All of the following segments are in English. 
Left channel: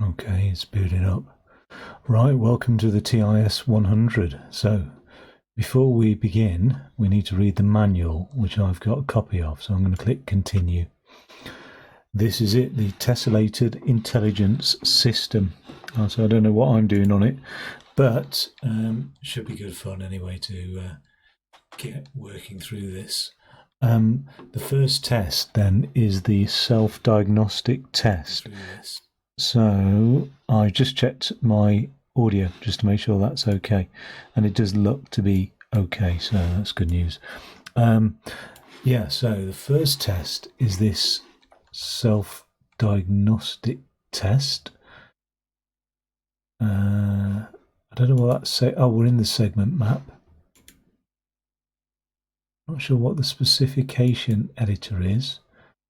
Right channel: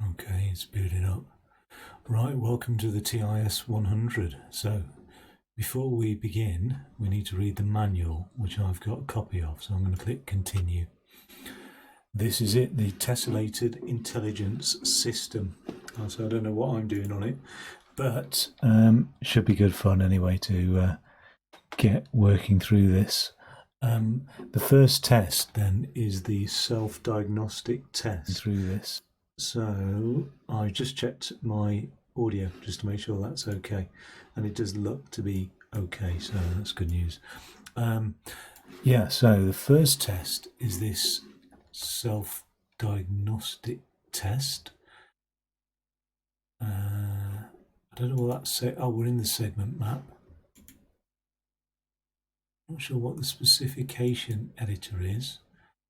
Okay, it's booting up. Right, welcome to the TIS-100. So, before we begin, we need to read the manual, which I've got a copy of. So I'm going to click Continue. This is it, the Tessalted Intelligence System. So I don't know what I'm doing on it, but should be good fun anyway to get working through this. The first test then is the self-diagnostic test through this. So I just checked my audio just to make sure that's okay, and it does look to be okay, so that's good news. So the first test is this self-diagnostic test. I don't know what that's say. Oh, we're in the segment map. Not sure what the specification editor is.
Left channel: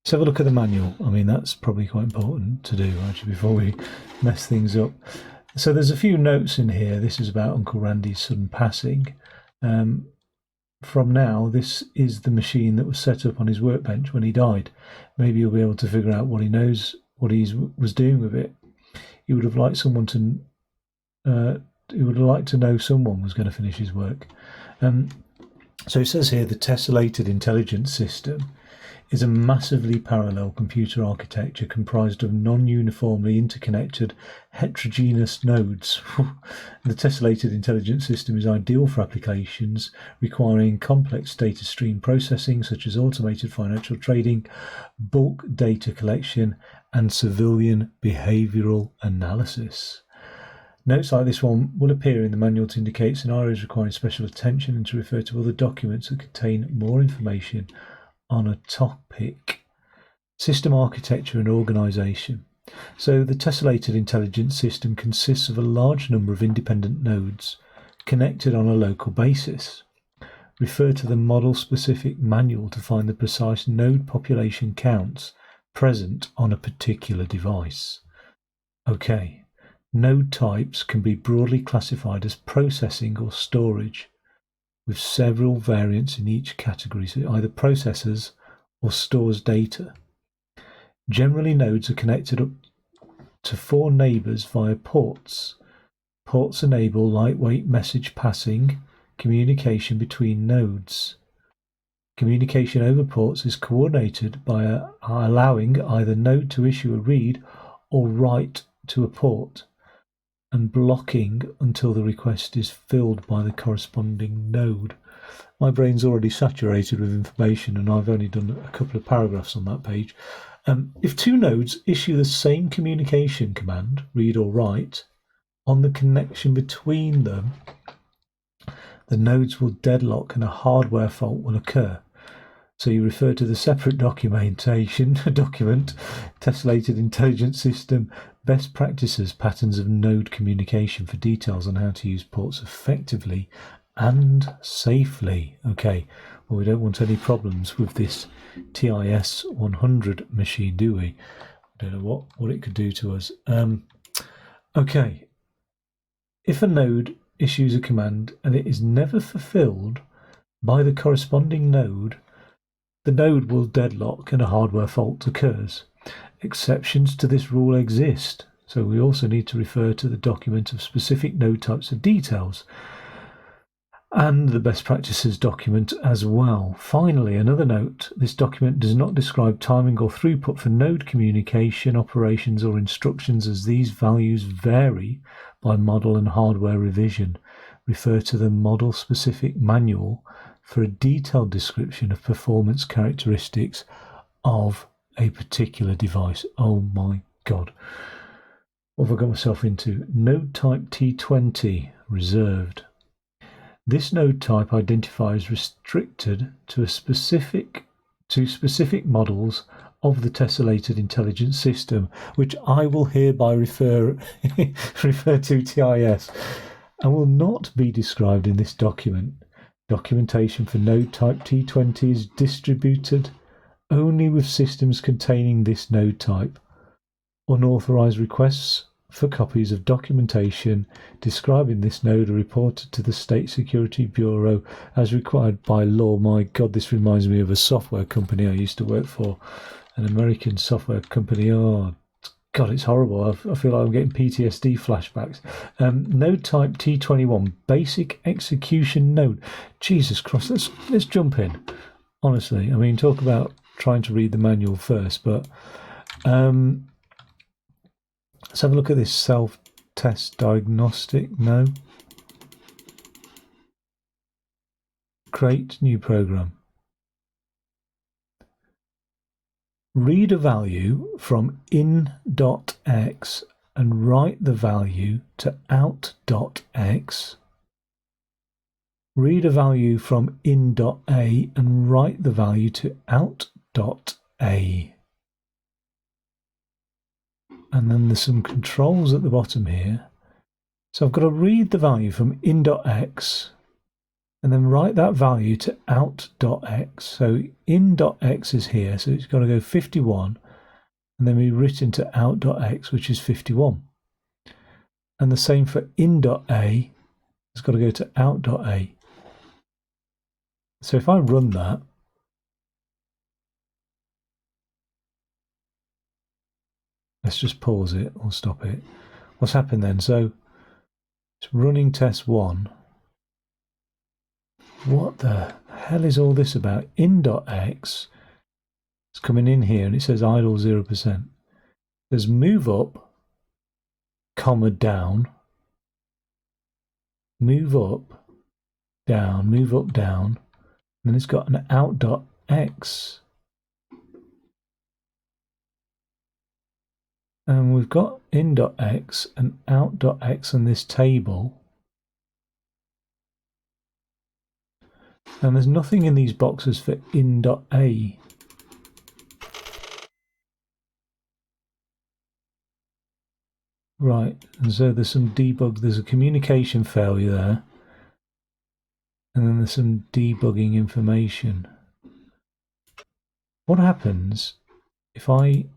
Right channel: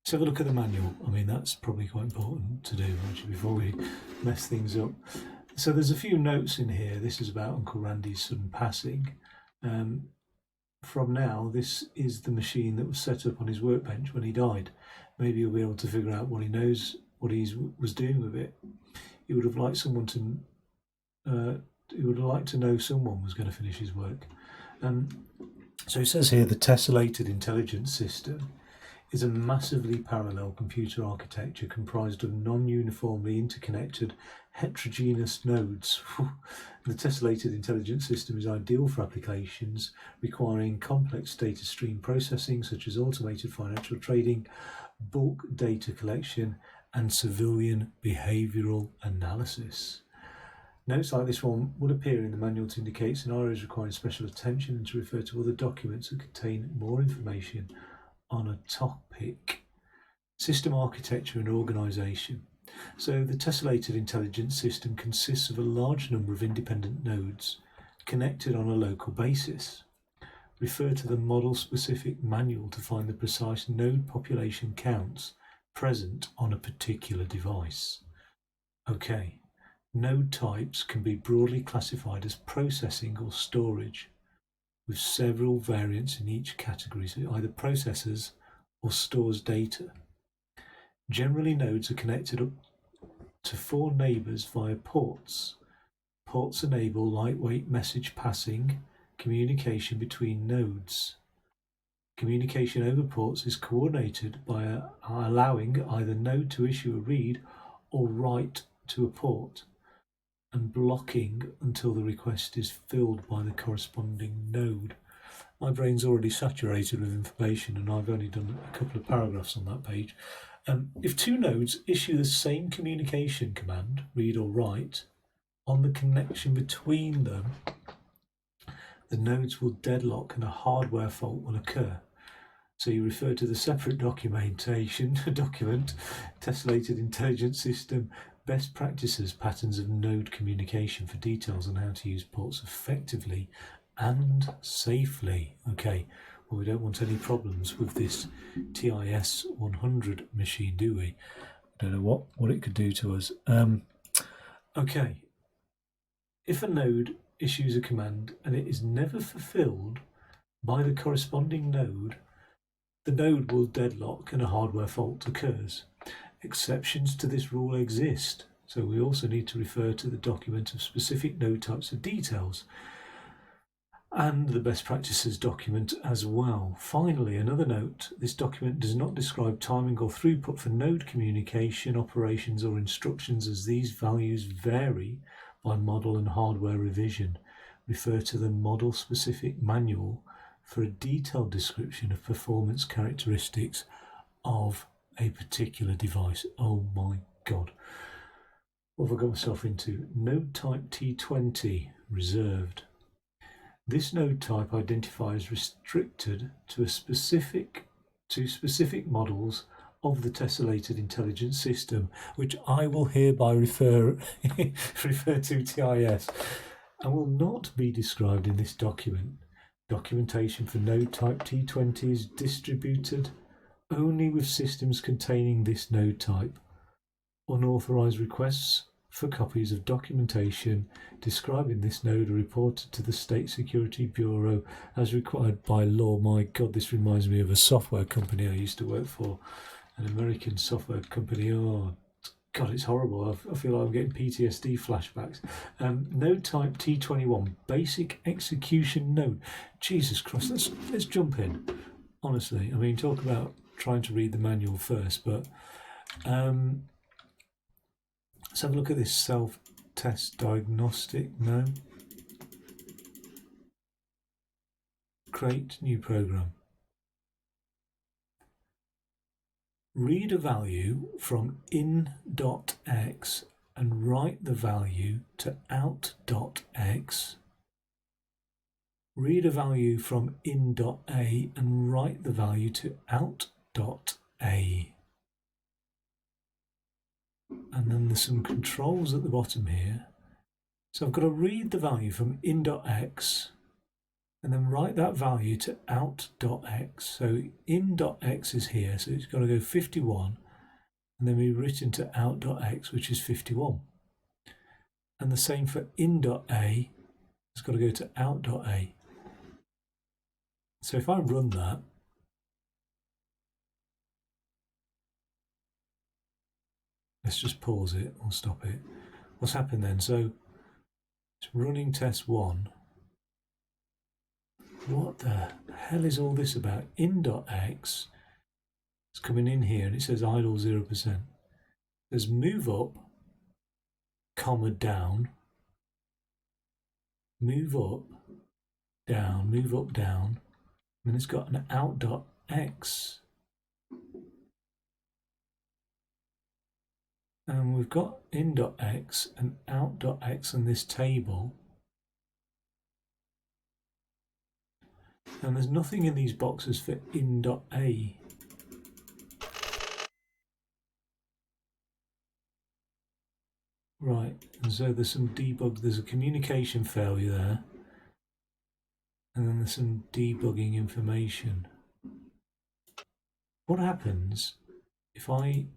Let's have a look at the manual. I mean, that's probably quite important to do actually before we mess things up. So there's a few notes in here. This is about Uncle Randy's sudden passing. From now, this is the machine that was set up on his workbench when he died. Maybe you'll be able to figure out what he knows, what he was doing with it. He would have liked someone to. He would have liked to know someone was going to finish his work. So it says here the Tessalted Intelligence System is a massively parallel computer architecture comprised of non-uniformly interconnected heterogeneous nodes. The Tessalted Intelligence System is ideal for applications requiring complex data stream processing such as automated financial trading, bulk data collection and civilian behavioural analysis. Notes like this one will appear in the manual to indicate scenarios requiring special attention and to refer to other documents that contain more information on a topic. System architecture and organisation. So the Tessalted Intelligence System consists of a large number of independent nodes connected on a local basis. Refer to the model-specific manual to find the precise node population counts present on a particular device. Okay. Node types can be broadly classified as processing or storage, with several variants in each category, so it either processes or stores data. Generally, nodes are connected up to 4 neighbours via ports. Ports enable lightweight message passing communication between nodes. Communication over ports is coordinated by allowing either node to issue a read or write to a port, and blocking until the request is filled by the corresponding node. My brain's already saturated with information and I've only done a couple of paragraphs on that page. If 2 nodes issue the same communication command, read or write, on the connection between them, the nodes will deadlock and a hardware fault will occur. So you refer to the separate document, Tessalted Intelligence System, Best Practices, Patterns of Node Communication for details on how to use ports effectively and safely. Okay, well, we don't want any problems with this TIS-100 machine, do we? I don't know what it could do to us. Okay, if a node issues a command and it is never fulfilled by the corresponding node, the node will deadlock and a hardware fault occurs. Exceptions to this rule exist, so we also need to refer to the document of specific node types of details and the best practices document as well. Finally, another note, this document does not describe timing or throughput for node communication, operations or instructions, as these values vary by model and hardware revision. Refer to the model-specific manual for a detailed description of performance characteristics of a particular device. Oh my God. What have I got myself into? Node type T20, reserved. This node type identifies restricted to specific models of the Tessalted Intelligence System, which I will hereby refer to TIS, and will not be described in this document. Documentation for node type T20 is distributed only with systems containing this node type. Unauthorized requests for copies of documentation describing this node are reported to the State Security Bureau as required by law. My God, this reminds me of a software company I used to work for, an American software company. Oh, God, it's horrible. I feel like I'm getting PTSD flashbacks. Node type T21, basic execution node. Jesus Christ, let's jump in. Honestly, I mean, talk about trying to read the manual first, but let's have a look at this self-test diagnostic. No. Create new program. Read a value from in.x and write the value to out.x. Read a value from in.a and write the value to out.a. And then there's some controls at the bottom here. So I've got to read the value from in.x and then write that value to out.x. So in.x is here, so it's got to go 51 and then be written to out.x, which is 51. And the same for in.a, it's got to go to out.a. So if I run that, let's just pause it or stop it. What's happened then? So it's running test 1. What the hell is all this about? In.x, it's coming in here and it says idle 0%. There's move up, comma down, move up, down, move up, down, and then it's got an out.x. And we've got in.x and out.x on this table. And there's nothing in these boxes for in.a. Right, and so there's some debug, there's a communication failure there. And then there's some debugging information. What happens if I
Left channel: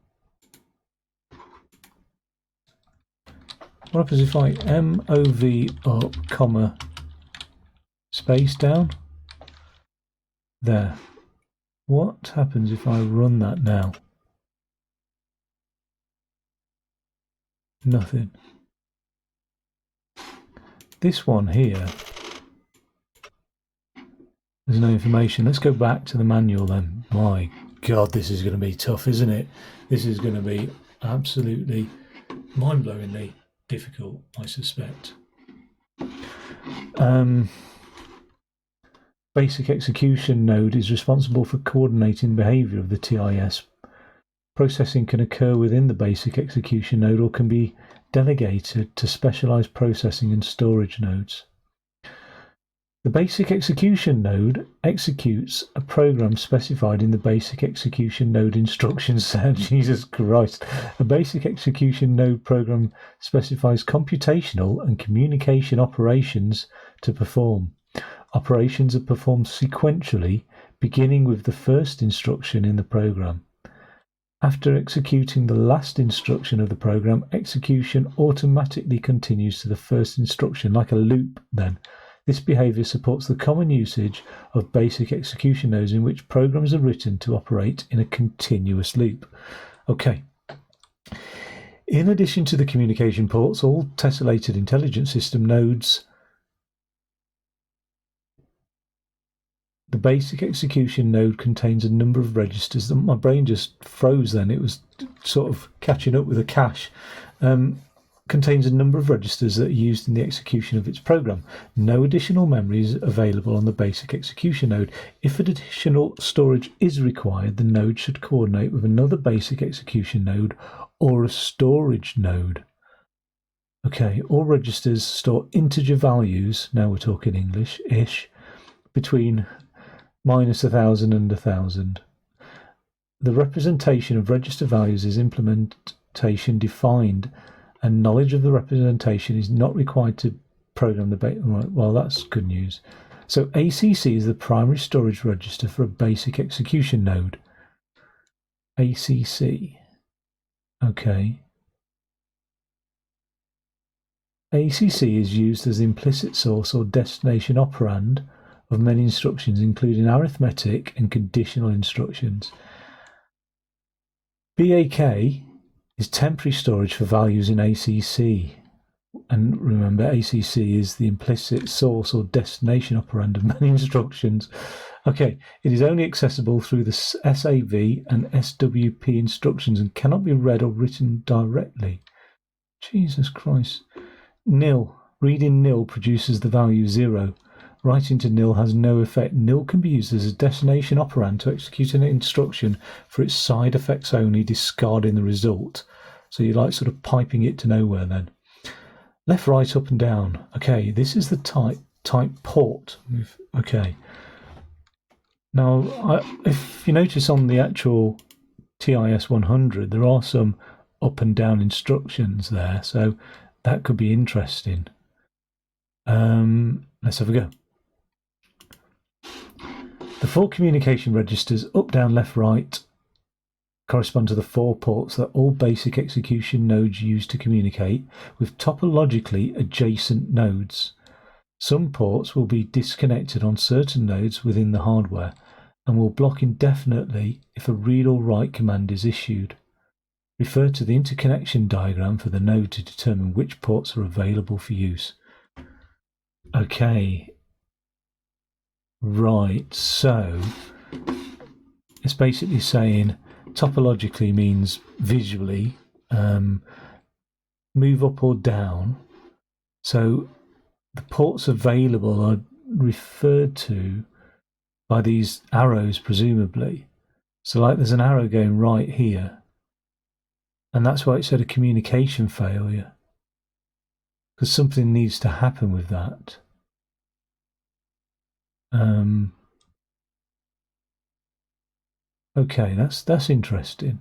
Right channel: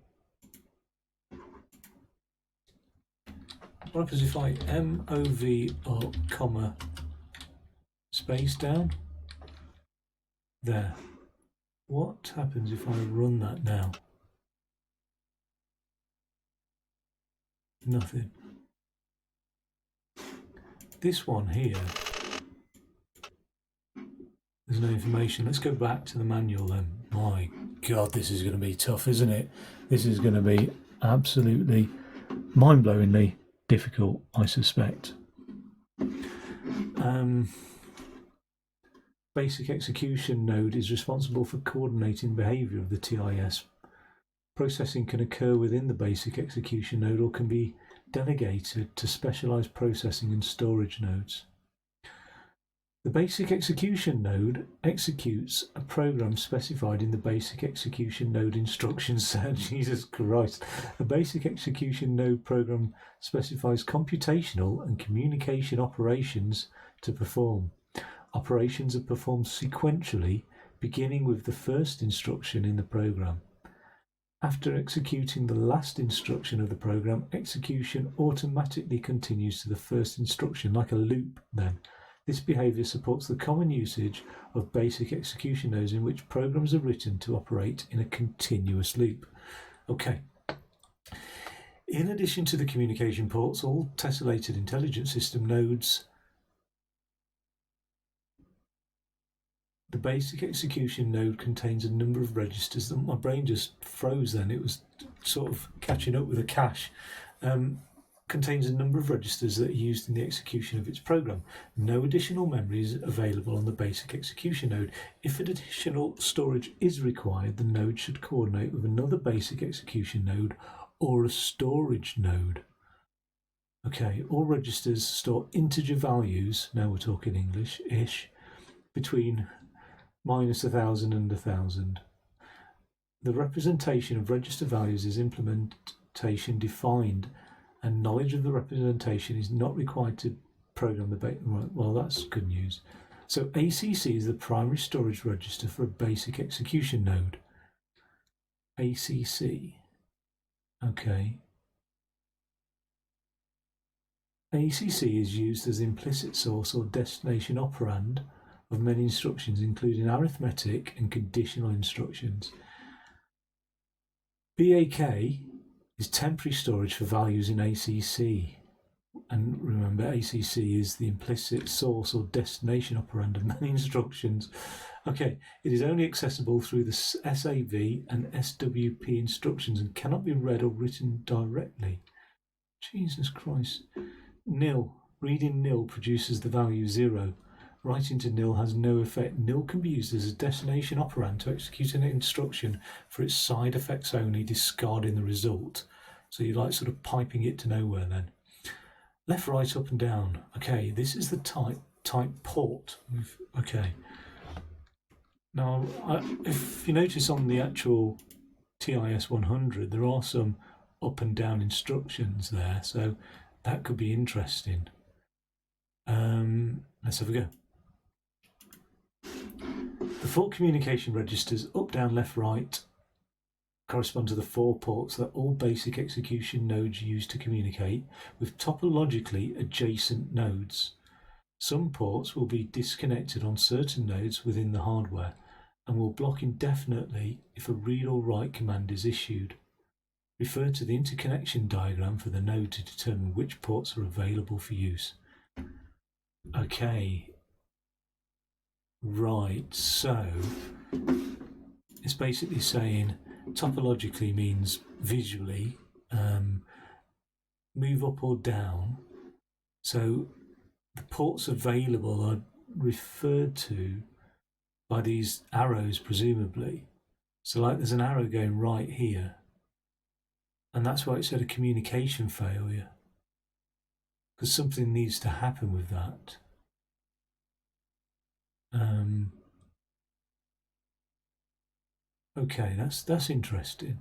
MOV up, comma, space down? There. What happens if I run that now? Nothing. This one here, there's no information. Let's go back to the manual then. My God, this is going to be tough, isn't it? This is going to be absolutely mind-blowingly difficult, I suspect. Basic execution node is responsible for coordinating the behavior of the TIS. Processing can occur within the basic execution node or can be delegated to specialized processing and storage nodes. The basic execution node executes a program specified in the basic execution node instruction set. Jesus Christ. A basic execution node program specifies computational and communication operations to perform. Operations are performed sequentially, beginning with the first instruction in the program. After executing the last instruction of the program, execution automatically continues to the first instruction like a loop then. This behavior supports the common usage of basic execution nodes in which programs are written to operate in a continuous loop. Okay. In addition to the communication ports, all Tessalted Intelligence System nodes, the basic execution node contains a number of registers. My brain just froze then. It was sort of catching up with a cache. Contains a number of registers that are used in the execution of its program. No additional memory is available on the basic execution node. If additional storage is required, the node should coordinate with another basic execution node or a storage node. Okay, all registers store integer values, now we're talking English-ish, between -1000 and 1000. The representation of register values is implementation defined, and knowledge of the representation is not required to program the base. Right, well, that's good news. So ACC is the primary storage register for a basic execution node. ACC. Okay. ACC is used as the implicit source or destination operand of many instructions, including arithmetic and conditional instructions. BAK is temporary storage for values in ACC. And remember, ACC is the implicit source or destination operand of many instructions. Okay, it is only accessible through the SAV and SWP instructions and cannot be read or written directly. Jesus Christ. Nil. Reading nil produces the value 0. Writing to nil has no effect. Nil can be used as a destination operand to execute an instruction for its side effects only, discarding the result. So you're like sort of piping it to nowhere then. Left, right, up and down. Okay, this is the type port. Okay. Now, if you notice on the actual TIS-100, there are some up and down instructions there, so that could be interesting. Let's have a go. The 4 communication registers, up, down, left, right, correspond to the 4 ports that all basic execution nodes use to communicate with topologically adjacent nodes. Some ports will be disconnected on certain nodes within the hardware and will block indefinitely if a read or write command is issued. Refer to the interconnection diagram for the node to determine which ports are available for use. Okay. Right, so it's basically saying topologically means visually, move up or down. So the ports available are referred to by these arrows, presumably. So like there's an arrow going right here, and that's why it said a communication failure, because something needs to happen with that. Okay, that's interesting.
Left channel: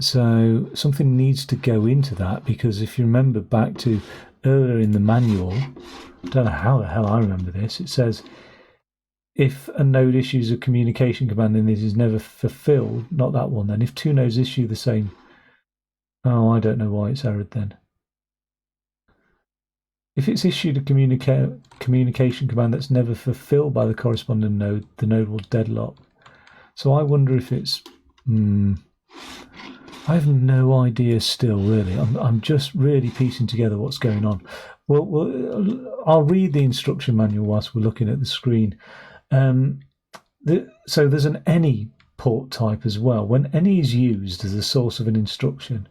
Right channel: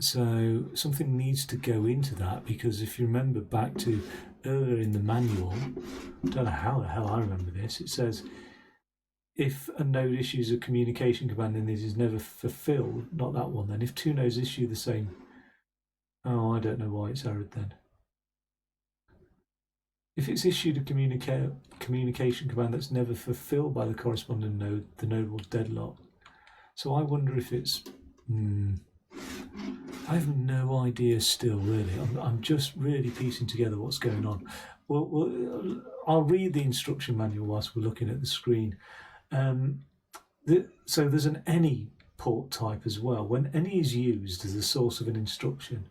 So something needs to go into that, because if you remember back to earlier in the manual, I don't know how the hell I remember this, it says if a node issues a communication command and it is never fulfilled, not that one then, if 2 nodes issue the same, oh, I don't know why it's errored then. If it's issued a communication command that's never fulfilled by the corresponding node, the node will deadlock. So I wonder if it's... I have no idea still, really. I'm just really piecing together what's going on. Well, I'll read the instruction manual whilst we're looking at the screen. So there's an any port type as well. When any is used as the source of an instruction,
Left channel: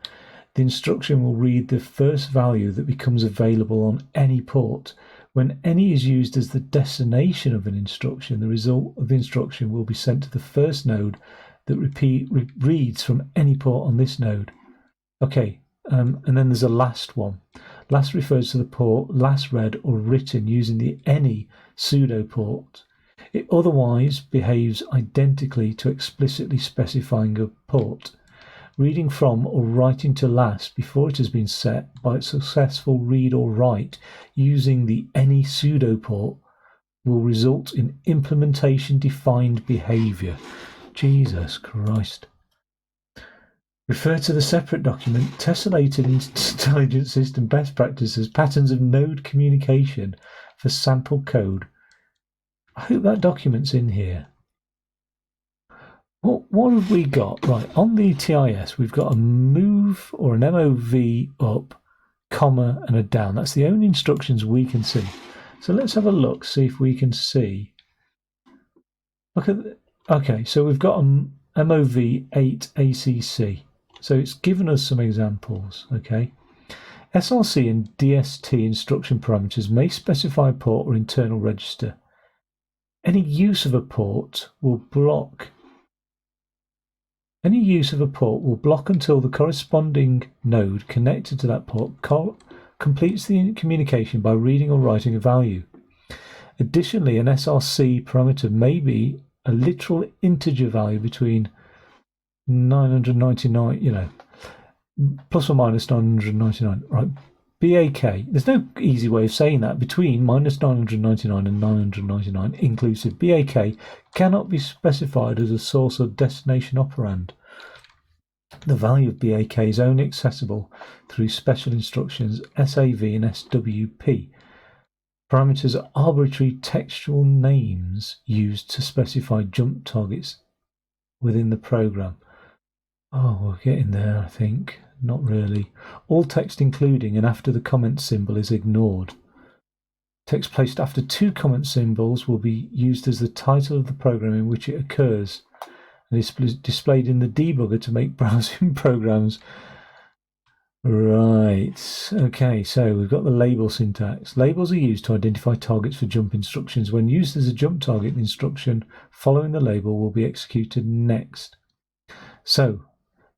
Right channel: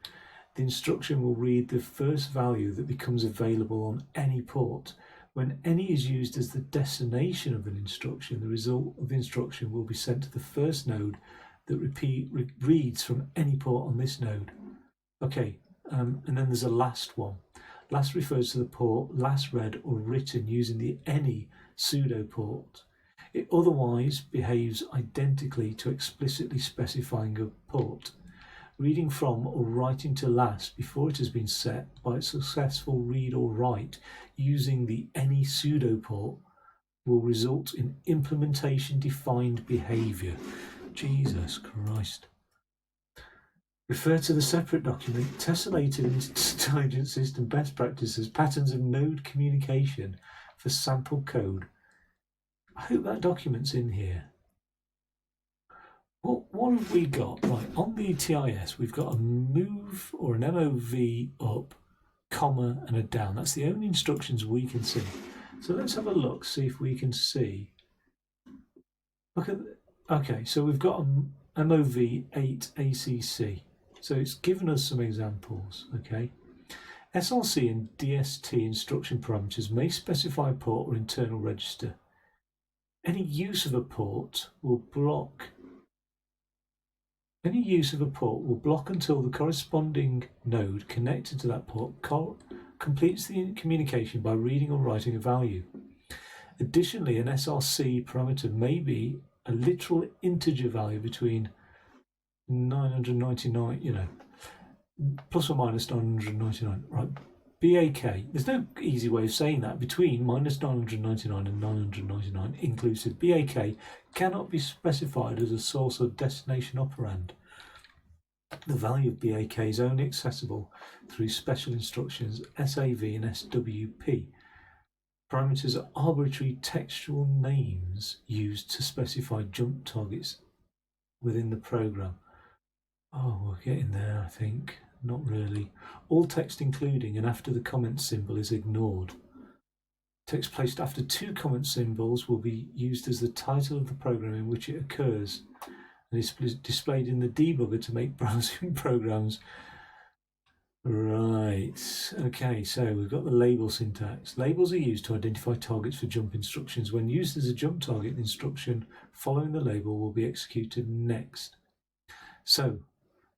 the instruction will read the first value that becomes available on any port. When any is used as the destination of an instruction, the result of the instruction will be sent to the first node that reads from any port on this node. Okay, and then there's a last one. Last refers to the port last read or written using the any pseudo port. It otherwise behaves identically to explicitly specifying a port. Reading from or writing to last before it has been set by a successful read or write using the any pseudo port will result in implementation defined behavior. Jesus Christ. Refer to the separate document, Tessalted Intelligence System Best Practices, Patterns of Node Communication for Sample Code. I hope that document's in here. What have we got? Right, on the TIS, we've got a move or an MOV up, comma, and a down. That's the only instructions we can see. So let's have a look, see if we can see. Look at... Okay, so we've got an MOV 8 ACC. So it's given us some examples, okay? SRC and DST instruction parameters may specify a port or internal register. Any use of a port will block until the corresponding node connected to that port completes the communication by reading or writing a value. Additionally, an SRC parameter may be a literal integer value between 999, plus or minus 999, right? BAK, there's no easy way of saying that, between minus 999 and 999 inclusive. BAK cannot be specified as a source or destination operand. The value of BAK is only accessible through special instructions SAV and SWP. Parameters are arbitrary textual names used to specify jump targets within the program. Oh, we're getting there, I think. Not really. All text including and after the comment symbol is ignored. Text placed after two comment symbols will be used as the title of the program in which it occurs and is displayed in the debugger to make browsing programs. Right, okay, so we've got the label syntax. Labels are used to identify targets for jump instructions. When used as a jump target, the instruction following the label will be executed next. So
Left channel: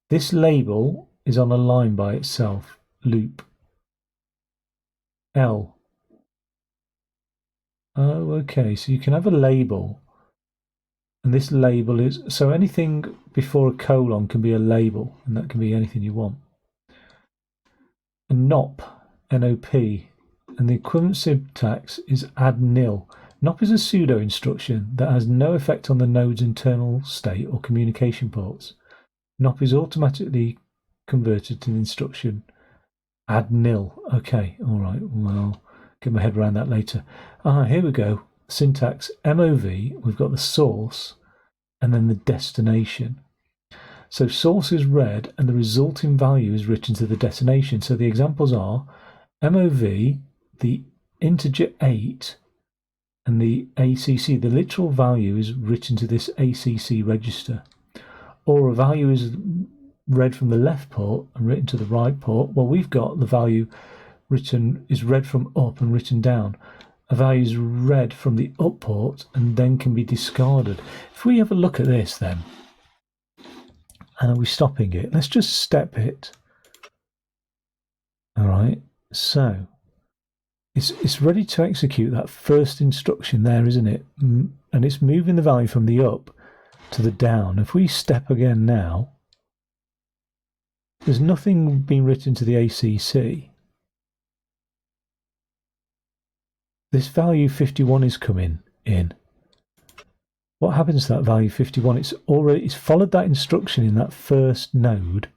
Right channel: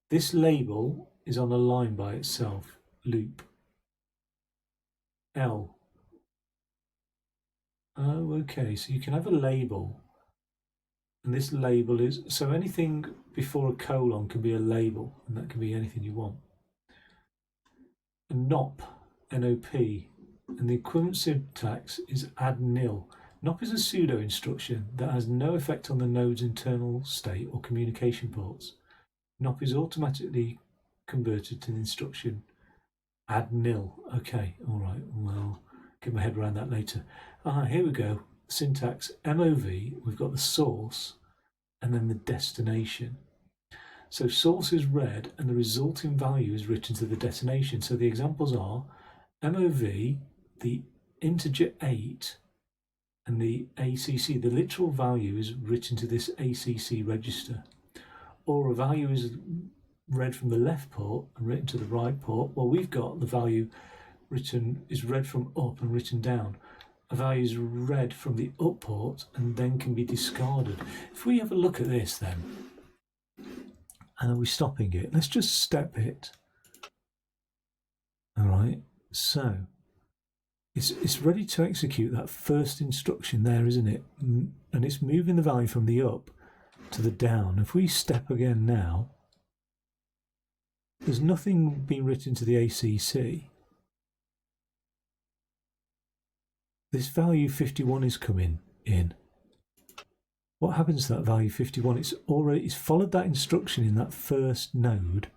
this label is on a line by itself, loop. L. Oh, okay, so you can have a label. And this label is, so anything before a colon can be a label, and that can be anything you want. A NOP, N-O-P, and the equivalent syntax is add nil. NOP is a pseudo instruction that has no effect on the node's internal state or communication ports. NOP is automatically converted to the instruction add nil. Okay, all right, well, get my head around that later. Here we go. Syntax MOV, we've got the source and then the destination. So source is read and the resulting value is written to the destination. So the examples are MOV, the integer 8, and the ACC. The literal value is written to this ACC register. Or a value is read from the left port and written to the right port. Well, we've got the value is read from up and written down. A value is read from the up port and then can be discarded. If we have a look at this then, and are we stopping it? Let's just step it. All right, so it's ready to execute that first instruction there, isn't it? And it's moving the value from the up to the down. If we step again now, there's nothing being written to the ACC. This value 51 is coming in. What happens to that value 51? It's followed that instruction in that first node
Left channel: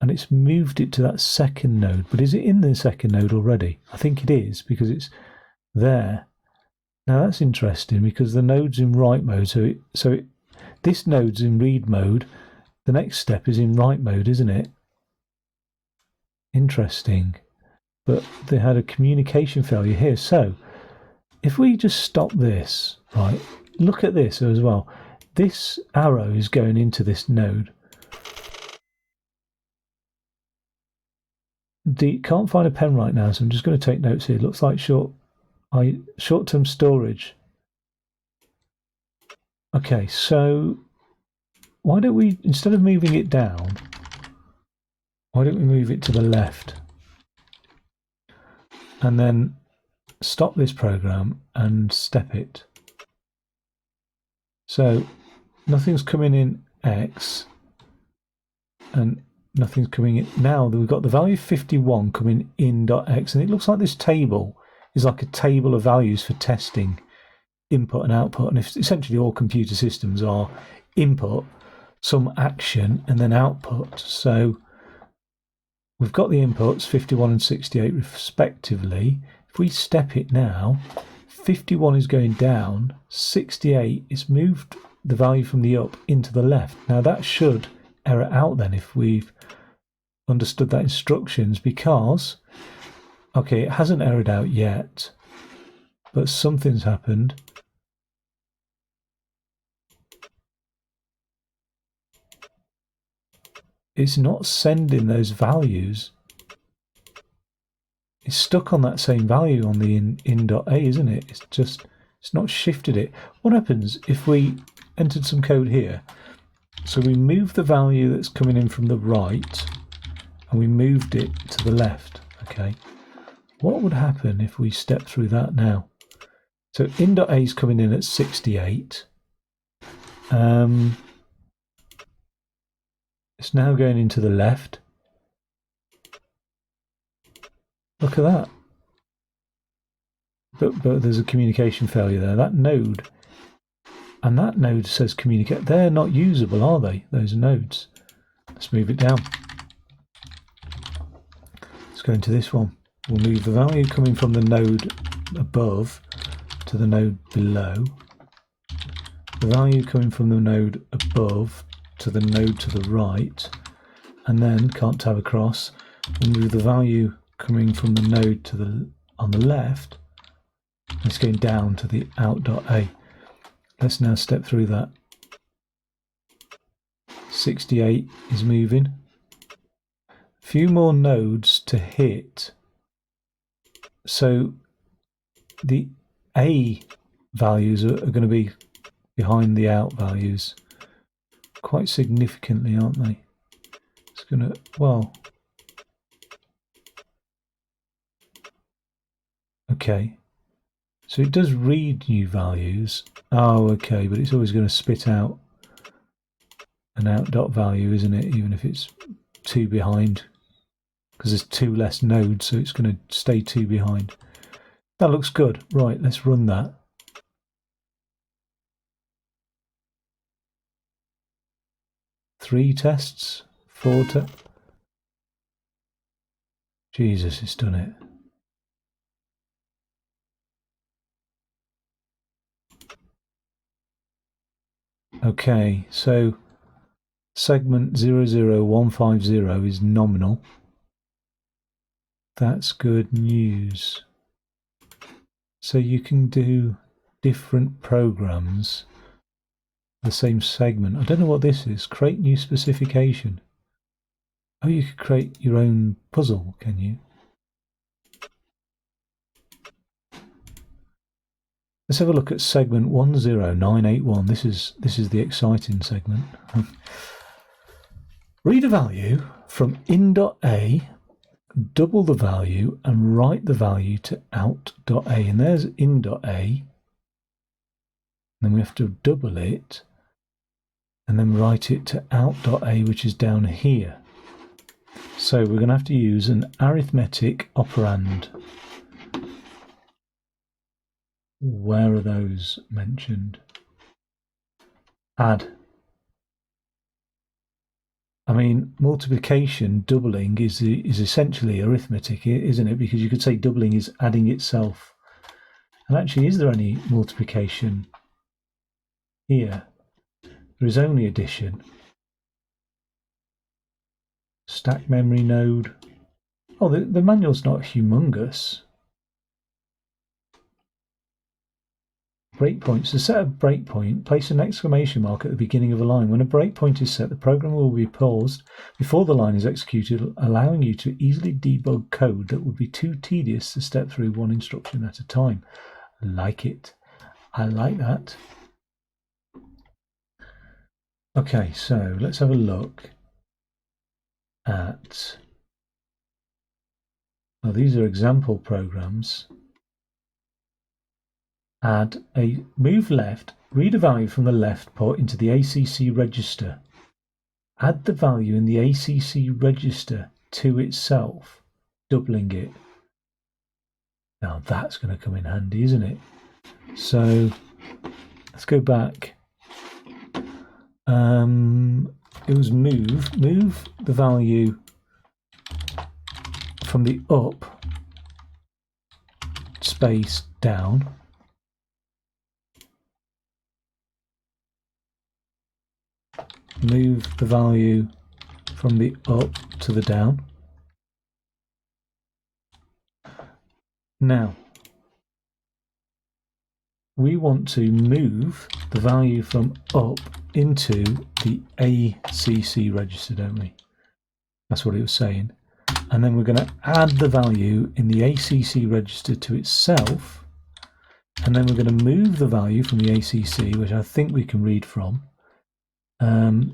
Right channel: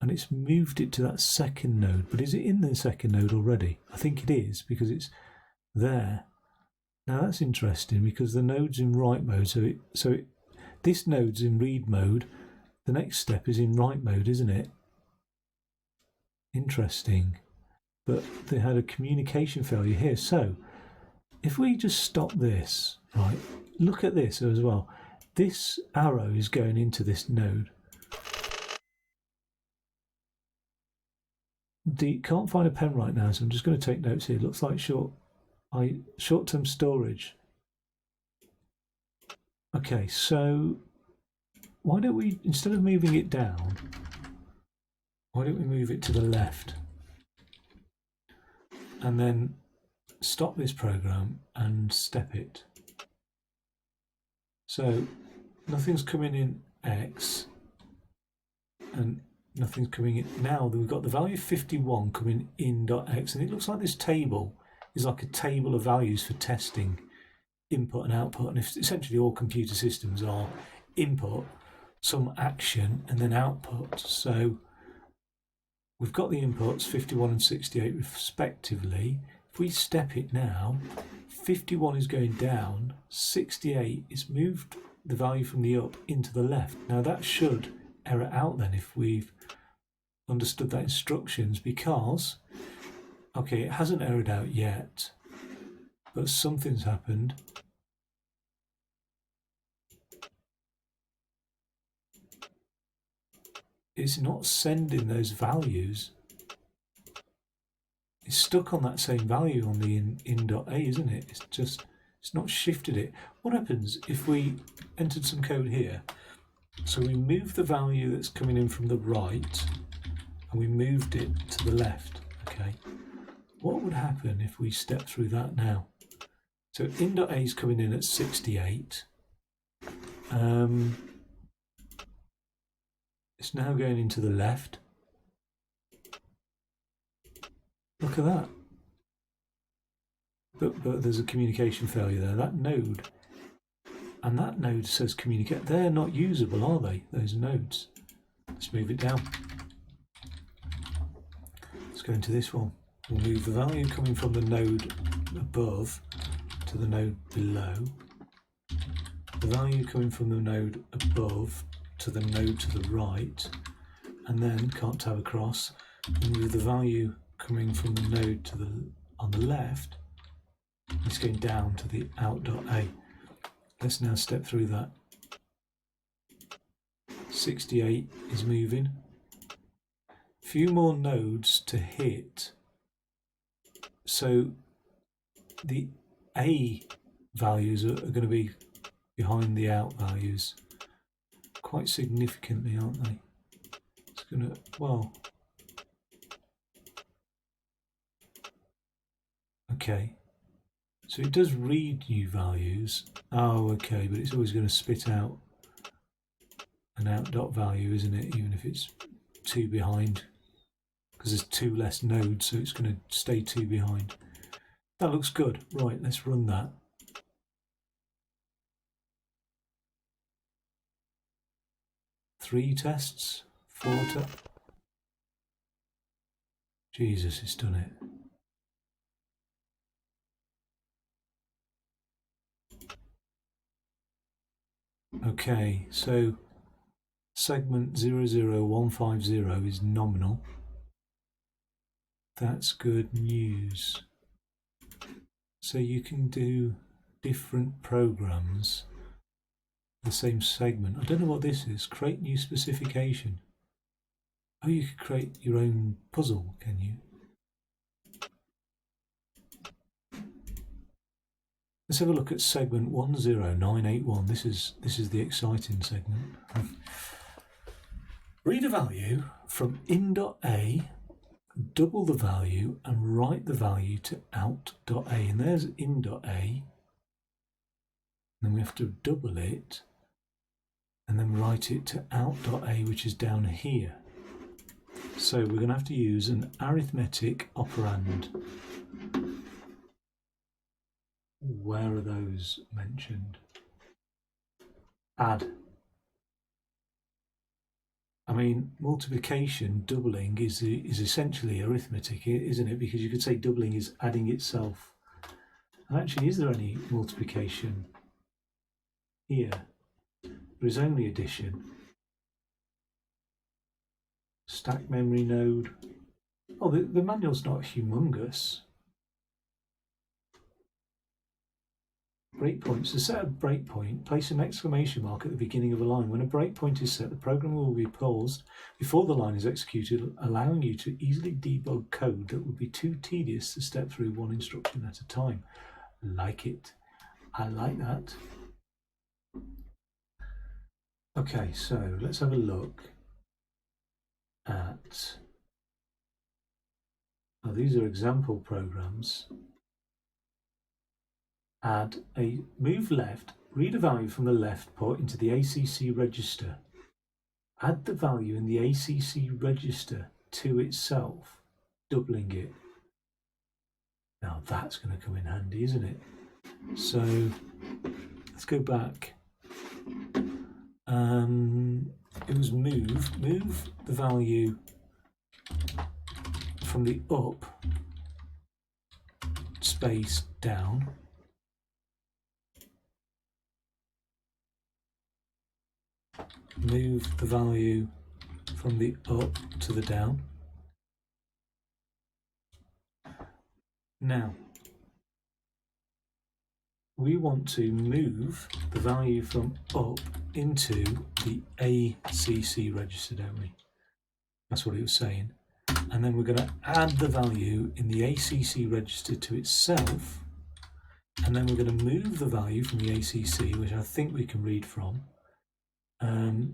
and it's moved it to that second node. But is it in the second node already? I think it is because it's there. Now that's interesting because the node's in write mode. This node's in read mode. The next step is in write mode, isn't it? Interesting. But they had a communication failure here. So if we just stop this, right, look at this as well. This arrow is going into this node. Can't find a pen right now, so I'm just going to take notes here. It looks like short-term storage. Okay, so why don't we, instead of moving it down, why don't we move it to the left? And then stop this program and step it. So nothing's coming in X and nothing's coming in. Now we've got the value 51 coming in .x, and it looks like this table is like a table of values for testing input and output. And if essentially all computer systems are input, some action, and then output. So we've got the inputs 51 and 68 respectively. If we step it now, 51 is going down, 68 is moved the value from the up into the left. Now that should error out then if we've understood that instructions, because okay, it hasn't errored out yet, but something's happened. It's not sending those values. It's stuck on that same value on the in.a, isn't it? It's not shifted it. What happens if we entered some code here? So we move the value that's coming in from the right and we moved it to the left, okay? What would happen if we step through that now? So in.a is coming in at 68. It's now going into the left. Look at that. But there's a communication failure there. That node, and that node says communicate. They're not usable, are they? Those nodes. Let's move it down. Let's go into this one. We'll move the value coming from the node above to the node below. The value coming from the node above to the node to the right, and then can't tab across. We'll move the value coming from the node to the on the left. It's going down to the out.a. Let's now step through that. 68 is moving. A few more nodes to hit. So the A values are going to be behind the out values quite significantly, aren't they? It's going to, well, okay. So it does read new values. Oh, okay, but it's always going to spit out an out dot value, isn't it? Even if it's 2 behind, because there's 2 less nodes, so it's going to stay 2 behind. That looks good. Right, let's run that. Three tests, 4 tests. Jesus, it's done it. Okay, so segment 00150 is nominal. That's good news. So you can do different programs, the same segment. I don't know what this is. Create new specification. Oh, you could create your own puzzle, can you? Let's have a look at segment 10981. This is the exciting segment. Read a value from in.a, double the value and write the value to out.a. And there's in.a. Then we have to double it and then write it to out.a, which is down here. So we're going to have to use an arithmetic operand. Where are those mentioned? Add. I mean, multiplication, doubling is essentially arithmetic, isn't it? Because you could say doubling is adding itself. And actually, is there any multiplication here? There is only addition. Stack memory node. Oh, the manual's not humongous. Breakpoints. To set a breakpoint, place an exclamation mark at the beginning of a line. When a breakpoint is set, the program will be paused before the line is executed, allowing you to easily debug code that would be too tedious to step through one instruction at a time. I like it. I like that. Okay, so let's have a look at... Well, these are example programs. Add a move left, read a value from the left port into the ACC register. Add the value in the ACC register to itself, doubling it. Now that's going to come in handy, isn't it? So let's go back. It was move the value from the up space down. Move the value from the up to the down. Now, we want to move the value from up into the ACC register, don't we? That's what it was saying. And then we're going to add the value in the ACC register to itself. And then we're going to move the value from the ACC, which I think we can read from,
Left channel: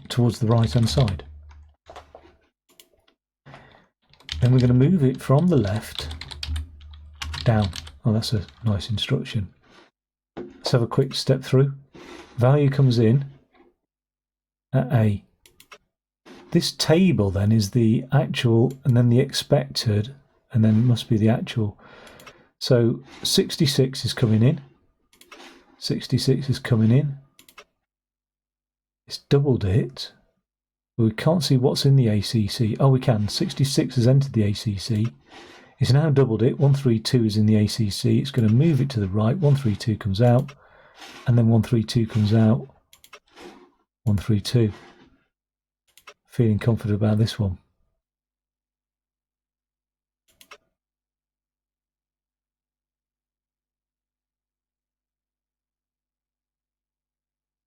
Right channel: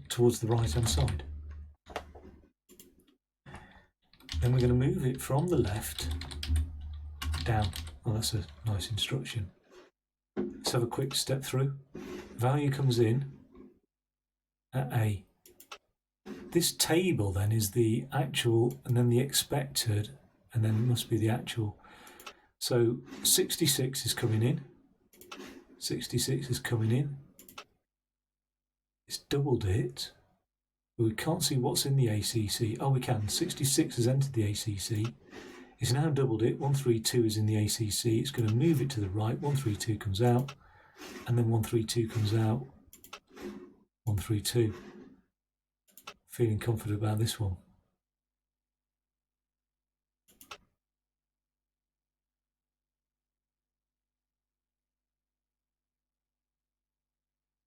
towards the right-hand side. Then we're going to move it from the left down. Oh, that's a nice instruction. Let's have a quick step through. Value comes in at A. This table then is the actual and then the expected, and then it must be the actual. So 66 is coming in. 66 is coming in. It's doubled it. But we can't see what's in the ACC. Oh, we can. 66 has entered the ACC. It's now doubled it. 132 is in the ACC. It's going to move it to the right. 132 comes out. And then 132 comes out. 132. feeling confident about this one.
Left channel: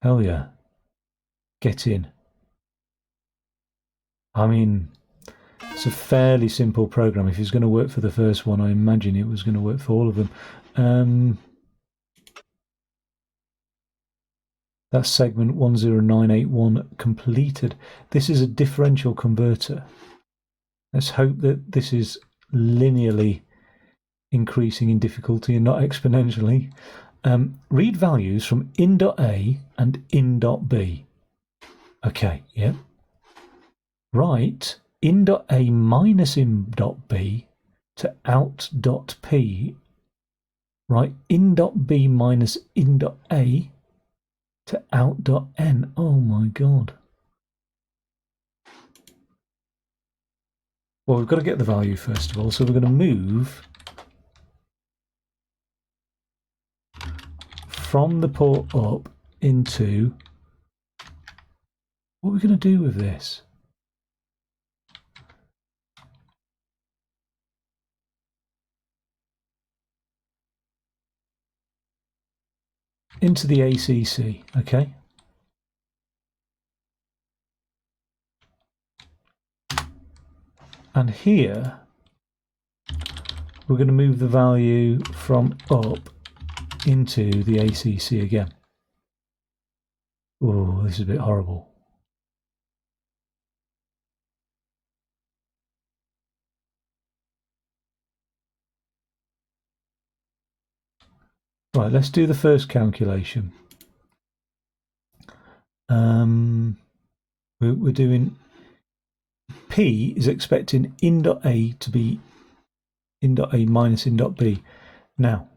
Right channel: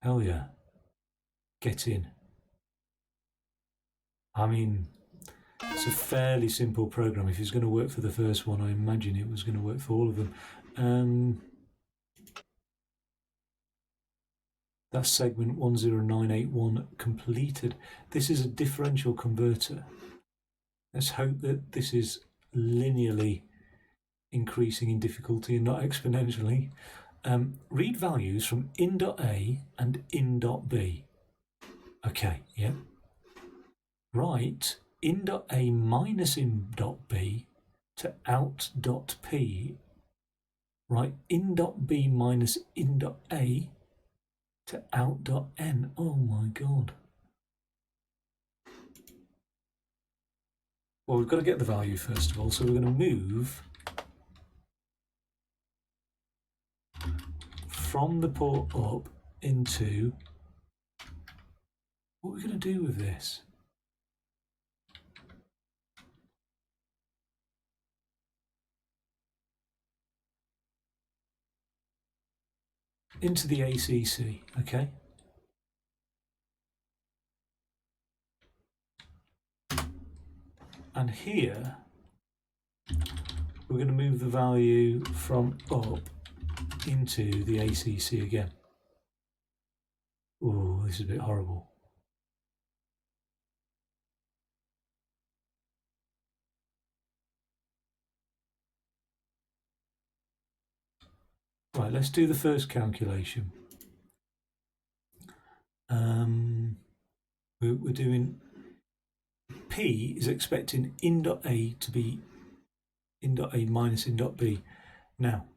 Hell yeah. Get in. I mean, it's a fairly simple program. If it's going to work for the first one, I imagine it was going to work for all of them. That's segment 10981 completed. This is a differential converter. Let's hope that this is linearly increasing in difficulty and not exponentially. Read values from in.A and in.B. Okay, yeah. Write in.A minus in.B to out.P. Write in.B minus in.A to out.N. Oh my god. Well, we've got to get the value first of all, so we're going to move from the port up into... What are we going to do with this? Into the ACC, okay? And here, we're going to move the value from up into the ACC again. Oh, this is a bit horrible. Right, let's do the first calculation. We're doing P is expecting in.A to be in.A minus in.B. Now,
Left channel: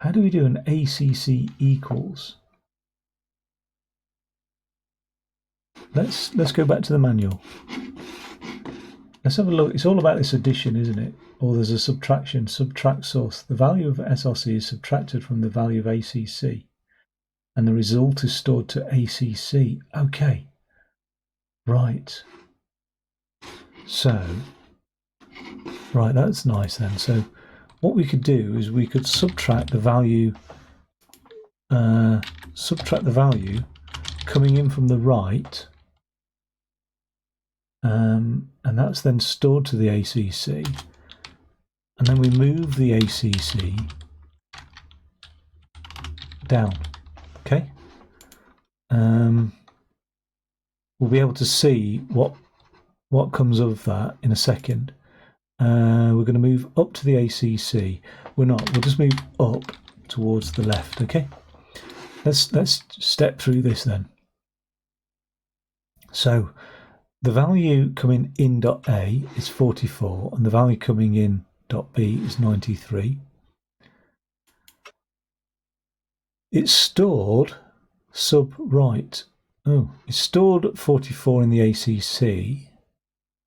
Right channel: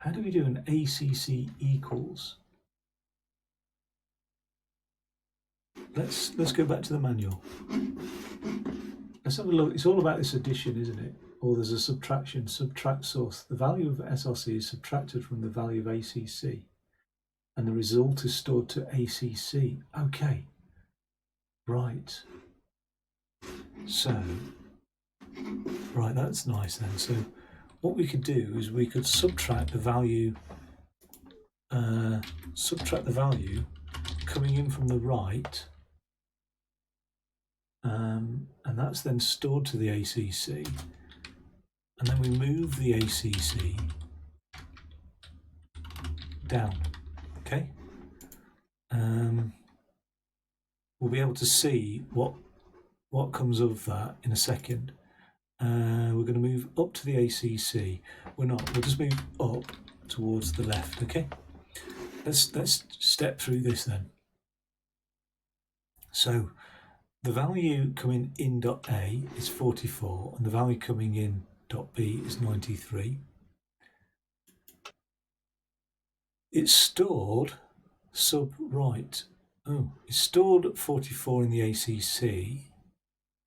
how do we do an ACC equals? Let's go back to the manual. Let's have a look. It's all about this addition, isn't it? Or there's a subtraction, subtract source. The value of SRC is subtracted from the value of ACC, and the result is stored to ACC. Okay, right. So, right, that's nice then. So, what we could do is we could subtract the value coming in from the right, and that's then stored to the ACC, and then we move the ACC down. Okay, we'll be able to see what comes of that in a second. We're going to move up to the ACC. We're not. We'll just move up towards the left. Okay. Let's step through this then. So the value coming in .A is 44, and the value coming in .B is 93. It's stored sub right. Oh, it's stored at 44 in the ACC,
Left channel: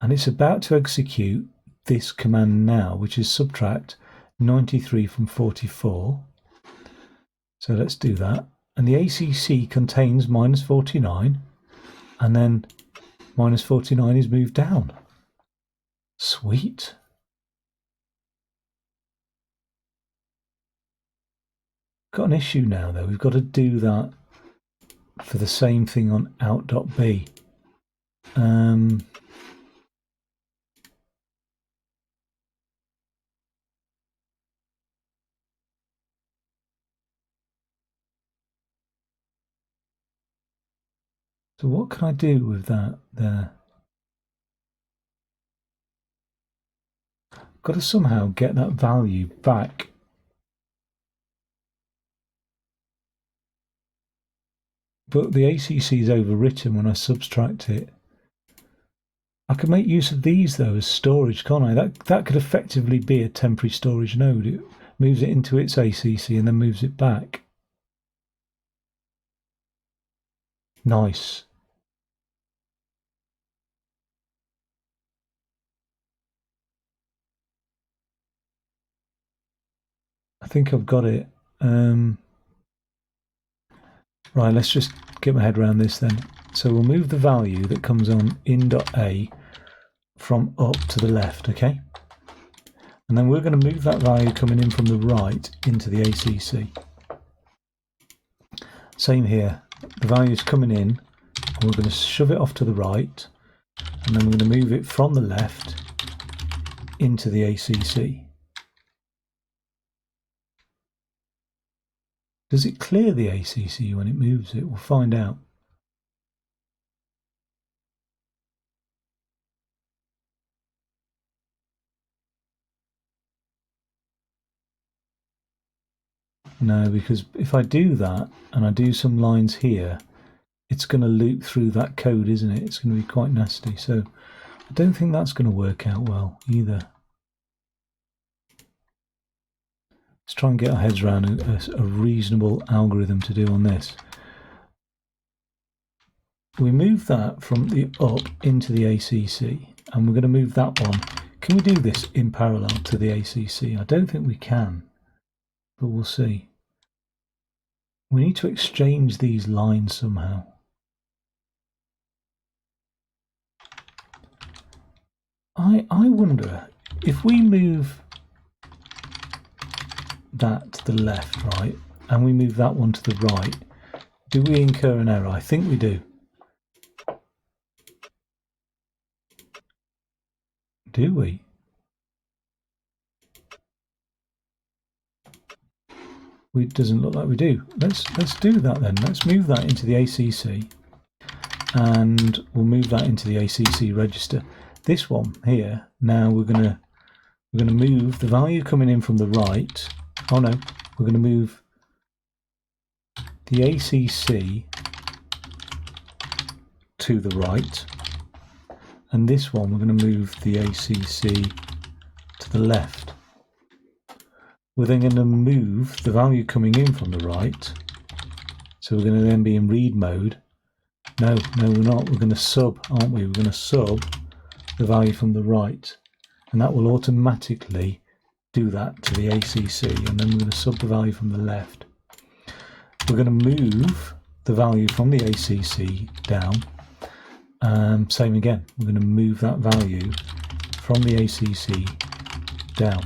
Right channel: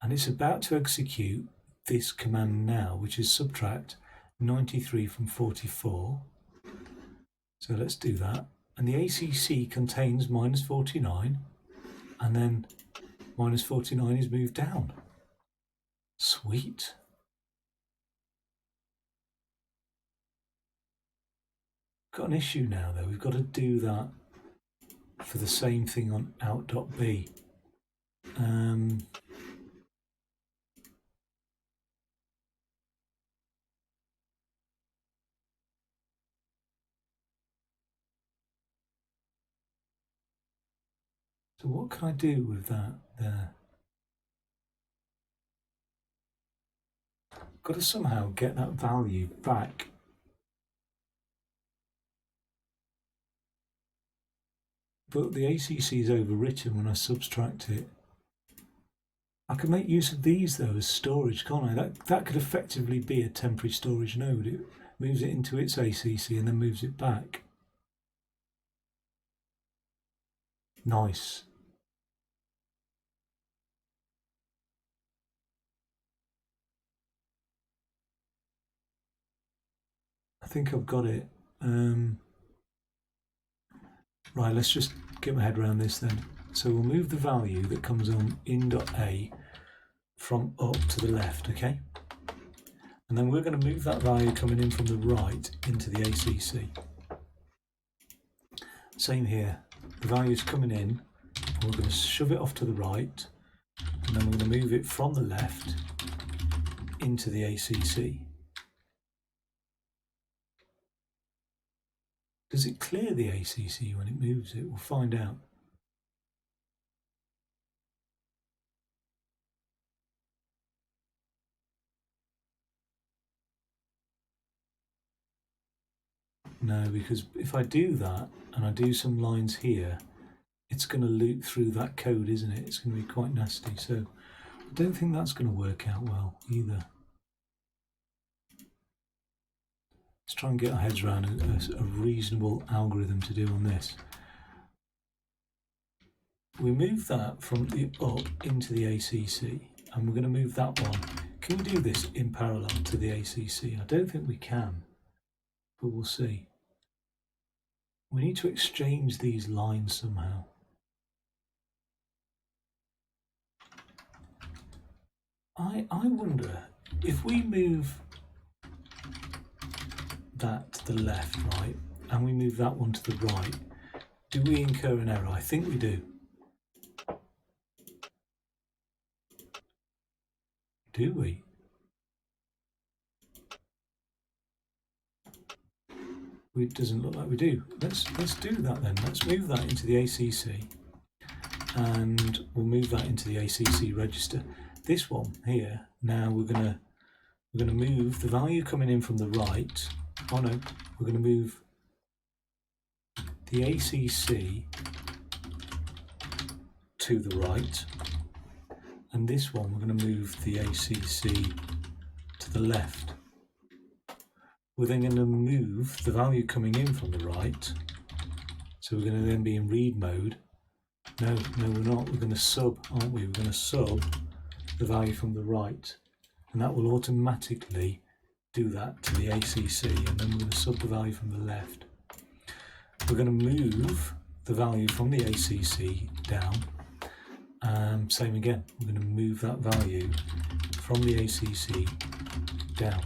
and it's about to execute this command now, which is subtract 93 from 44. So let's do that. And the ACC contains minus 49, and then minus 49 is moved down. Sweet. Got an issue now though. We've got to do that for the same thing on out.B. So what can I do with that there? Got to somehow get that value back. But the ACC is overwritten when I subtract it. I can make use of these though as storage, can't I? That could effectively be a temporary storage node. It moves it into its ACC and then moves it back. Nice. I think I've got it. Right, let's just get my head around this then. So we'll move the value that comes on in.a from up to the left, okay? And then we're going to move that value coming in from the right into the ACC. Same here, the value is coming in, and we're going to shove it off to the right, and then we're going to move it from the left into the ACC. Does it clear the ACC when it moves it? We'll find out. No, because if I do that and I do some lines here, it's going to loop through that code, isn't it? It's going to be quite nasty. So I don't think that's going to work out well either. Let's try and get our heads around a reasonable algorithm to do on this. We move that from the up into the ACC, and we're going to move that one. Can we do this in parallel to the ACC? I don't think we can, but we'll see. We need to exchange these lines somehow. I wonder if we move that to the left, right, and we move that one to the right, do we incur an error? I think we do. Do we? It doesn't look like we do. Let's do that then. Let's move that into the ACC, and we'll move that into the ACC register. This one here, now we're gonna move the value coming in from the right. Oh no, we're gonna move the ACC to the right, and this one we're going to move the ACC to the left. We're then going to move the value coming in from the right, so we're going to then be in read mode. No, we're not. We're going to sub, aren't we? We're going to sub the value from the right, and that will automatically do that to the ACC, and then we're going to sub the value from the left. We're going to move the value from the ACC down. Same again, we're going to move that value from the ACC down.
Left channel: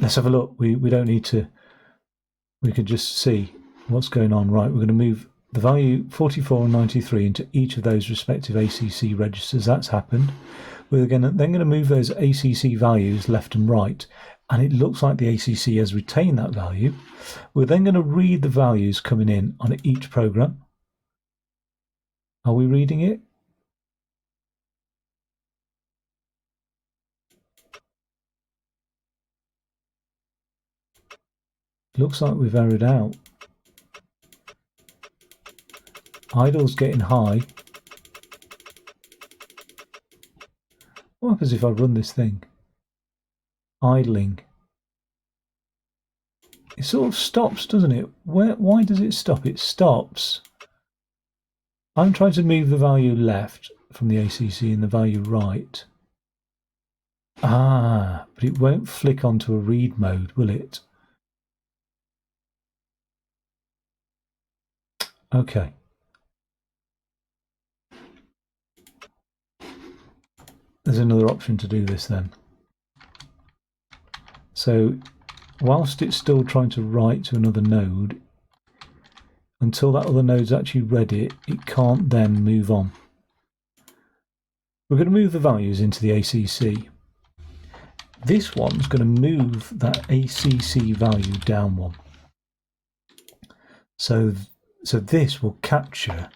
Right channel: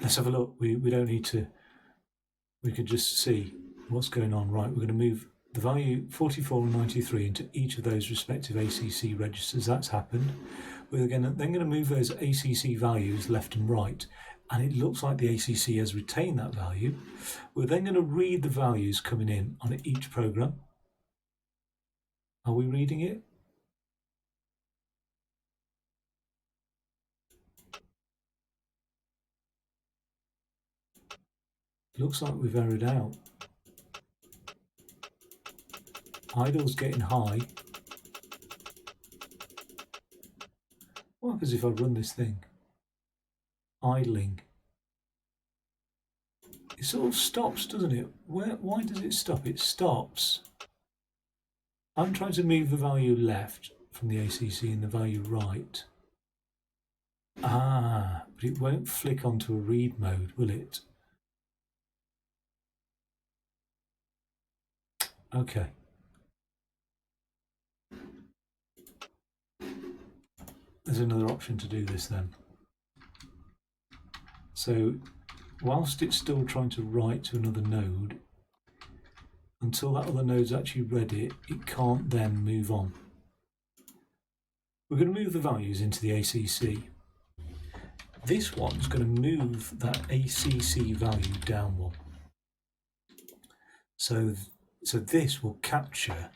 Let's have a look. We don't need to, we could just see what's going on. Right, we're going to move the value 44 and 93 into each of those respective ACC registers. That's happened. We're then going to move those ACC values left and right, and it looks like the ACC has retained that value. We're then going to read the values coming in on each program. Are we reading it? Looks like we've errored out. Idle's getting high. What happens if I run this thing? Idling. It sort of stops, doesn't it? Why does it stop? It stops. I'm trying to move the value left from the ACC and the value right. Ah, but it won't flick onto a read mode, will it? Okay. There's another option to do this then. So whilst it's still trying to write to another node, until that other node's actually read it, it can't then move on. We're going to move the values into the ACC. This one's going to move that ACC value down one. So this will capture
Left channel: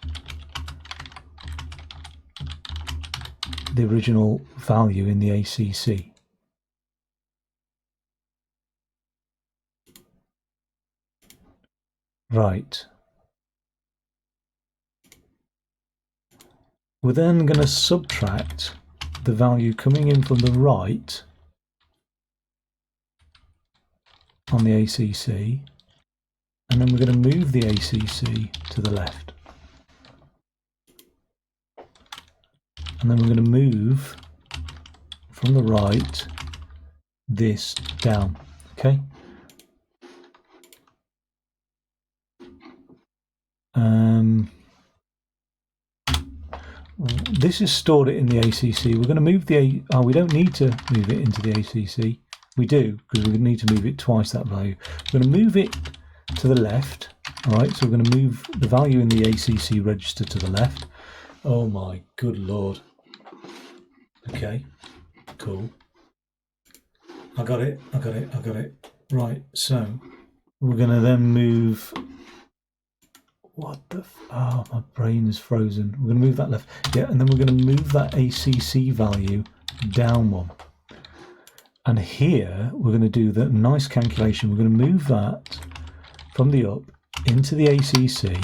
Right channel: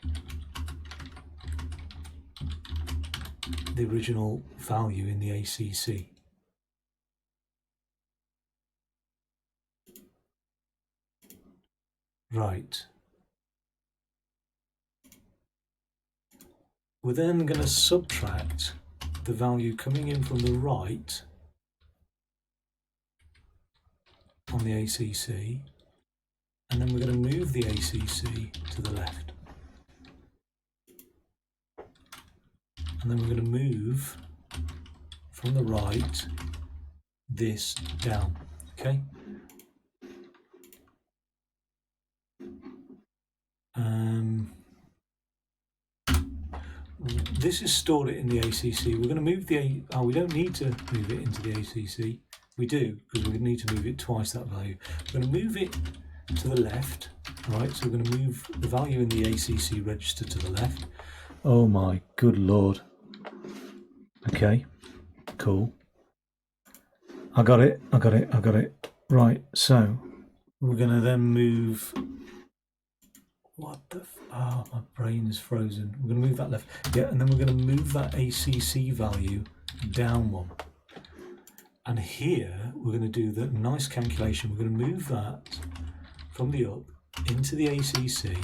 the original value in the ACC. Right. We're then going to subtract the value coming in from the right on the ACC, and then we're going to move the ACC to the left. And then we're going to move from the right this down, okay? This is stored it in the ACC. We're going to move the we don't need to move it into the ACC. We do, because we need to move it twice that value. We're going to move it to the left. All right, so we're going to move the value in the ACC register to the left. Oh my good lord. Okay, cool. I got it. Right, so we're going to then move... What the... Oh, my brain is frozen. We're going to move that left. Yeah, and then we're going to move that ACC value down one. And here we're going to do the nice calculation. We're going to move that from the up into the ACC,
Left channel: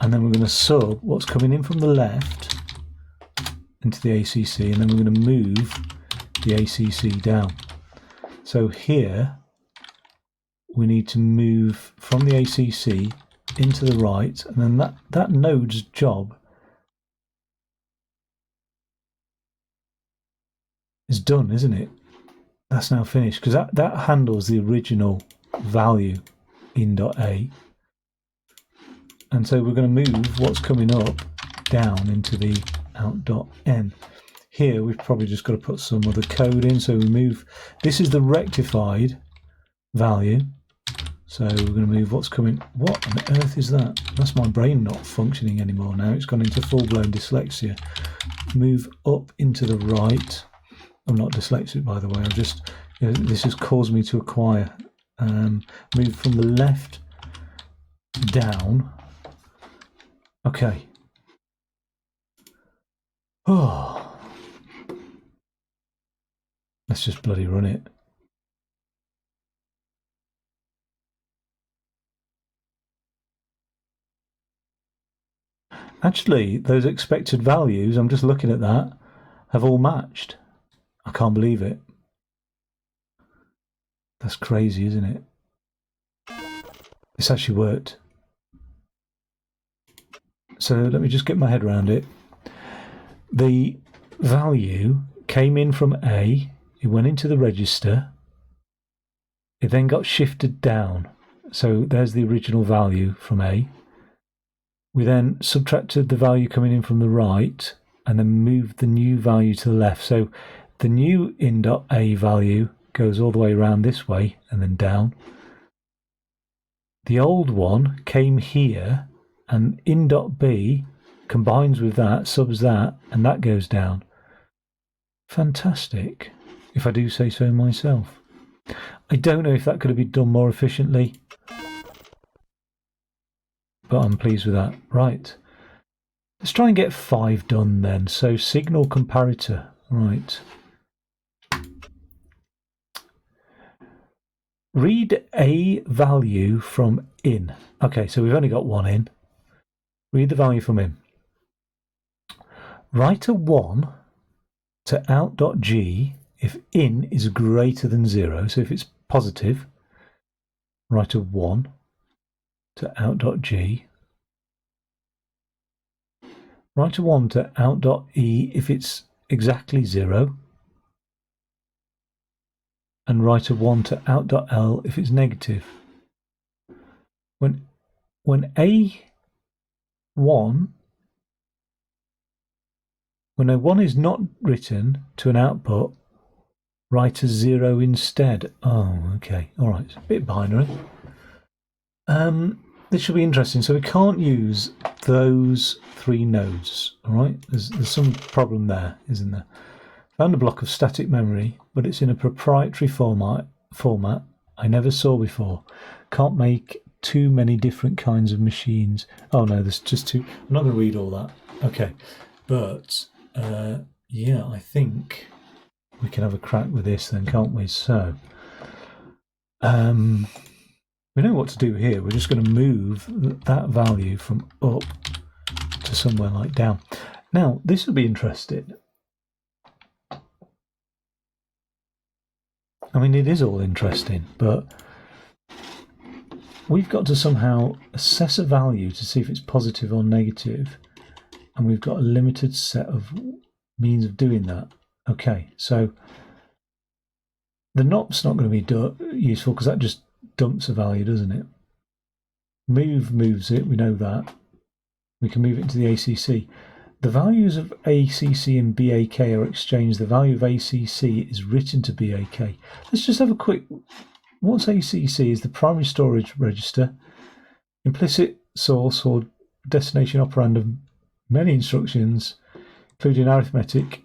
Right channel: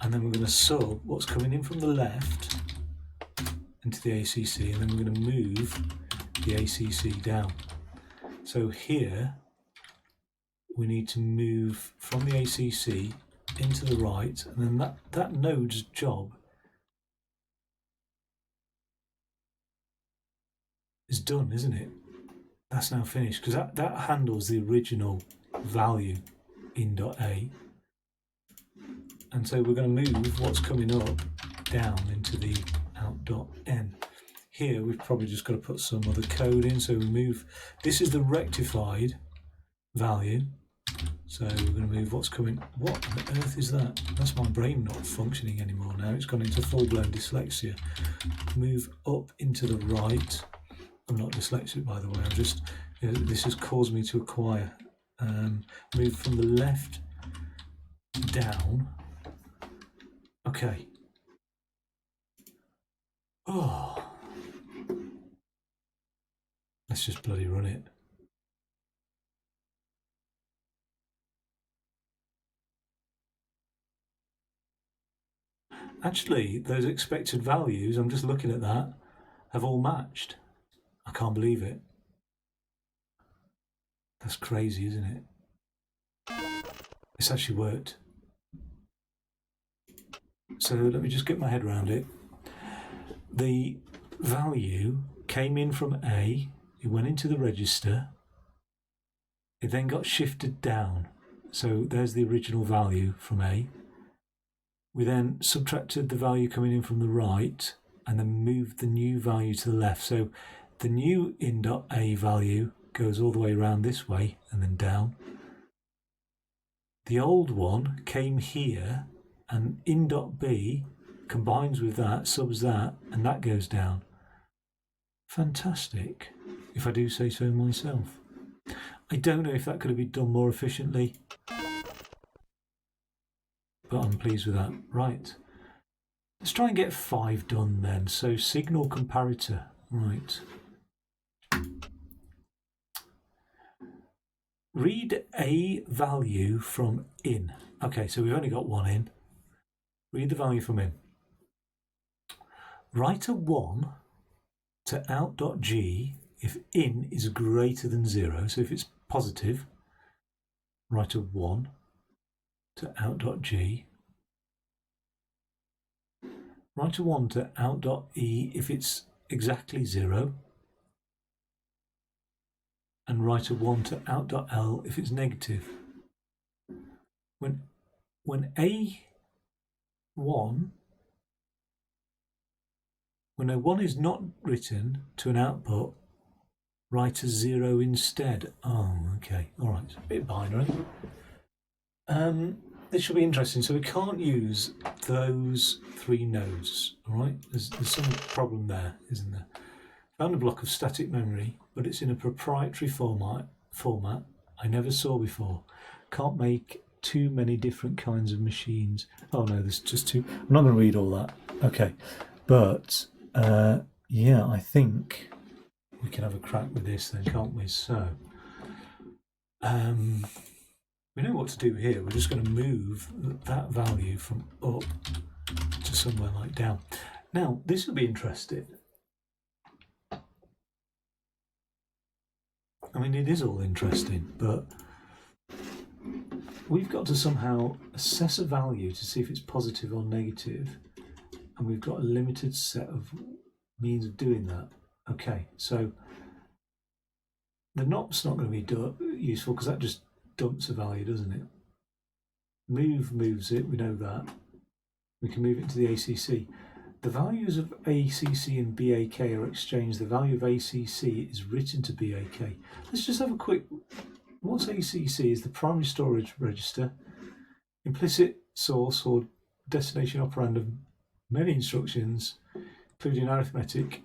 and then we're going to sub what's coming in from the left into the ACC, and then we're going to move the ACC down. So here we need to move from the ACC into the right, and then that node's job is done, isn't it? That's now finished, because that handles the original value in .a, and so we're going to move what's coming up down into the out.n. Here we've probably just got to put some other code in, so we move, this is the rectified value, so we're going to move what's coming. What on earth is that? That's my brain not functioning anymore now. It's gone into full-blown dyslexia. Move up into the right. I'm not dyslexic, by the way. I'm just, this has caused me to acquire. Move from the left down. Okay. Oh. Let's just bloody run it. Actually, those expected values, I'm just looking at that, have all matched. I can't believe it. That's crazy, isn't it? It's actually worked. So let me just get my head around it. The value came in from A, it went into the register, it then got shifted down. So there's the original value from A. We then subtracted the value coming in from the right and then moved the new value to the left. So the new in.A value goes all the way around this way and then down. The old one came here, and in.B combines with that, subs that, and that goes down. Fantastic, if I do say so myself. I don't know if that could have been done more efficiently, but I'm pleased with that. Right, let's try and get 5 done then. So signal comparator, right. Read a value from in. Okay, so we've only got one in. Read the value from in. Write a 1 to out.g if in is greater than 0. So if it's positive, write a 1 to out.g. Write a 1 to out.e if it's exactly 0. And write a 1 to out.l if it's negative. When a 1 is not written to an output, write a 0 instead. Oh, okay, all right, it's a bit binary. This should be interesting. So we can't use those 3 nodes. All right, there's some problem there, isn't there? Found a block of static memory, but it's in a proprietary format I never saw before. Can't make too many different kinds of machines. Oh no, there's just 2. I'm not going to read all that. Okay, but yeah, I think we can have a crack with this then, can't we? So we know what to do here. We're just going to move that value from up to somewhere like down. Now, this will be interesting. I mean, it is all interesting, but we've got to somehow assess a value to see if it's positive or negative, and we've got a limited set of means of doing that. Okay, so the NOP's not going to be useful because that just dumps a value, doesn't it? Move moves it, we know that. We can move it into the ACC. The values of ACC and BAK are exchanged. The value of ACC is written to BAK. Let's just have a quick... What's ACC? Is the primary storage register, implicit source or destination operand of many instructions, including arithmetic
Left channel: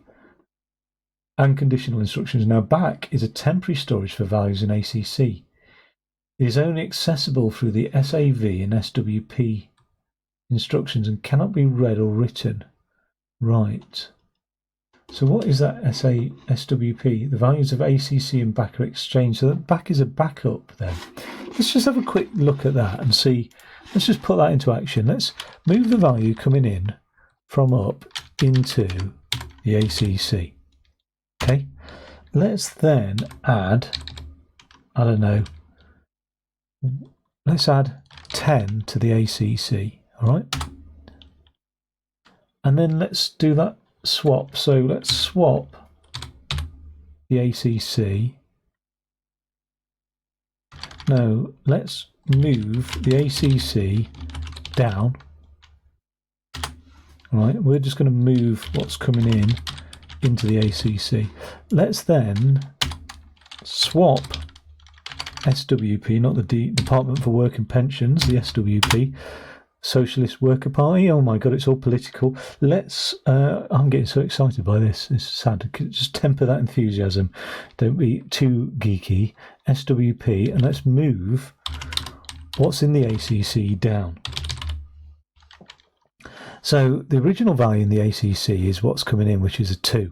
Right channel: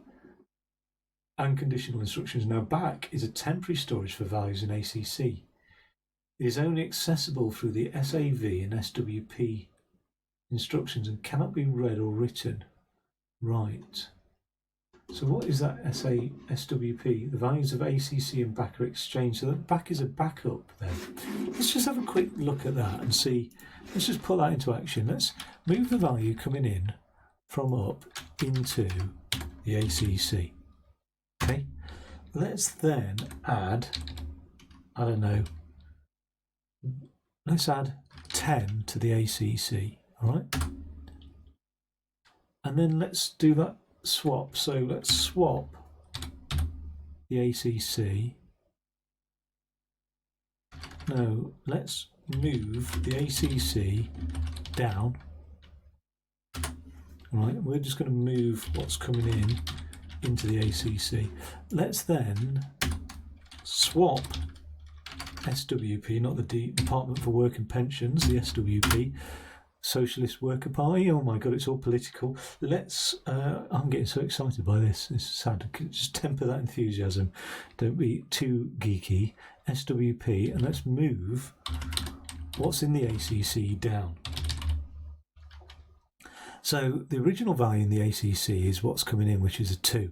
and conditional instructions. Now, back is a temporary storage for values in ACC. It is only accessible through the SAV and SWP instructions and cannot be read or written. Right. So what is that SWP? The values of ACC and back are exchanged. So that back is a backup then. Let's just have a quick look at that and see. Let's just put that into action. Let's move the value coming in from up into the ACC. Okay. Let's then add, I don't know, let's add 10 to the ACC. All right. And then let's do that swap. So let's swap the ACC. No, let's move the ACC down. All right, we're just going to move what's coming in into the ACC. Let's then swap SWP, not the Department for Work and Pensions, the SWP, Socialist Worker Party. Oh my God, it's all political. Let's, I'm getting so excited by this. It's sad. Just temper that enthusiasm. Don't be too geeky. SWP, and let's move what's in the ACC down. So the original value in the ACC is what's coming in, which is a 2.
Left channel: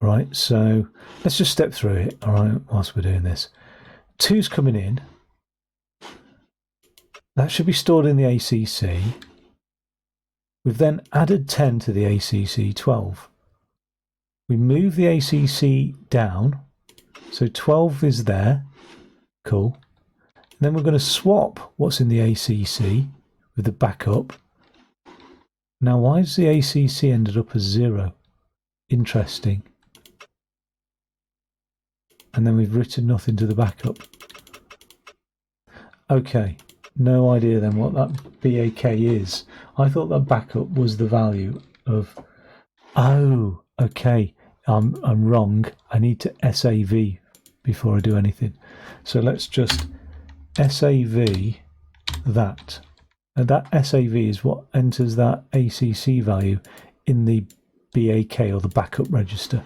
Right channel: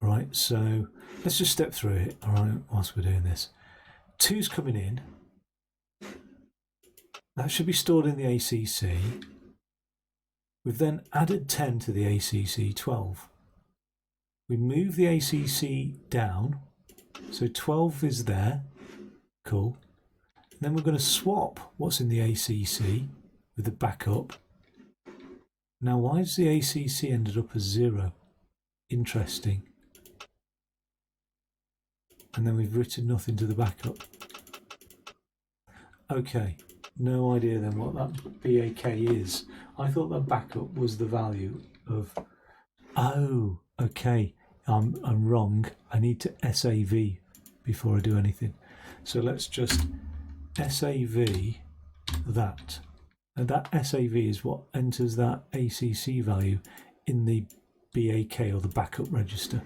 Right, so let's just step through it, all right, whilst we're doing this. 2's coming in. That should be stored in the ACC. We've then added 10 to the ACC 12. We move the ACC down, so 12 is there. Cool. And then we're going to swap what's in the ACC with the backup. Now, why does the ACC ended up as 0? Interesting. And then we've written nothing to the backup. Okay. No idea then what that BAK is. I thought that backup was the value of... Oh, okay. I'm wrong. I need to SAV before I do anything. So let's just SAV that. And that SAV is what enters that ACC value in the BAK or the backup register.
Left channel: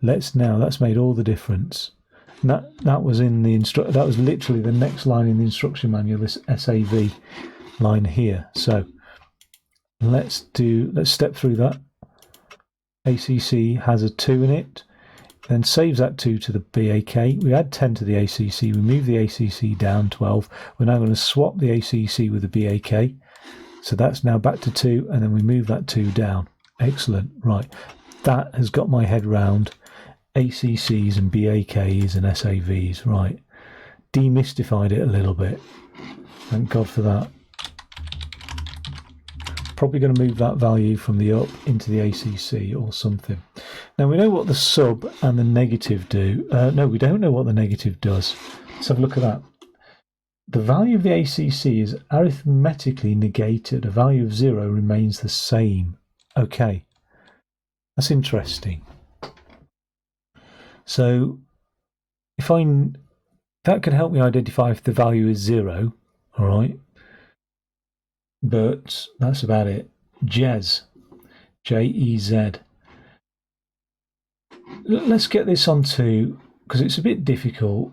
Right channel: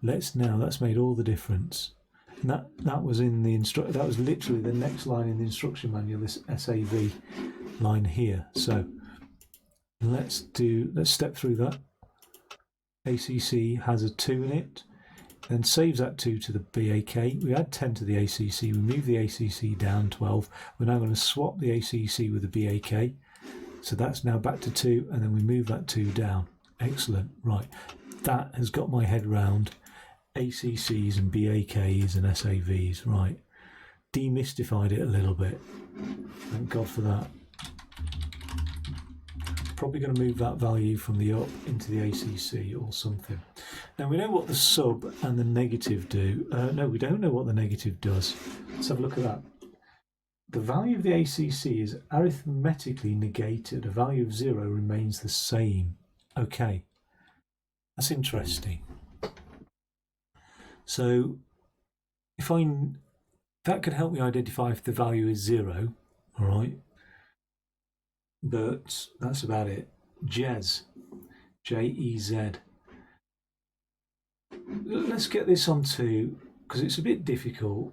That's made all the difference. And that was in the that was literally the next line in the instruction manual, this SAV line here. So let's step through that. ACC has a 2 in it, then saves that 2 to the BAK. We add 10 to the ACC, we move the ACC down 12. We're now going to swap the ACC with the BAK. So that's now back to 2, and then we move that 2 down. Excellent. Right. That has got my head round ACCs and BAKs and SAVs. Right. Demystified it a little bit. Thank God for that. Probably going to move that value from the up into the ACC or something. Now we know what the sub and the negative do. No, we don't know what the negative does. Let's have a look at that. The value of the ACC is arithmetically negated. A value of 0 remains the same. Okay, that's interesting. So that can help me identify if the value is 0, all right? But that's about it. Jez, J-E-Z. Let's get this onto, because it's a bit difficult,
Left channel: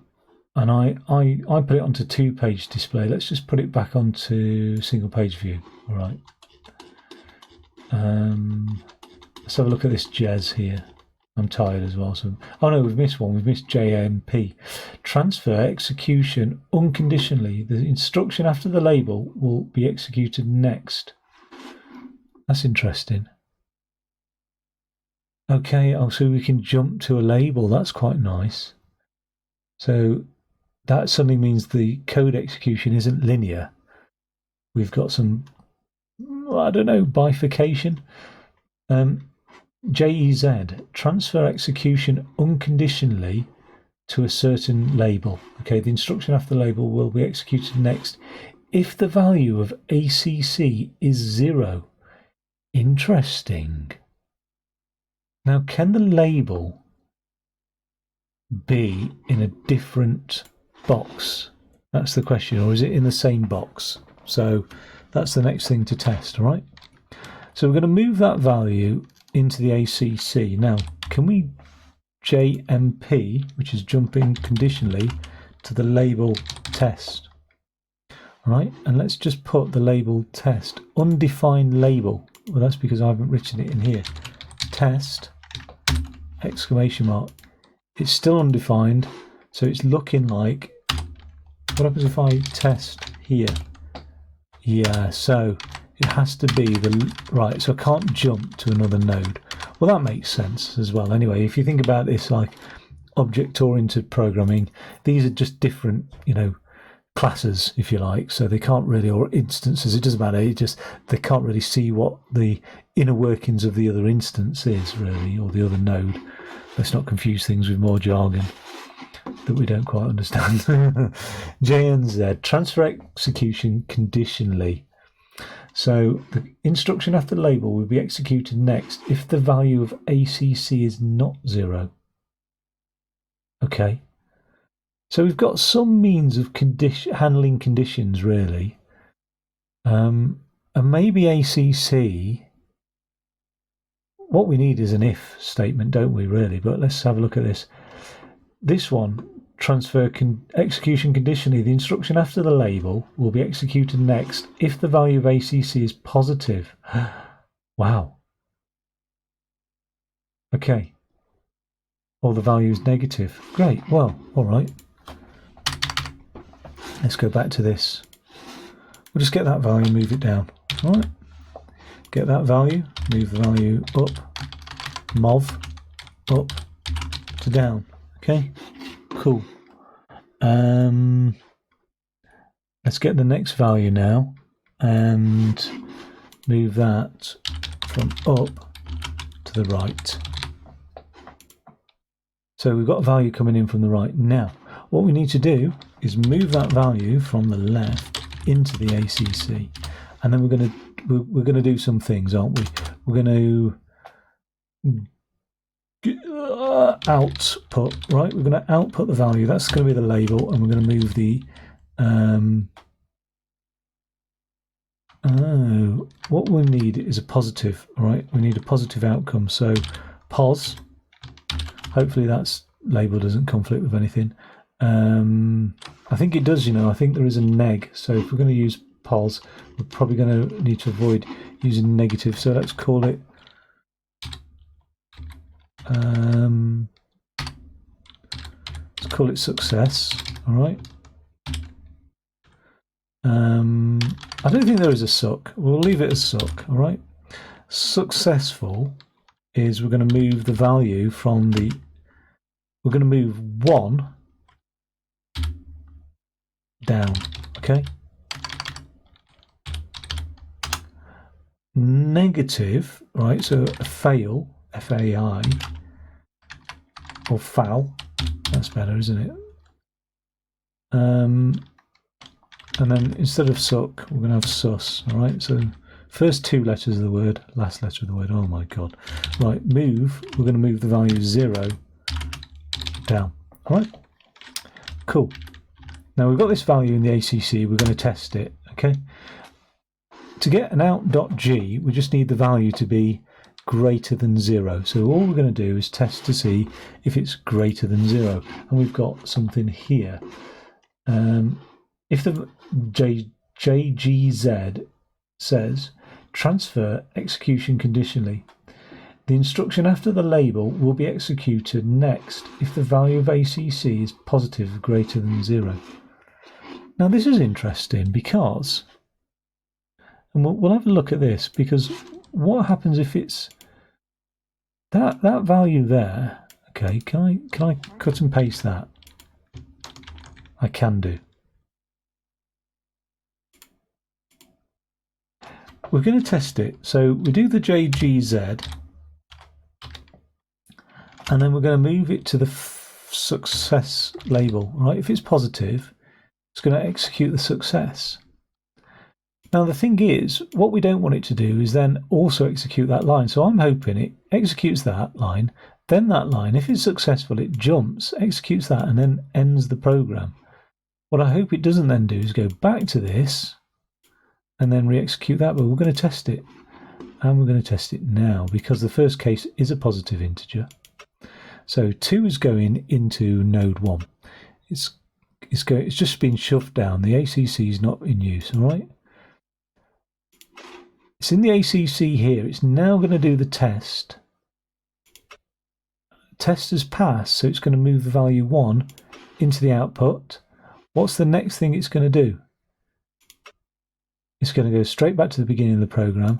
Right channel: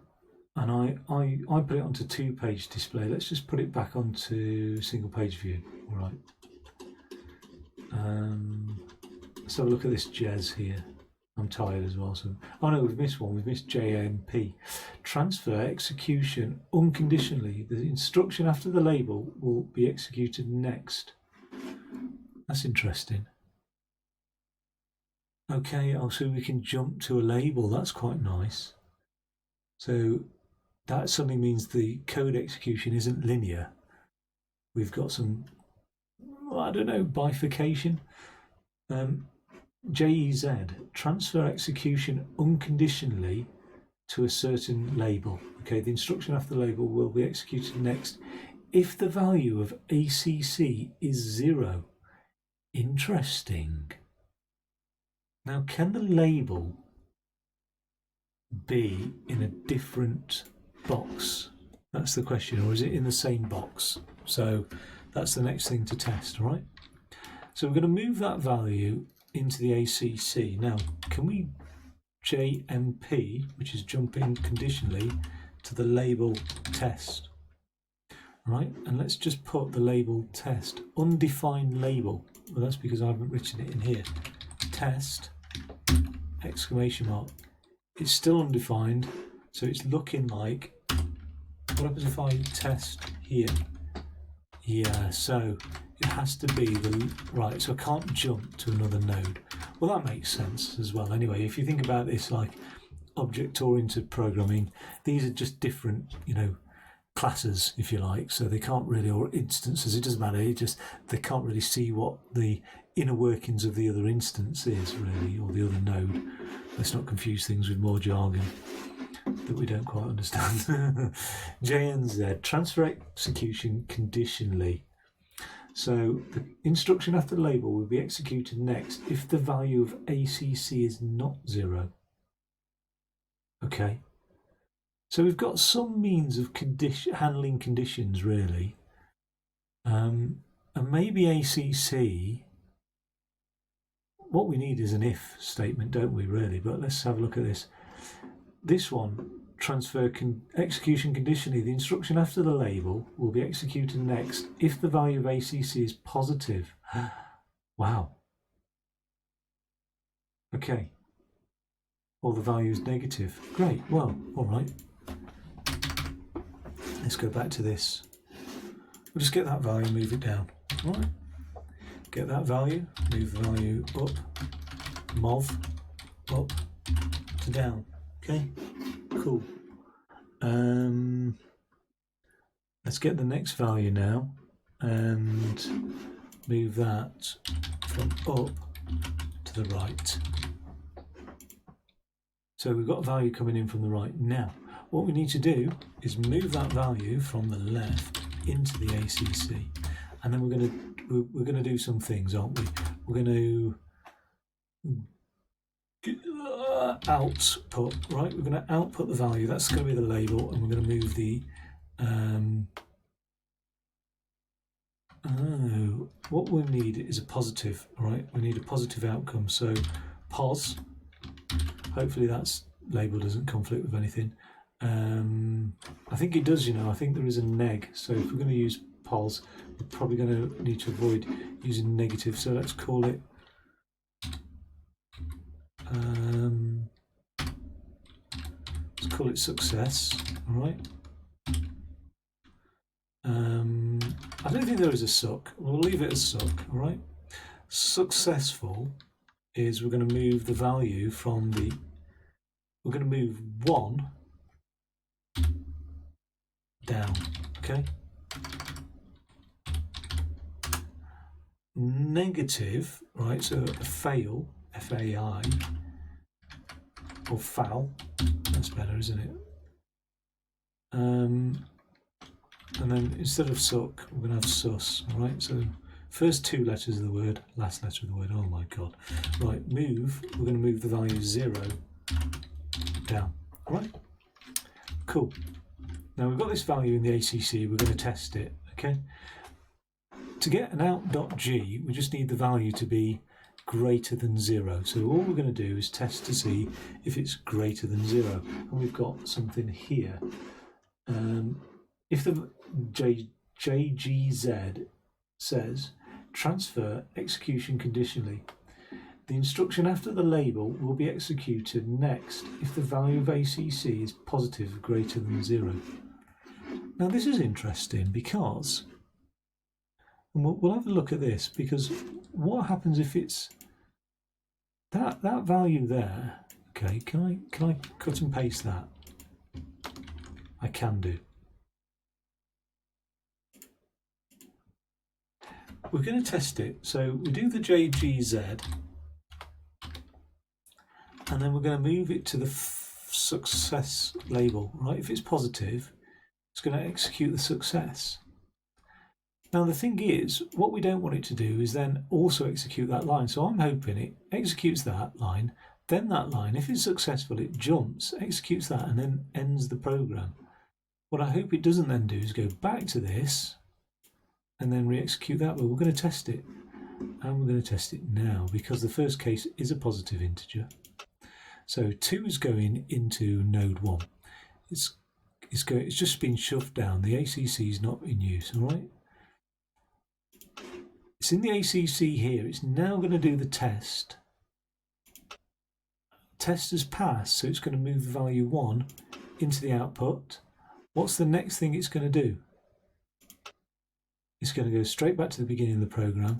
and I put it onto 2-page display. Let's just put it back onto single page view. All right. Let's have a look at this Jez here. I'm tired as well. So, oh no, we've missed one. We've missed JMP. Transfer execution unconditionally. The instruction after the label will be executed next. That's interesting. Okay, so we can jump to a label. That's quite nice. So that suddenly means the code execution isn't linear. We've got some, I don't know, bifurcation. JEZ, transfer execution unconditionally to a certain label. Okay, the instruction after the label will be executed next if the value of ACC is 0. Interesting. Now, can the label be in a different box? That's the question. Or is it in the same box? So that's the next thing to test, all right? So we're going to move that value into the ACC. Now, can we JMP, which is jumping conditionally, to the label test? All right, and let's just put the label test, undefined label. Well, that's because I haven't written it in here. Test, exclamation mark. It's still undefined, so it's looking like, what happens if I test here? Yeah, so it has to be the, right, so I can't jump to another node. Well, that makes sense as well. Anyway, if you think about this like object-oriented programming, these are just different, classes, if you like, so they can't really, or instances, it doesn't matter, they can't really see what the inner workings of the other instance is, really, or the other node. Let's not confuse things with more jargon that we don't quite understand. JNZ, transfer execution conditionally. So the instruction after the label will be executed next if the value of ACC is not 0. Okay. So we've got some means of handling conditions, really. And maybe ACC, what we need is an if statement, don't we, really? But let's have a look at this. This one, transfer execution conditionally. The instruction after the label will be executed next if the value of ACC is positive. Wow. Okay. Or the value is negative. Great. Well, all right. Let's go back to this. We'll just get that value, move it down. All right. Get that value, move the value up, mov, up to down. Okay, cool. Let's get the next value now and move that from up to the right. So we've got a value coming in from the right. Now, what we need to do is move that value from the left into the ACC, and then we're going to do some things, aren't we? We're going to output, right? We're going to output the value. That's going to be the label, and we're going to move the what we need is a positive, all right? We need a positive outcome. So pos, hopefully that's label doesn't conflict with anything. I think it does, I think there is a neg. So if we're going to use pos, we're probably going to need to avoid using negative. So let's call it success. All right. I don't think there is a suck. We'll leave it as suck. All right. Successful is we're going to move the value from the. We're going to move 1 down. Okay. Negative, right? So a fail, FAI, or foul. That's better, isn't it? And then instead of suck, we're going to have sus. All right. So first 2 letters of the word, last letter of the word. Oh my god. Right. Move. We're going to move the value 0 down. All right. Cool. Now we've got this value in the ACC. We're going to test it. Okay. To get an out.g, we just need the value to be greater than 0. So all we're going to do is test to see if it's greater than 0. And we've got something here. If the JGZ says transfer execution conditionally, the instruction after the label will be executed next if the value of ACC is positive greater than 0. Now this is interesting because, and we'll have a look at this, because what happens if it's that value there? Okay, can I cut and paste that? I can do. We're going to test it. So we do the JGZ, and then we're going to move it to the success label. Right? If it's positive, it's going to execute the success. Now the thing is, what we don't want it to do is then also execute that line. So I'm hoping it executes that line, then that line. If it's successful, it jumps, executes that, and then ends the program. What I hope it doesn't then do is go back to this and then re-execute that, but we're going to test it. And we're going to test it now because the first case is a positive integer. So 2 is going into node 1. It's just been shoved down. The ACC is not in use, all right? It's in the ACC here. It's now going to do the test. Test has passed, so it's going to move the value 1 into the output. What's the next thing it's going to do? It's going to go straight back to the beginning of the program,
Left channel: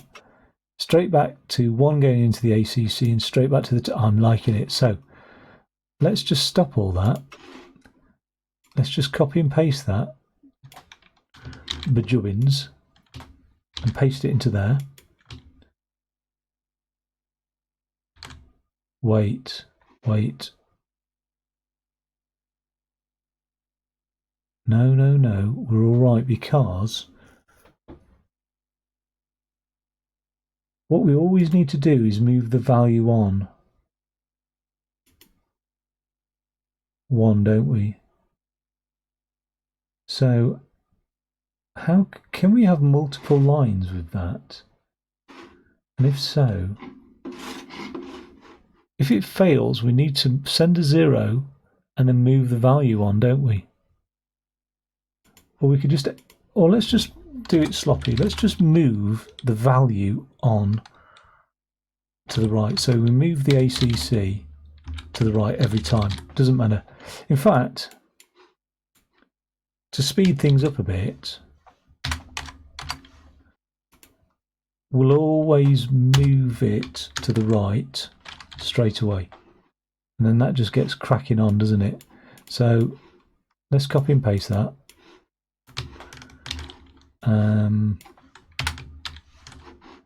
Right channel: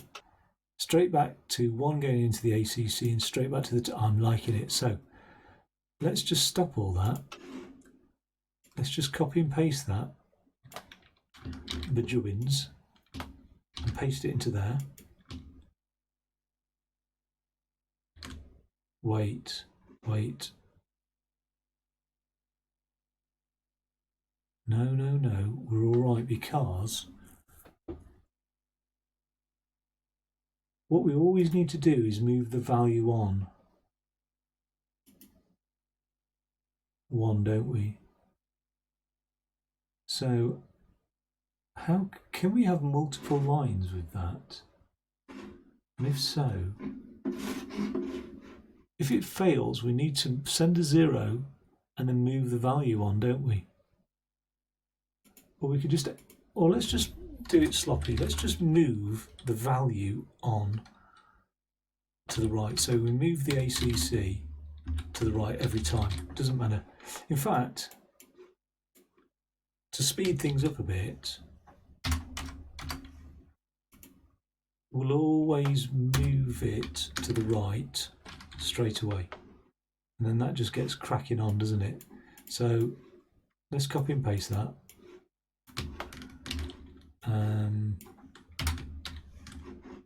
straight back to 1 going into the ACC, and straight back to the... I'm liking it. So let's just stop all that. Let's just copy and paste that. Bajubbins. And paste it into there. Wait. No. We're all right because what we always need to do is move the value on 1, don't we? So how can we have multiple lines with that? And if so, if it fails, we need to send a 0 and then move the value on, don't we? Or we could just, or let's just do it sloppy. Let's just move the value on to the right. So we move the ACC to the right every time. Doesn't matter. In fact, to speed things up a bit, we'll always move it to the right straight away. And then that just gets cracking on, doesn't it? So let's copy and paste that.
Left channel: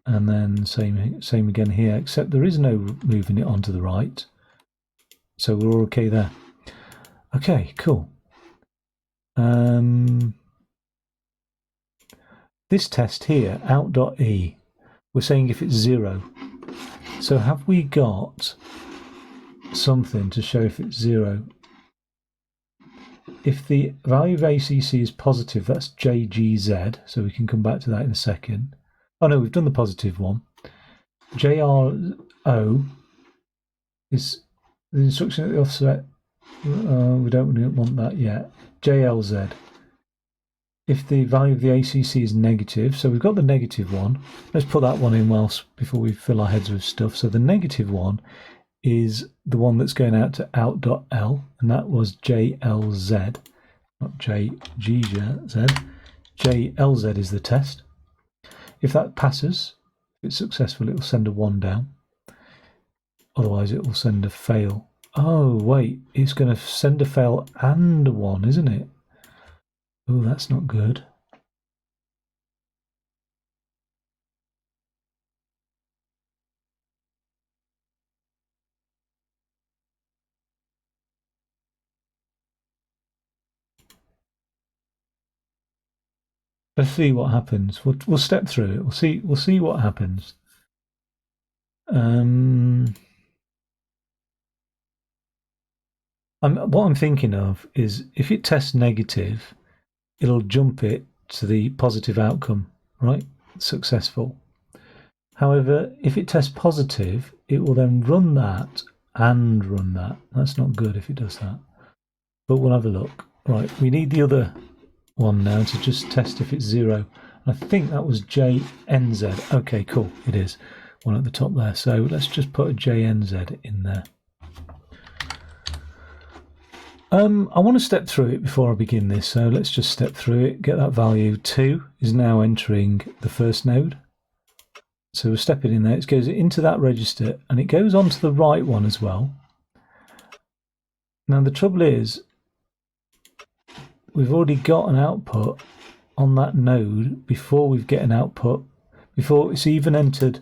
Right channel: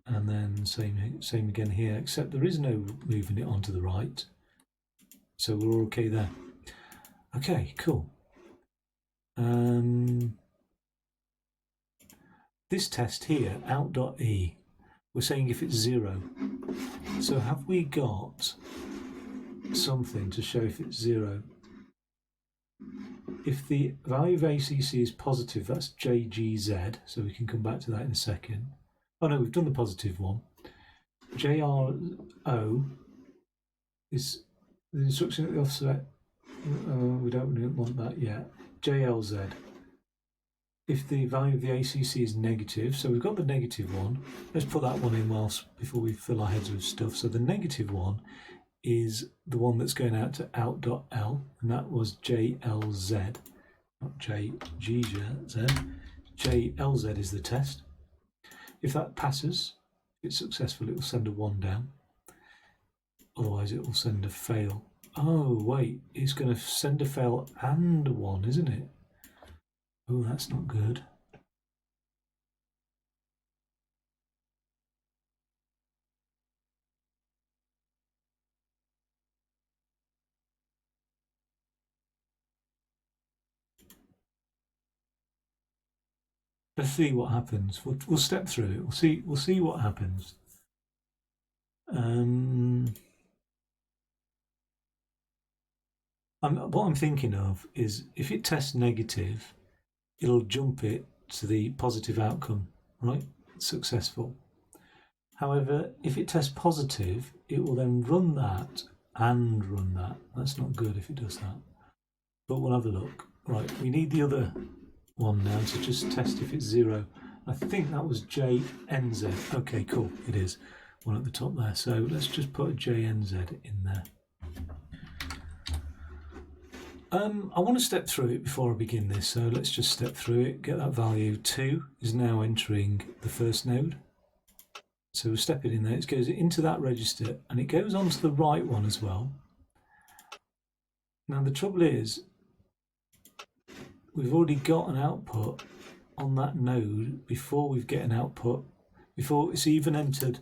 And then same again here, except there is no moving it onto the right. So we're all okay there. Okay, cool. This test here, out.e, we're saying if it's 0. So have we got something to show if it's 0? If the value of ACC is positive, that's JGZ, so we can come back to that in a second. Oh no, we've done the positive one. JRO is the instruction at the offset. We don't want that yet. JLZ. If the value of the ACC is negative, so we've got the negative one. Let's put that one in before we fill our heads with stuff. So the negative one is the one that's going out to out.l, and that was JLZ, not JGZ. JLZ is the test. If that passes, if it's successful, it will send a 1 down. Otherwise, it will send a fail. Oh, wait, it's going to send a fail and a 1, isn't it? Oh, that's not good. Let's see what happens. We'll step through it. We'll see what happens. What I'm thinking of is if it tests negative, it'll jump it to the positive outcome, right? Successful. However, if it tests positive, it will then run that and run that. That's not good if it does that. But we'll have a look. Right, we need the other one now to just test if it's 0. I think that was JNZ. Okay, cool, it is. One at the top there. So let's just put a JNZ in there. I want to step through it before I begin this, so let's just step through it, get that value. 2 is now entering the first node. So we'll step it in there, it goes into that register, and it goes onto the right one as well. Now the trouble is, we've already got an output on that node before we get an output, before it's even entered,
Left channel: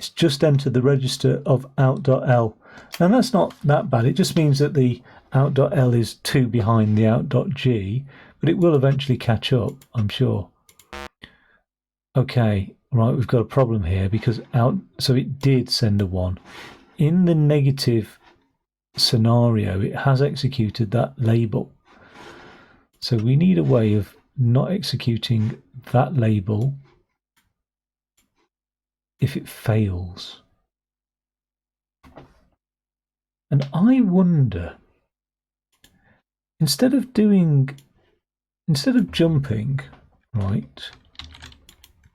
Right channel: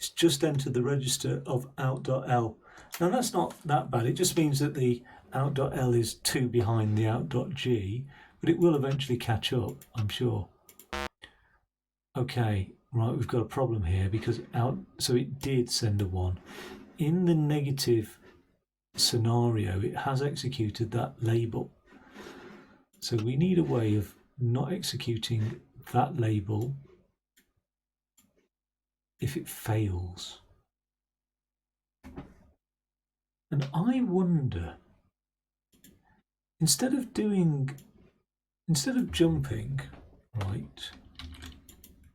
it's just entered the register of out.l. And that's not that bad, it just means that the out.l is 2 behind the out.g, but it will eventually catch up, I'm sure. Okay, right, we've got a problem here because so it did send a 1. In the negative scenario, it has executed that label. So we need a way of not executing that label if it fails. And I wonder, instead of jumping, right,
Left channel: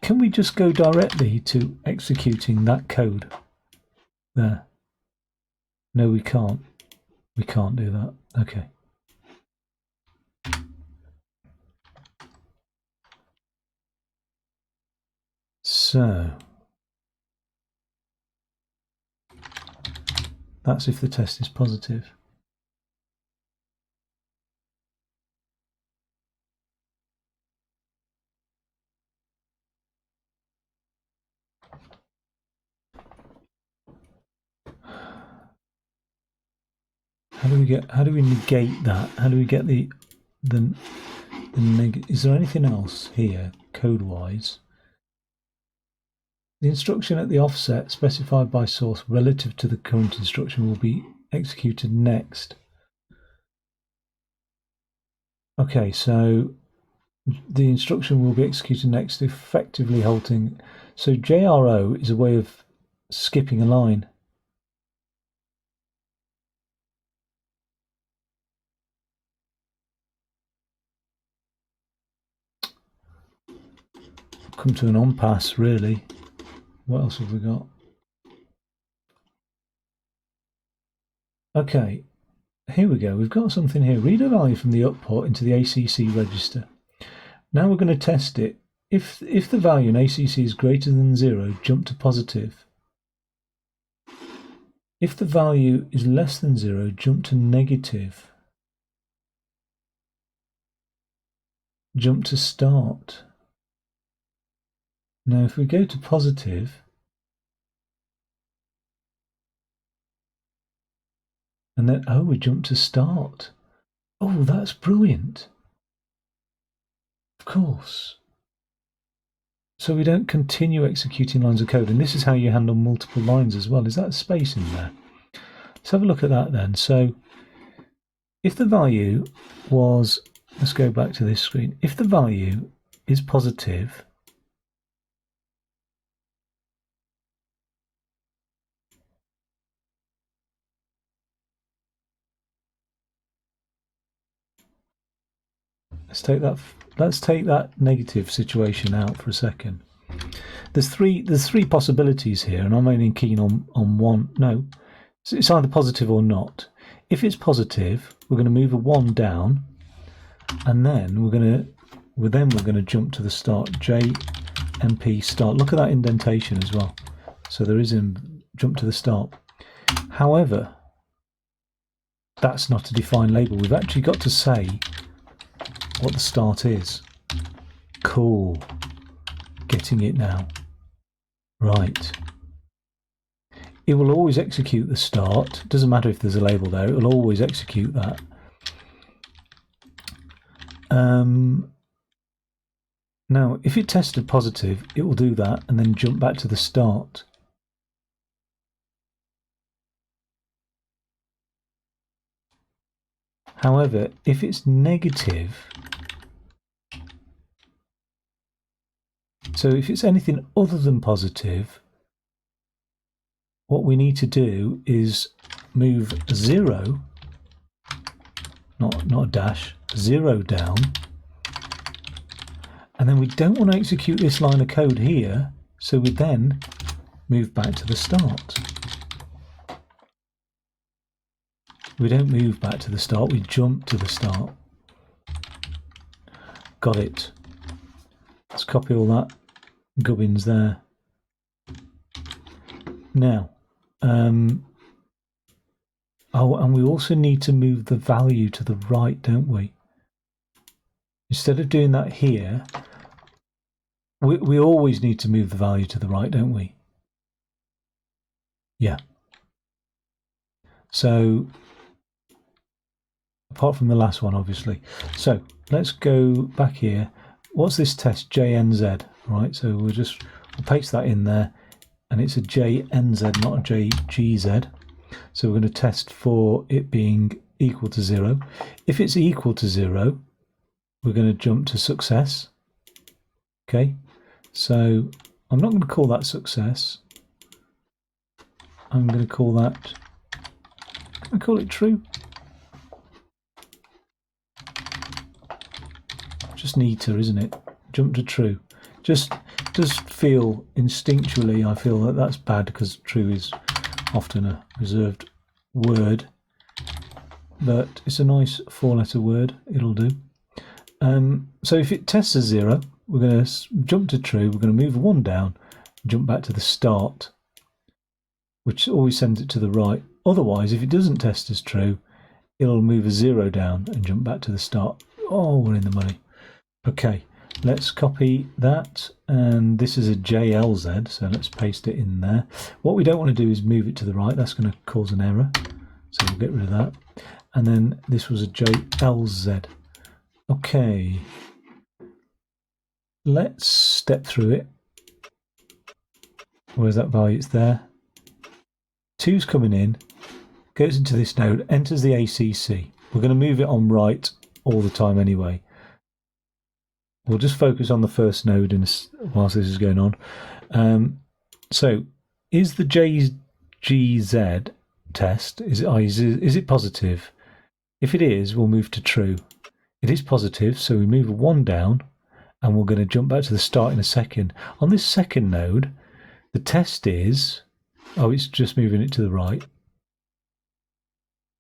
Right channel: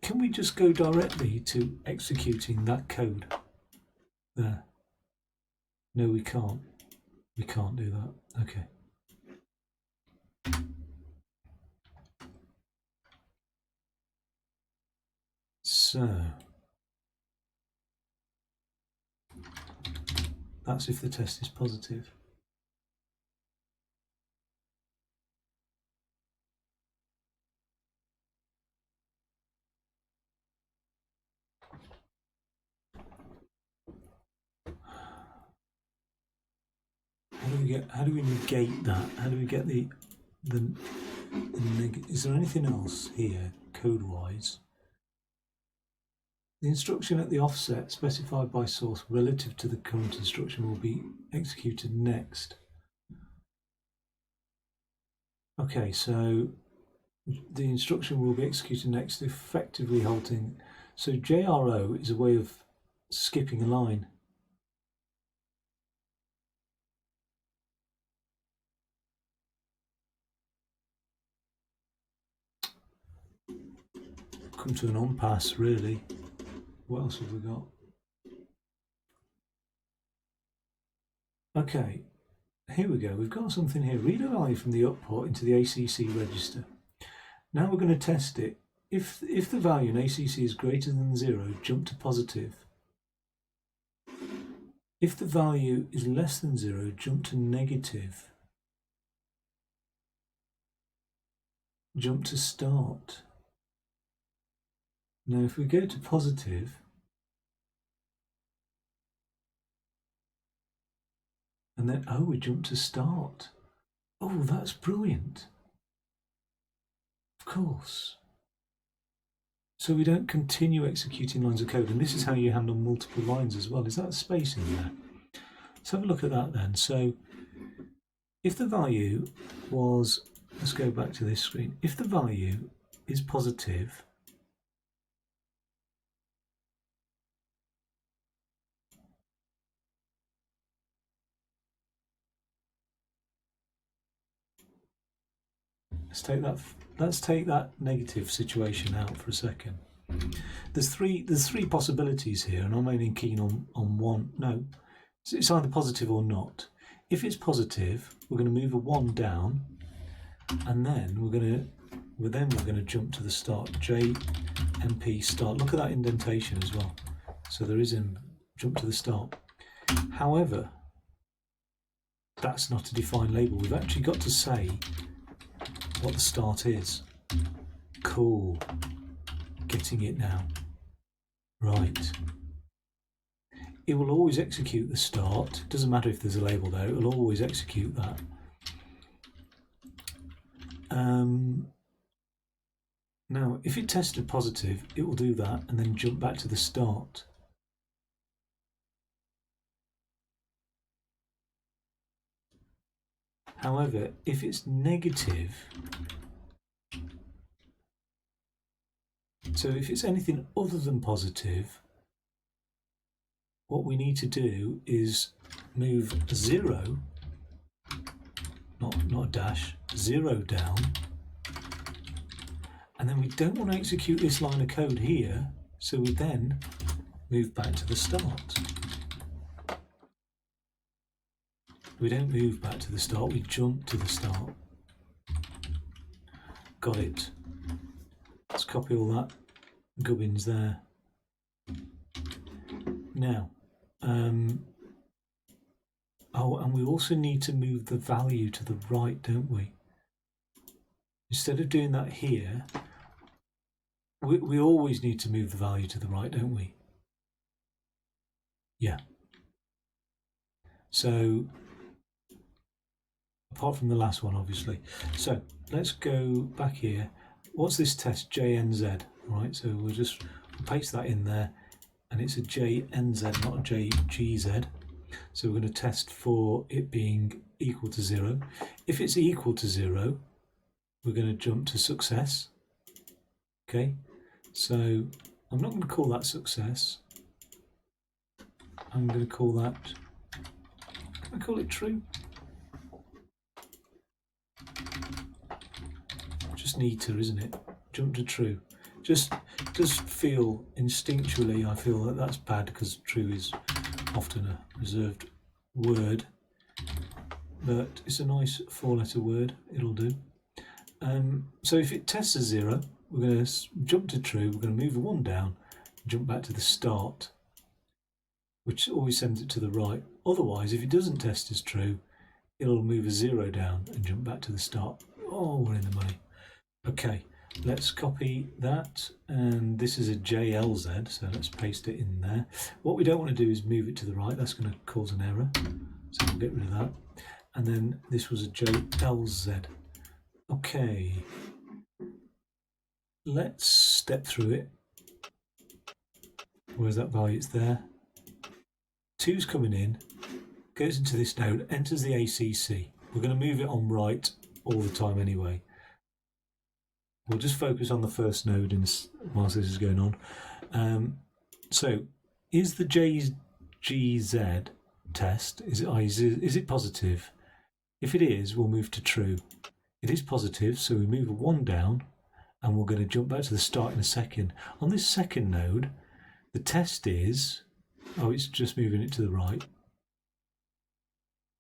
can we just go directly to executing that code there? No, we can't. We can't do that. Okay. So that's if the test is positive. How do we negate that? How do we get the is there anything else here code-wise? The instruction at the offset specified by source relative to the current instruction will be executed next. Okay, so the instruction will be executed next, effectively halting. So JRO is a way of skipping a line. Come to an on-pass, really. What else have we got? Okay, here we go. We've got something here. Read a value from the output into the ACC register. Now we're going to test it. If the value in ACC is greater than 0, jump to positive. If the value is less than 0, jump to negative. Jump to start. Now if we go to positive, and then, oh, we jump to start. Oh, that's brilliant. Of course. So we don't continue executing lines of code. And this is how you handle multiple lines as well. Is that a space in there? Let's have a look at that then. So if the value was, let's go back to this screen. If the value is positive, let's take that negative situation out for a second. There's three possibilities here, and I'm only keen on one. No, it's either positive or not. If it's positive, we're going to move a 1 down, and then we're going to jump to the start. JMP start. Look at that indentation as well. So there is a jump to the start. However, that's not a defined label. We've actually got to say what the start is. Cool. Getting it now. Right. It will always execute the start. Doesn't matter if there's a label there. It will always execute that. Now, if it tested positive, it will do that and then jump back to the start. However, if it's negative, so if it's anything other than positive, what we need to do is move 0, not a dash, 0 down, and then we don't want to execute this line of code here, so we then move back to the start. We don't move back to the start, we jump to the start. Got it. Let's copy all that gubbins there. Now, oh, and we also need to move the value to the right, don't we? Instead of doing that here, we always need to move the value to the right, don't we? Yeah. So, apart from the last one, obviously. So, let's go back here. What's this test, JNZ? right? So we'll paste that in there, and it's a JNZ, not a JGZ. So we're going to test for it being equal to 0. If it's equal to 0, we're going to jump to success. Okay, so I'm not going to call that success. I'm going to call that, can I call it true? Just neater, isn't it? Jump to true. Just feel instinctually, I feel that that's bad because true is often a reserved word, but it's a nice 4-letter word. It'll do. So if it tests as 0, we're going to jump to true. We're going to move 1 down, jump back to the start, which always sends it to the right. Otherwise, if it doesn't test as true, it'll move a 0 down and jump back to the start. Oh, we're in the money. Okay, let's copy that, and this is a JLZ, so let's paste it in there. What we don't want to do is move it to the right. That's going to cause an error, so we'll get rid of that. And then this was a JLZ. Okay, let's step through it. Where's that value? It's there. 2's coming in, goes into this node, enters the ACC. We're going to move it on right all the time anyway. We'll just focus on the first node whilst this is going on. So, is the JGZ test, is it positive? If it is, we'll move to true. It is positive, so we move 1 down, and we're going to jump back to the start in a second. On this second node, the test is, oh, it's just moving it to the right.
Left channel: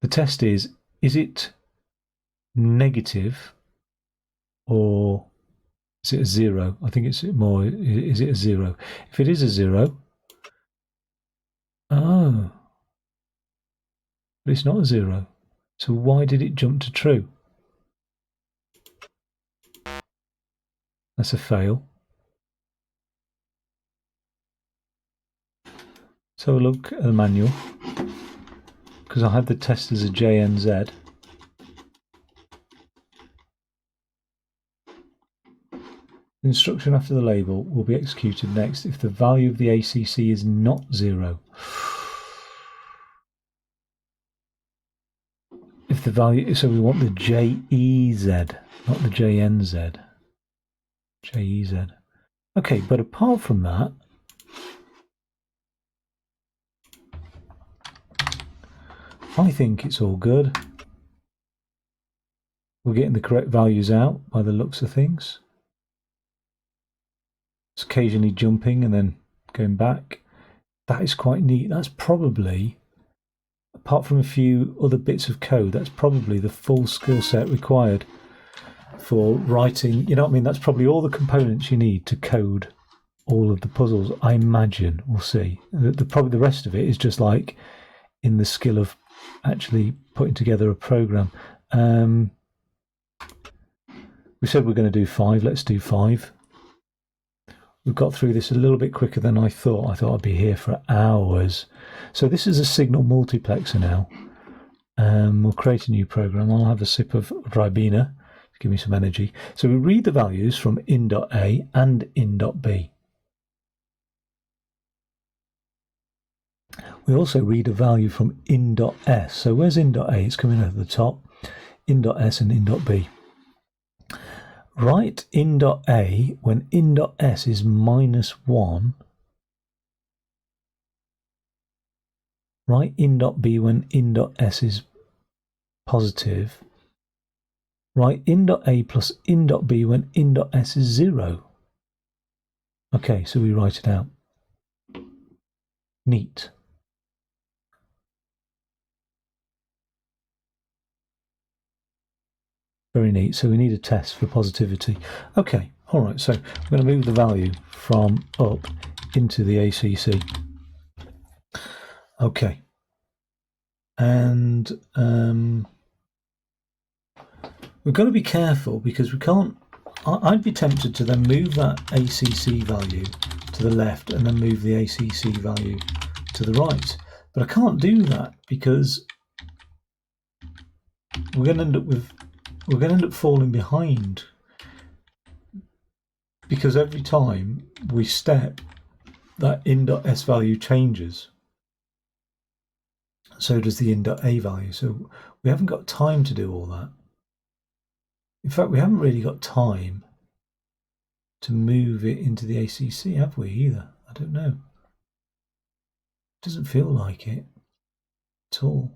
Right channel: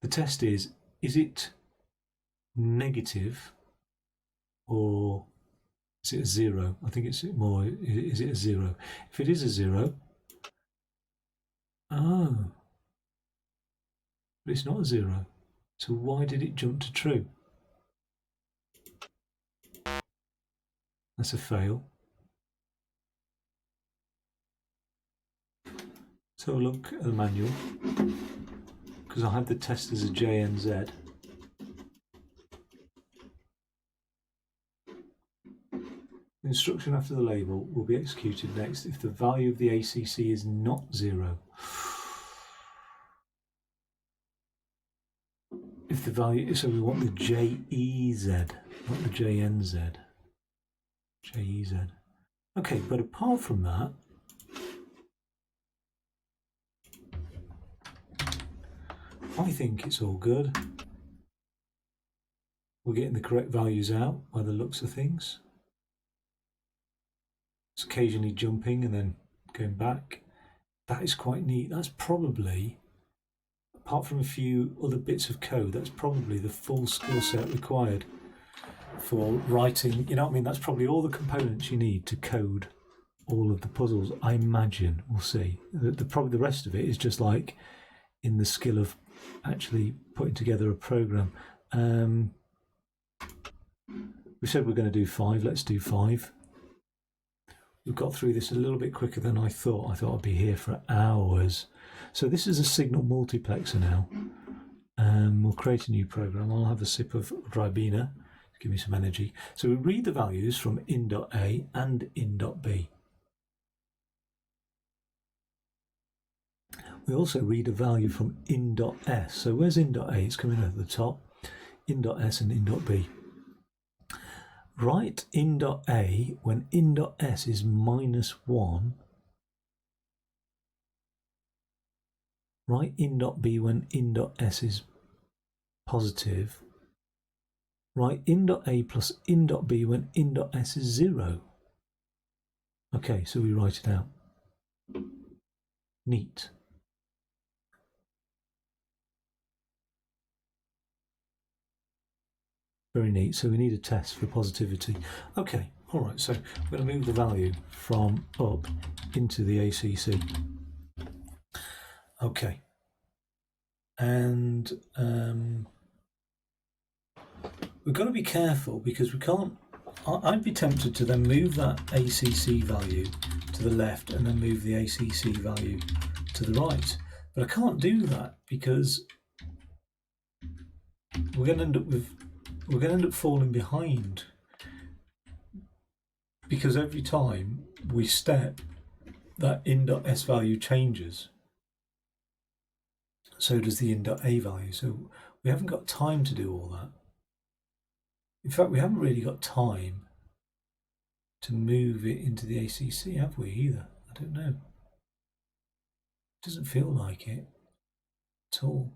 The test is it negative or is it a 0? I think it's more, is it a 0? If it is a 0, oh, but it's not a 0. So why did it jump to true? That's a fail. So look at the manual, because I had the test as a JNZ. The instruction after the label will be executed next if the value of the ACC is not 0. If the value, so we want the JEZ, not the JNZ. JEZ. Okay, but apart from that, I think it's all good. We're getting the correct values out by the looks of things. It's occasionally jumping and then going back. That is quite neat. That's probably, apart from a few other bits of code, that's probably the full skill set required for writing. You know what I mean? That's probably all the components you need to code all of the puzzles, I imagine. We'll see. Probably the rest of it is just like in the skill of actually putting together a program. We said we're going to do 5. Let's do 5. We've got through this a little bit quicker than I thought. I thought I'd be here for hours. So this is a signal multiplexer now. We'll create a new program. I'll have a sip of Ribena to give me some energy. So we read the values from in.A and in.B. We also read a value from in.S. So where's in.A? It's coming at the top. In.S and in.B. Write in.A when in.S is -1. Write in.B when in.S is positive. Write in.A plus in.B when in.S is 0. Okay, so we write it out. Neat. Very neat. So we need a test for positivity. Okay, all right. So I'm going to move the value from up into the ACC. Okay. And we've got to be careful because we can't. I'd be tempted to then move that ACC value to the left and then move the ACC value to the right. But I can't do that because we're going to end up falling behind, because every time we step, that in.s value changes. So does the in.a value. So we haven't got time to do all that. In fact, we haven't really got time to move it into the ACC, have we, either? I don't know. It doesn't feel like it at all.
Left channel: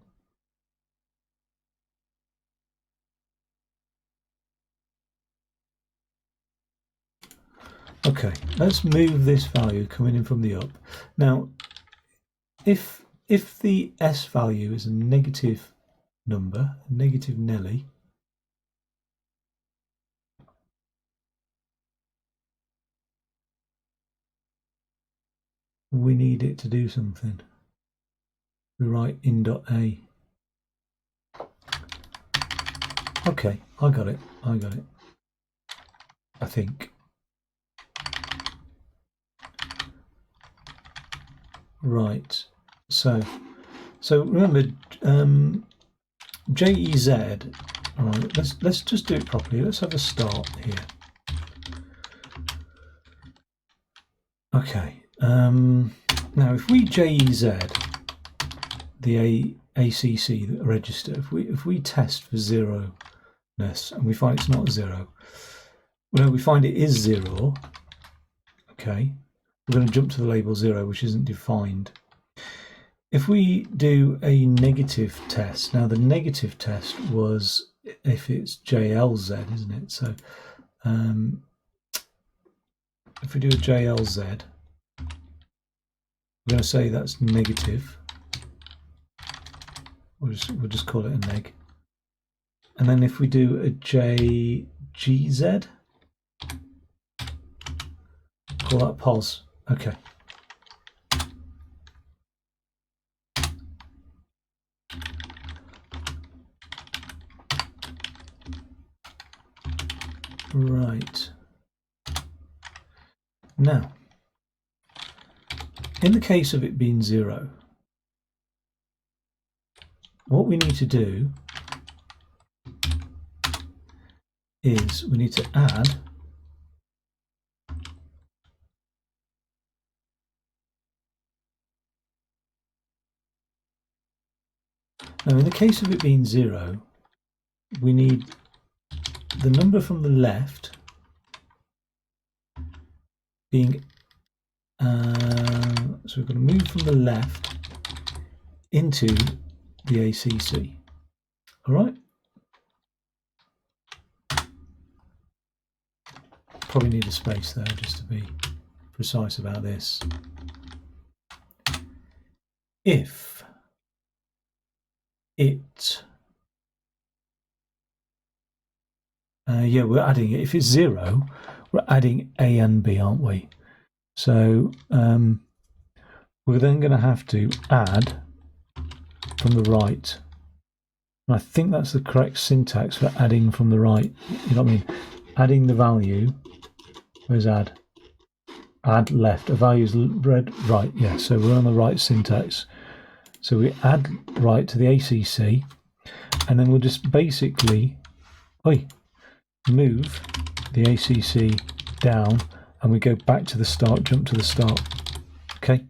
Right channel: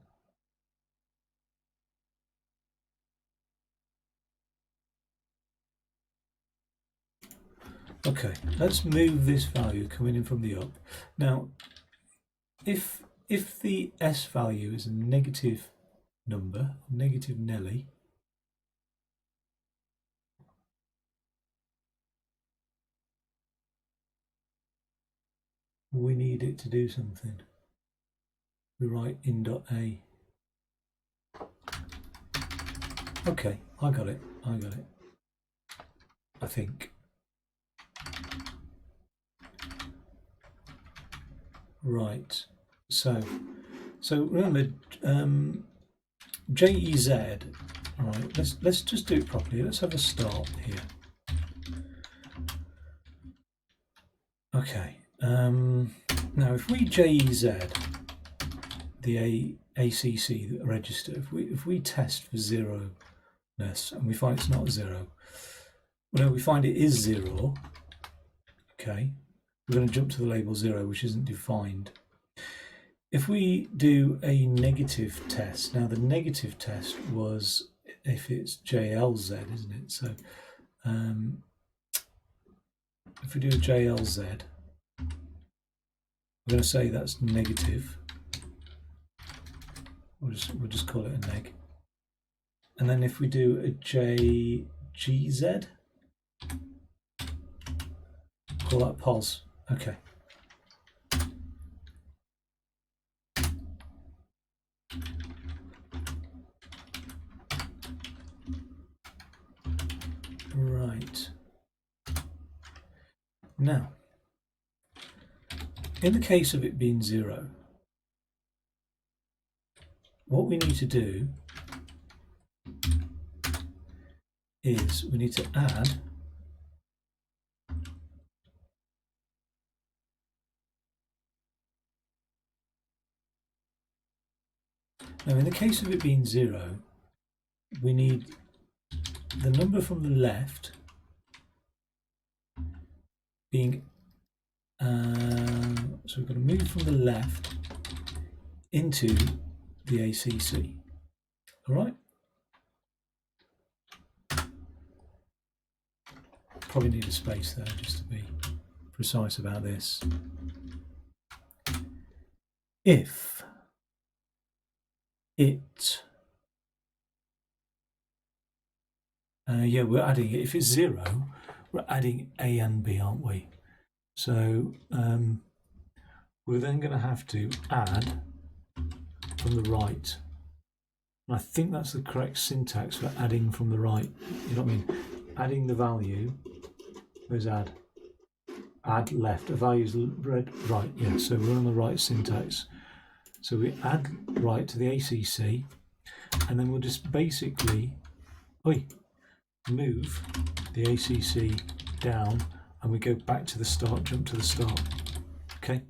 Okay, let's move this value coming in from the up. Now, if the S value is a negative number, negative Nelly, we need it to do something. We write in.a. Okay, I got it. I think. Right. So remember, JEZ. All right. Let's just do it properly. Let's have a start here. Okay. Now, if we JEZ the ACC register, if we test for zeroness and we find it's not zero, well, we find it is zero. Okay. We're going to jump to the label 0, which isn't defined. If we do a negative test, now the negative test was if it's JLZ, isn't it? So if we do a JLZ, we're going to say that's negative. We'll just call it a neg. And then if we do a JGZ, call that pos. Okay. Right. Now, in the case of it being 0, what we need to do is we need to add now in the case of it being 0, we need the number from the left being so we've got to move from the left into the ACC. All right. Probably need a space there just to be precise about this. If it yeah, we're adding it. If it's 0, we're adding A and B, aren't we? So we're then going to have to add from the right. And I think that's the correct syntax for adding from the right. You know what I mean? Adding the value. Where's add? Add left. A value's read right. Yeah, so we're on the right syntax. So we add right to the ACC, and then we'll just basically move the ACC down, and we go back to the start, jump to the start. Okay.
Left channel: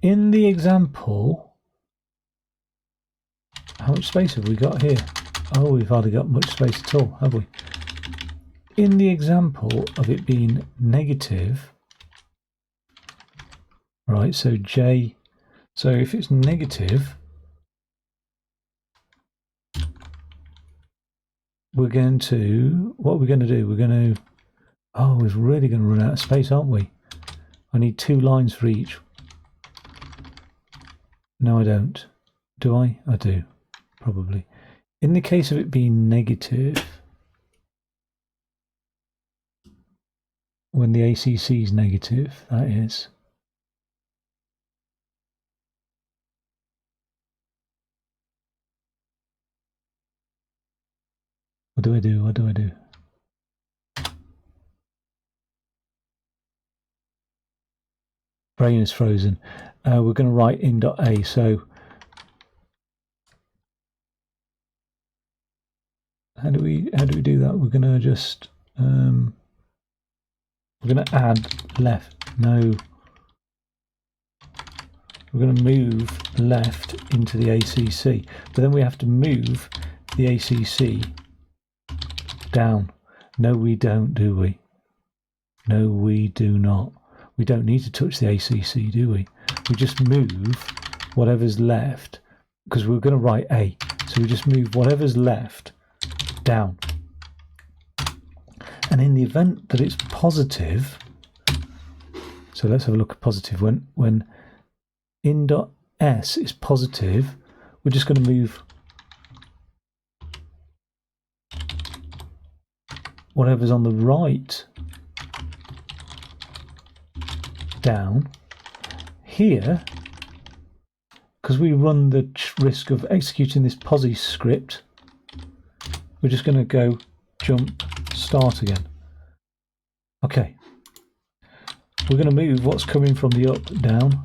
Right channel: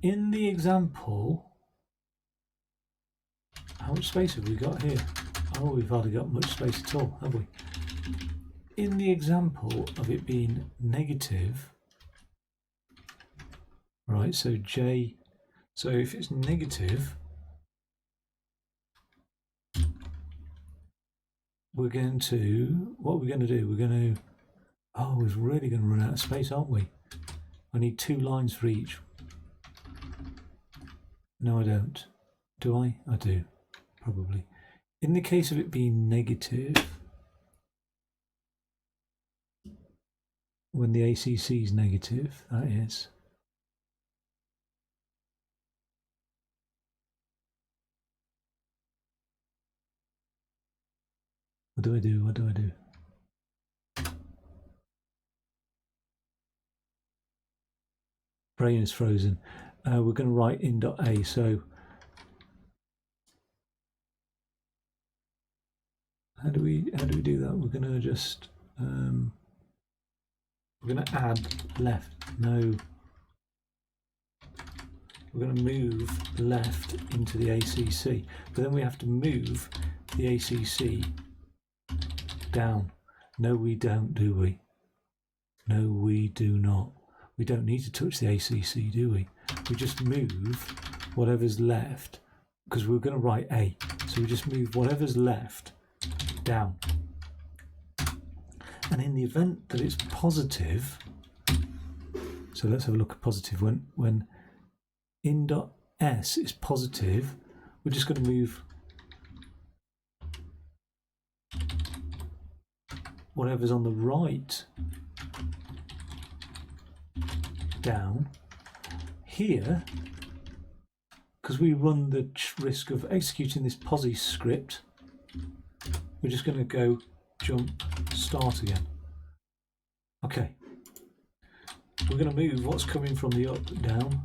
In the example, how much space have we got here? Oh, we've hardly got much space at all, have we? In the example of it being negative, right, so if it's negative, what we're going to do, we're really going to run out of space, aren't we? I need 2 lines for each. No, I don't. Do I? I do, probably. In the case of it being negative, when the ACC is negative, that is. What do I do? Brain is frozen. We're going to write in.a. So how do we do that? We're going to just We're going to add left. No. We're going to move left into the ACC, but then we have to move the ACC down. No, we don't, do we? No, we do not. We don't need to touch the ACC, do we? We just move whatever's left, because we're going to write A. So we just move whatever's left down. And in the event that it's positive, so let's have a look at positive. When in.s is positive, we're just going to move whatever's on the right down. Here, because we run the risk of executing this posi script, we're just going to go jump start again. Okay, we're going to move what's coming from the up down,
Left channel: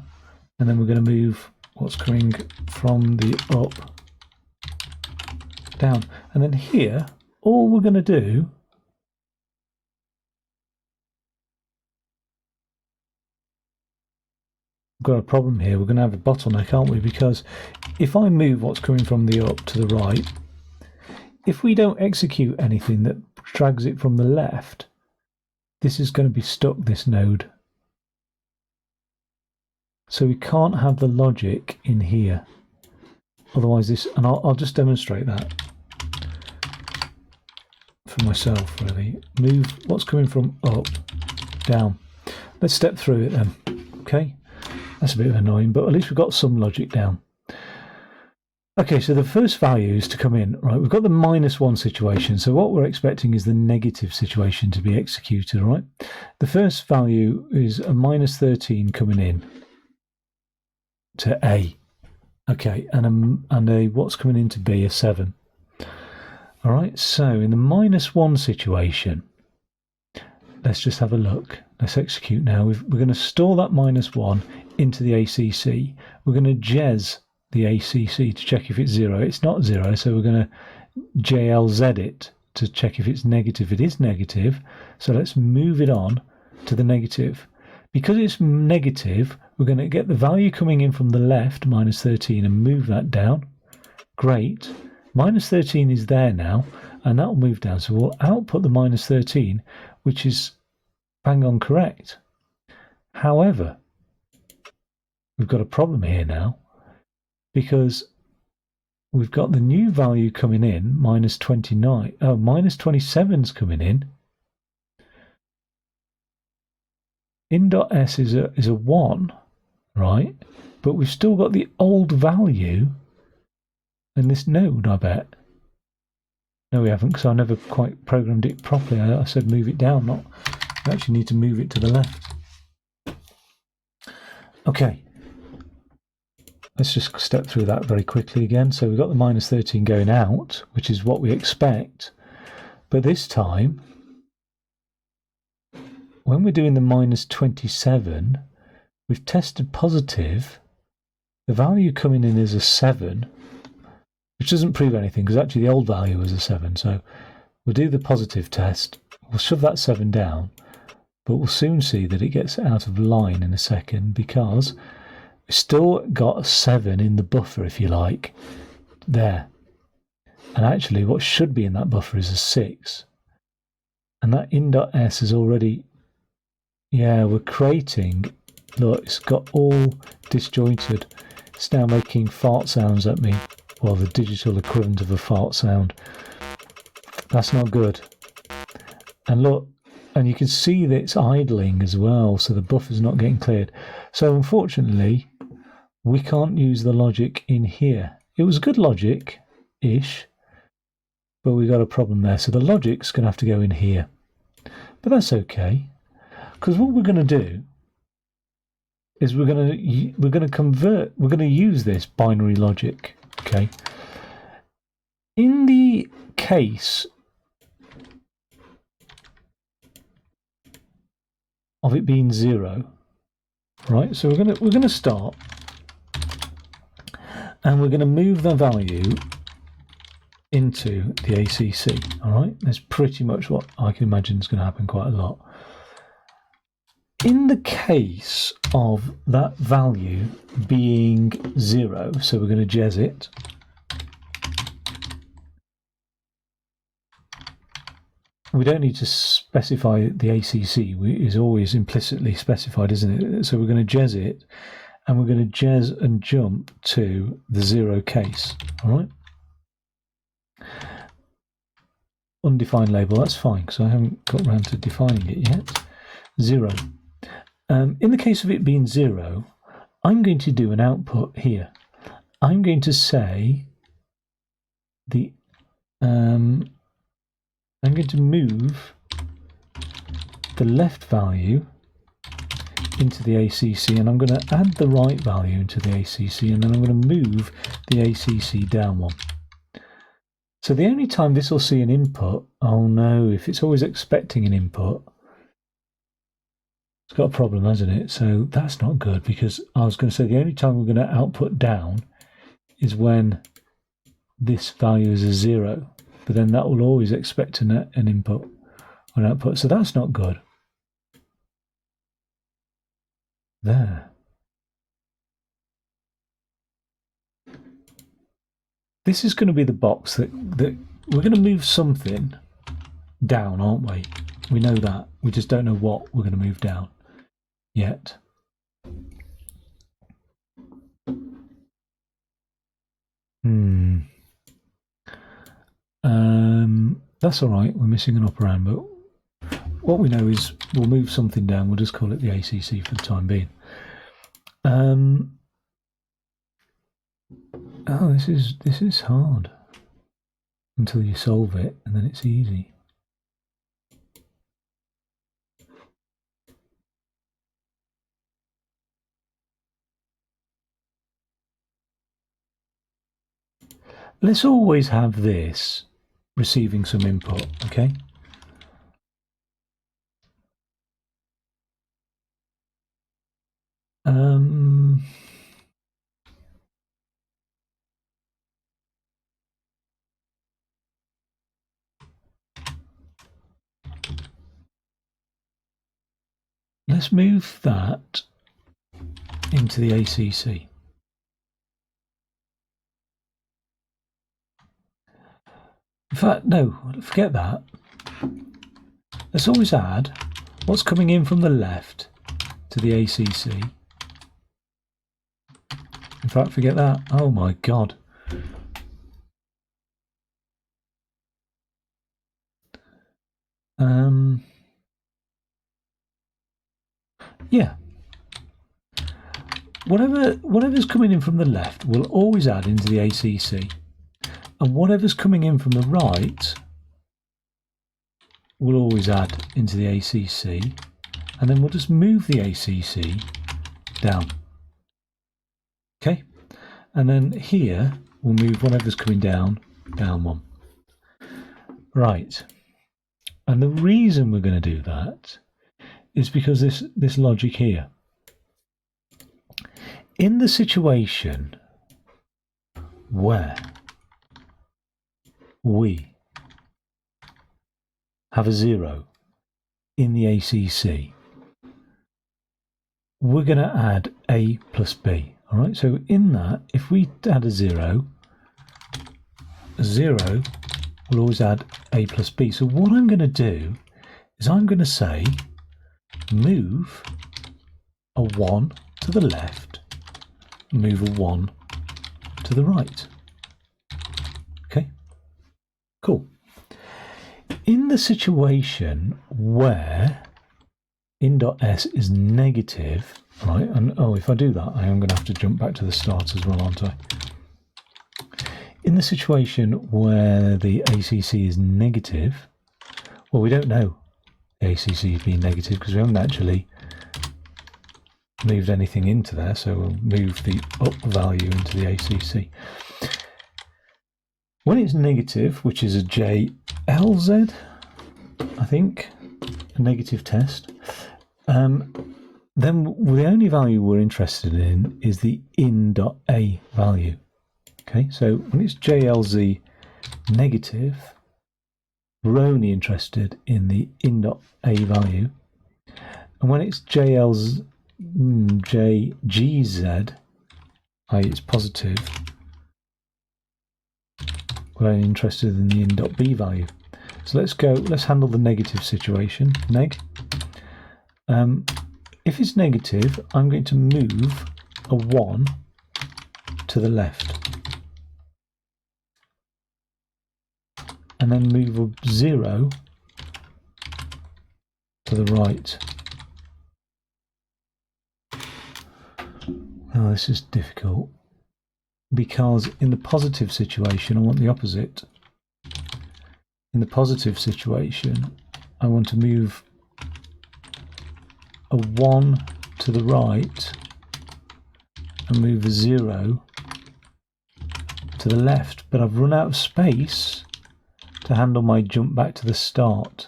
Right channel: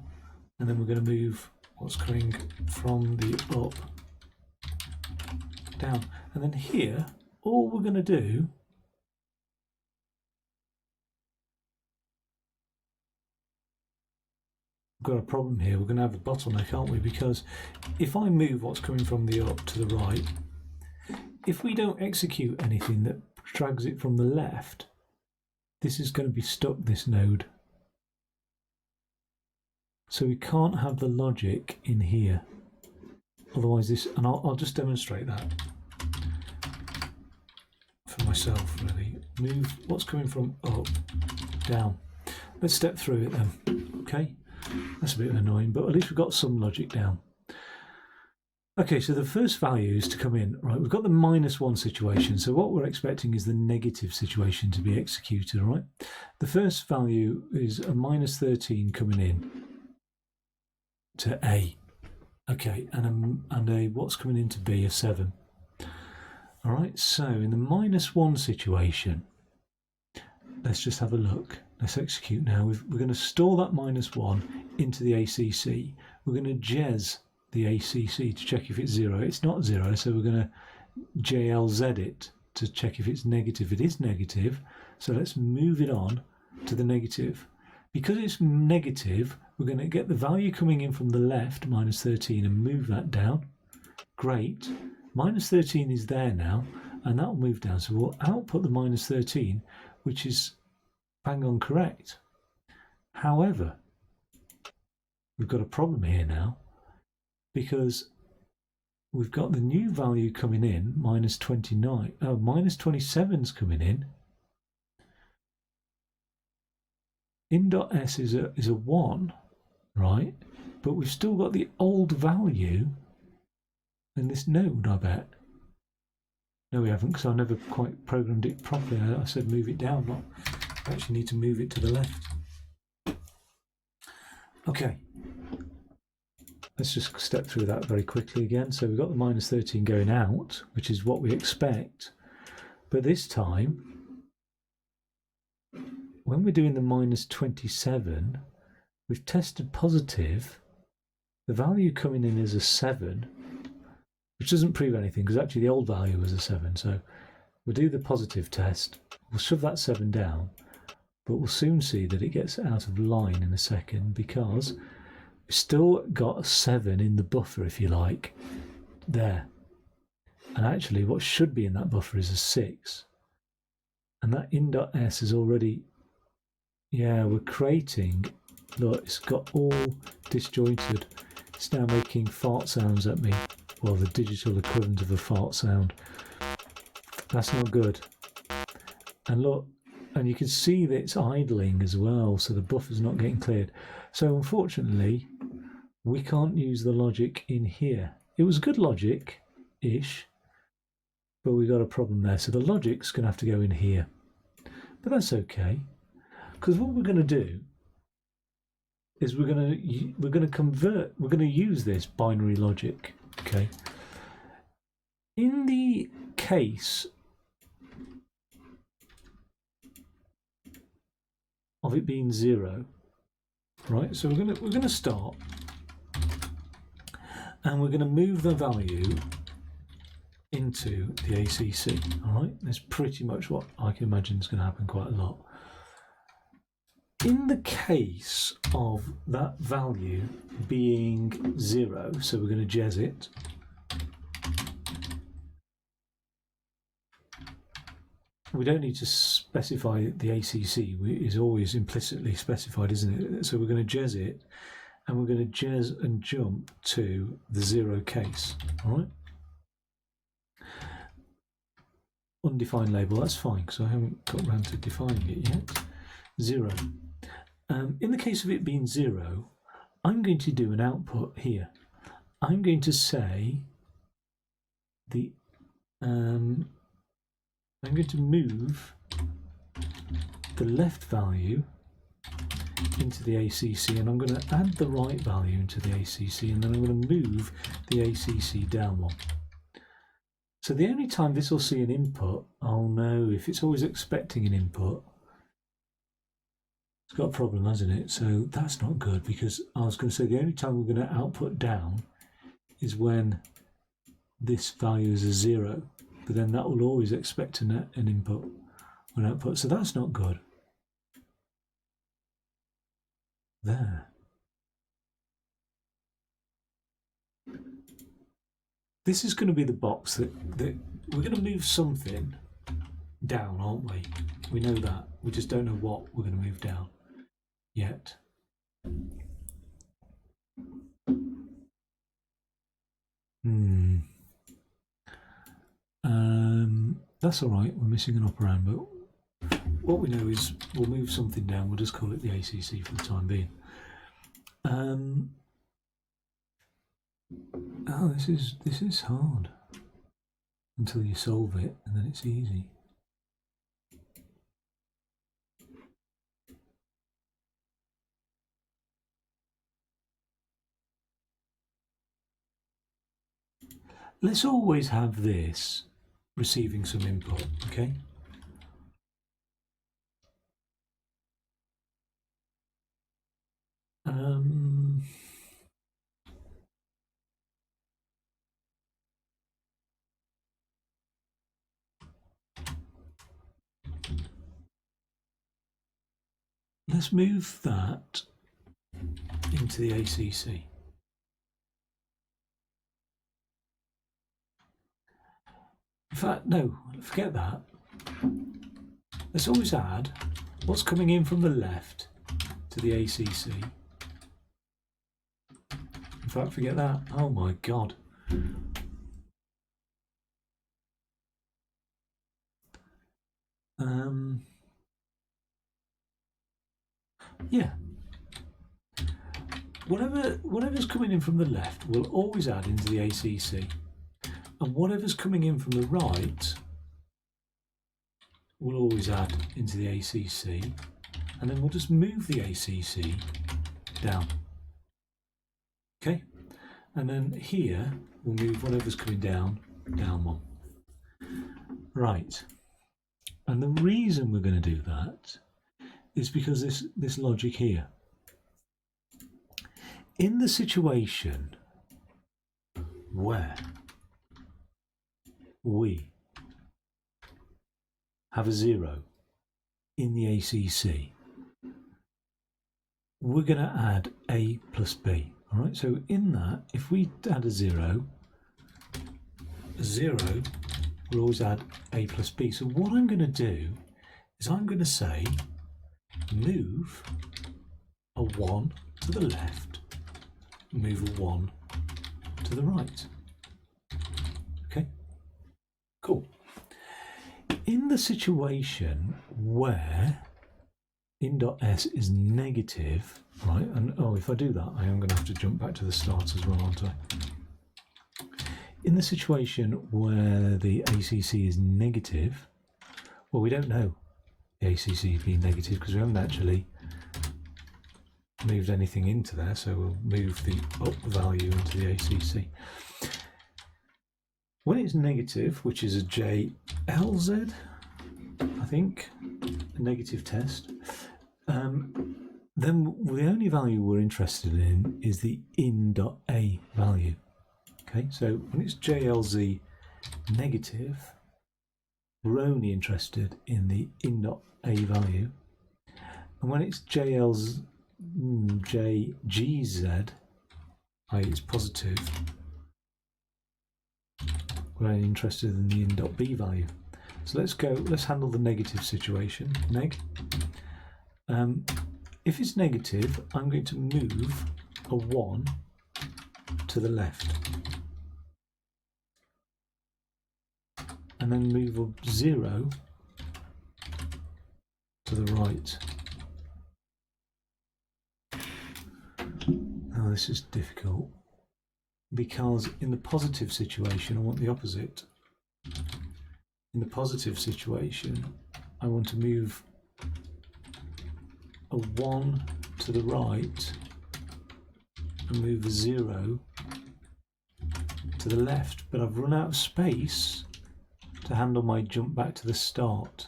and then we're going to move what's coming from the up down. And then here, all we're going to do got a problem here. We're going to have a bottleneck, aren't we? Because if I move what's coming from the up to the right, if we don't execute anything that drags it from the left, this is going to be stuck, this node. So we can't have the logic in here. Otherwise this, and I'll just demonstrate that for myself really. Move what's coming from up, down. Let's step through it then, okay? That's a bit annoying, but at least we've got some logic down. Okay, so the first values to come in, right, we've got the -1 situation. So what we're expecting is the negative situation to be executed, right? The first value is a -13 coming in to A. Okay, and a what's coming in to B, a 7. All right, so in the -1 situation, let's just have a look. Let's execute now. We're going to store that -1 into the ACC. We're going to jez the ACC to check if it's 0. It's not 0, so we're going to JLZ it to check if it's negative. It is negative, so let's move it on to the negative. Because it's negative, we're going to get the value coming in from the left, -13, and move that down. Great. -13 is there now, and that will move down. So we'll output the -13, which is bang on correct. However, we've got a problem here now, because we've got the new value coming in, -29. Oh, -27's coming in. In.s is a 1, right? But we've still got the old value in this node, I bet. No, we haven't, because I never quite programmed it properly. I said move it down, not. We actually need to move it to the left. Okay. Let's just step through that very quickly again. So we've got the -13 going out, which is what we expect. But this time, when we're doing the -27, we've tested positive. The value coming in is a 7, which doesn't prove anything, because actually the old value was a 7. So we'll do the positive test. We'll shove that 7 down, but we'll soon see that it gets out of line in a second, because we've still got a 7 in the buffer, if you like, there. And actually what should be in that buffer is a 6. And that in.s is already, yeah, we're creating, look, it's got all disjointed. It's now making fart sounds at me. Well, the digital equivalent of a fart sound. That's not good. And look, and you can see that it's idling as well, so the buffer's not getting cleared. So unfortunately, we can't use the logic in here. It was good logic-ish, but we got a problem there. So the logic's going to have to go in here. But that's okay, because what we're going to do is we're going to use this binary logic. Okay. In the case of it being 0, right? So we're going to start, and we're going to move the value into the ACC. All right, that's pretty much what I can imagine is going to happen quite a lot. In the case of that value being 0, so we're going to jez it. We don't need to specify the ACC, it's always implicitly specified, isn't it? So we're going to jez it, and we're going to jez and jump to the 0 case, all right? Undefined label, that's fine, because I haven't got around to defining it yet. 0. In the case of it being 0, I'm going to do an output here. I'm going to say I'm going to move the left value into the ACC, and I'm going to add the right value into the ACC, and then I'm going to move the ACC down one. So the only time this will see an input, oh no, if it's always expecting an input, it's got a problem, hasn't it? So that's not good, because I was going to say the only time we're going to output down is when this value is a 0, but then that will always expect an input or an output, so that's not good. There. This is going to be the box that we're going to move something down, aren't we? We know that. We just don't know what we're going to move down yet. That's all right. We're missing an operand, but what we know is we'll move something down. We'll just call it the ACC for the time being. Oh, this is hard until you solve it, and then it's easy. Let's always have this receiving some input, okay? Let's move that into the ACC. In fact, no, forget that. Let's always add what's coming in from the left to the ACC. In fact, forget that. Oh my God. Yeah. Whatever's coming in from the left will always add into the ACC. And whatever's coming in from the right will always add into the ACC. And then we'll just move the ACC down. Okay? And then here, we'll move whatever's coming down, down one. Right. And the reason we're going to do that is because this logic here. In the situation where we have a 0 in the ACC, we're going to add A plus B. All right, so in that, if we add a 0 will always add A plus B. So what I'm going to do is I'm going to say move a 1 to the left, move a 1 to the right. Okay, cool. In the situation where in.s is negative, right, and oh, if I do that, I am going to have to jump back to the start as well, aren't I? In the situation where the ACC is negative, well, we don't know the ACC is being negative because we haven't actually moved anything into there, so we'll move the up value into the ACC. When it's negative, which is a JLZ, I think, a negative test, then the only value we're interested in is the in.a value. Okay, so when it's JLZ negative, we're only interested in the in.a value. And when it's JGZ, i.e. it's positive, we're only interested in the in.b value. So let's handle the negative situation, neg. If it's negative, I'm going to move a 1 to the left. And then move a 0 to the right. Now this is difficult, because in the positive situation I want the opposite. In the positive situation I want to move a 1 to the right and move a 0 to the left, but I've run out of space to handle my jump back to the start.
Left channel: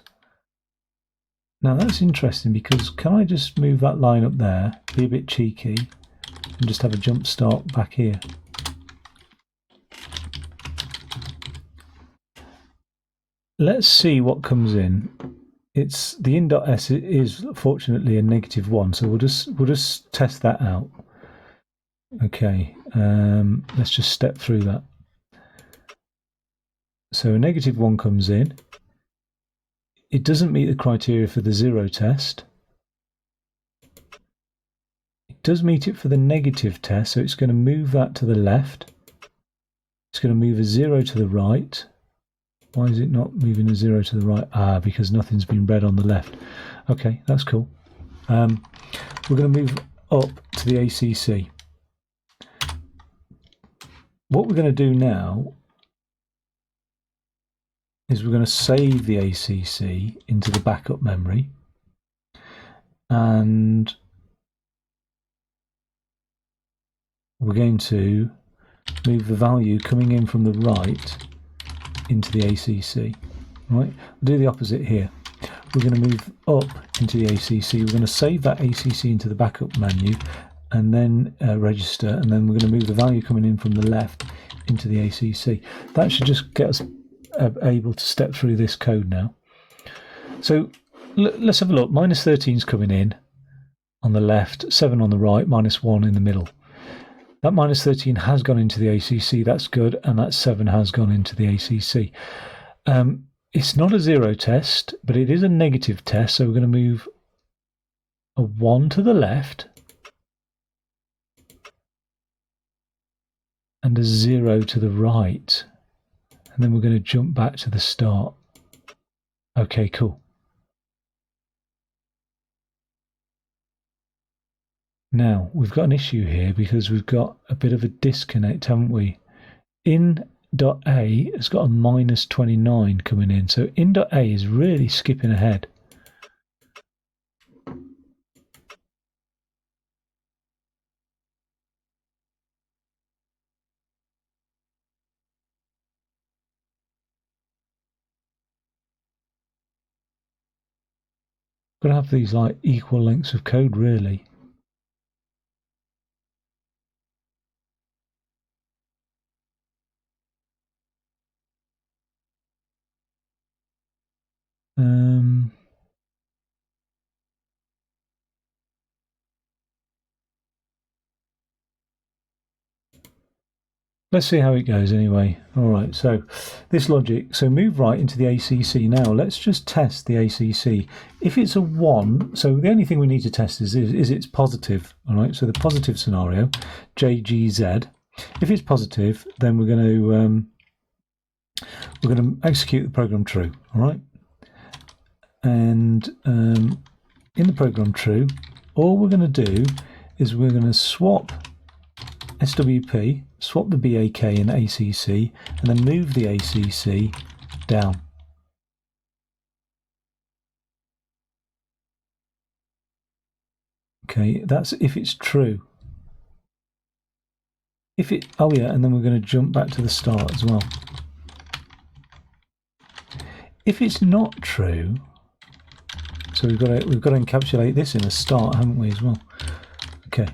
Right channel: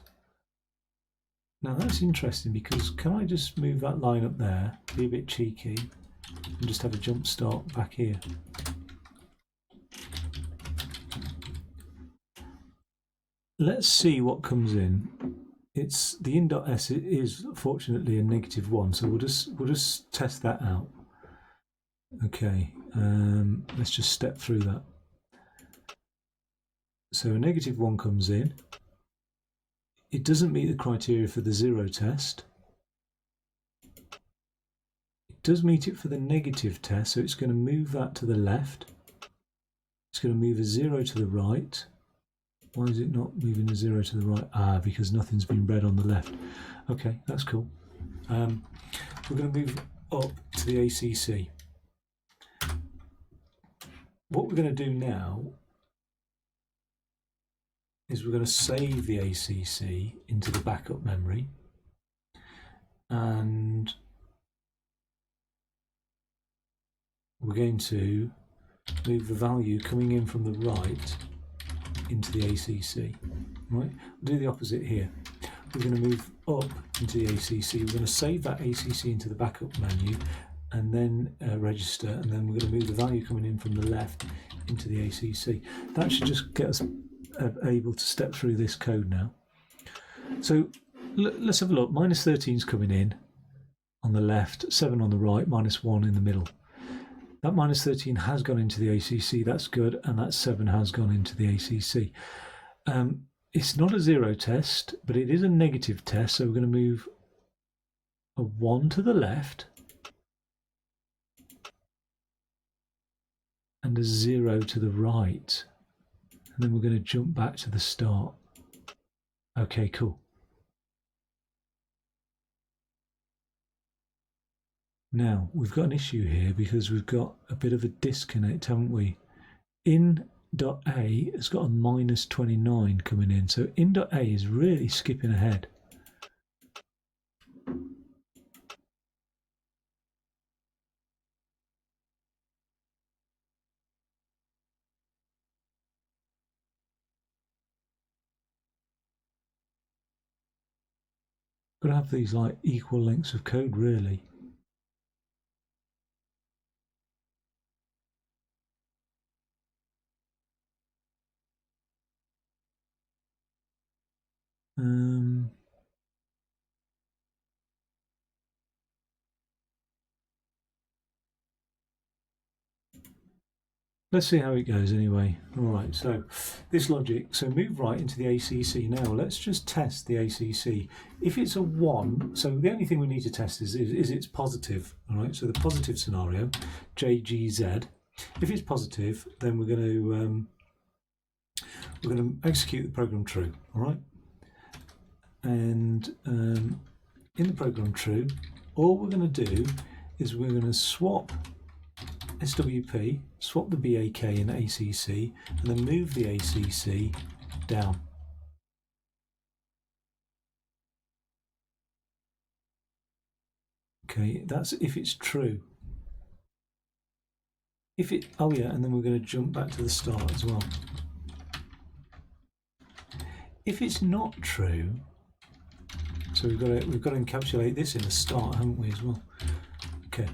Now that's interesting, because can I just move that line up there, be a bit cheeky, and just have a jump start back here? Let's see what comes in. It's the in.s is fortunately a -1, so we'll just test that out. Okay, let's just step through that. So a -1 comes in. It doesn't meet the criteria for the 0 test. It does meet it for the negative test, so it's going to move that to the left. It's going to move a 0 to the right. Why is it not moving a 0 to the right? Ah, because nothing's been read on the left. Okay, that's cool. We're going to move up to the ACC. What we're going to do now is we're going to save the ACC into the backup memory, and we're going to move the value coming in from the right into the ACC. Right? We'll do the opposite here. We're going to move up into the ACC. We're going to save that ACC into the backup menu, and then register, and then we're going to move the value coming in from the left into the ACC. That should just get us able to step through this code now. So let's have a look. -13 is coming in on the left, 7 on the right, -1 in the middle. That -13 has gone into the ACC, that's good, and that 7 has gone into the ACC. It's not a 0 test, but it is a negative test, so we're going to move a 1 to the left and a 0 to the right, and then we're going to jump back to the start. Okay, cool. Now, we've got an issue here because we've got a bit of a disconnect, haven't we? In.A has got a -29 coming in, so in.A is really skipping ahead. We're going to have these like equal lengths of code, really. Let's see how it goes anyway. All right, so this logic, so move right into the ACC. Now let's just test the ACC. If it's a 1, so the only thing we need to test is it's positive. All right, so the positive scenario, JGZ. If it's positive, then we're going to execute the program true. All right, and in the program true, all we're going to do is we're going to swap SWP, swap the BAK and ACC, and then move the ACC down. Okay, that's if it's true. If it, oh yeah, and then we're going to jump back to the start as well. If it's not true, so we've got to encapsulate this in a start, haven't we, as well? Okay.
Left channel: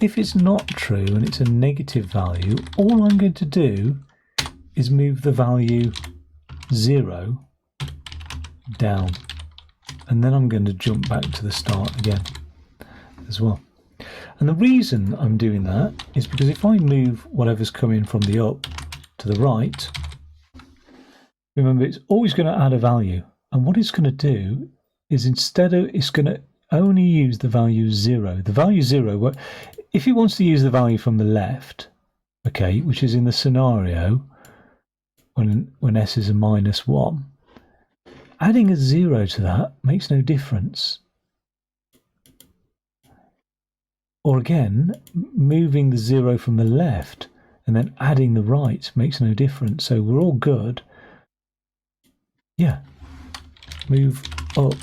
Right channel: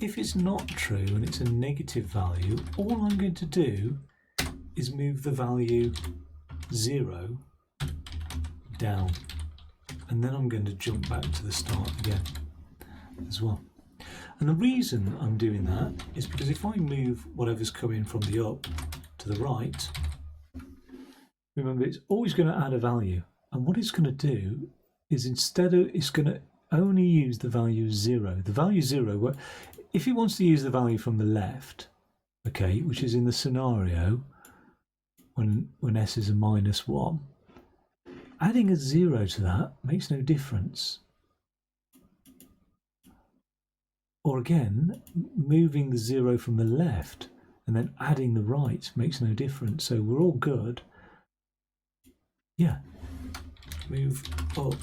If it's not true and it's a negative value, all I'm going to do is move the value 0 down. and then I'm going to jump back to the start again as well. And the reason I'm doing that is because if I move whatever's coming from the up to the right, remember it's always going to add a value. And what it's going to do is instead of, it's going to only use the value 0. The value 0, if it wants to use the value from the left, okay, which is in the scenario when s is a -1, adding a 0 to that makes no difference. Or again, moving the 0 from the left and then adding the right makes no difference. So we're all good. Yeah, move up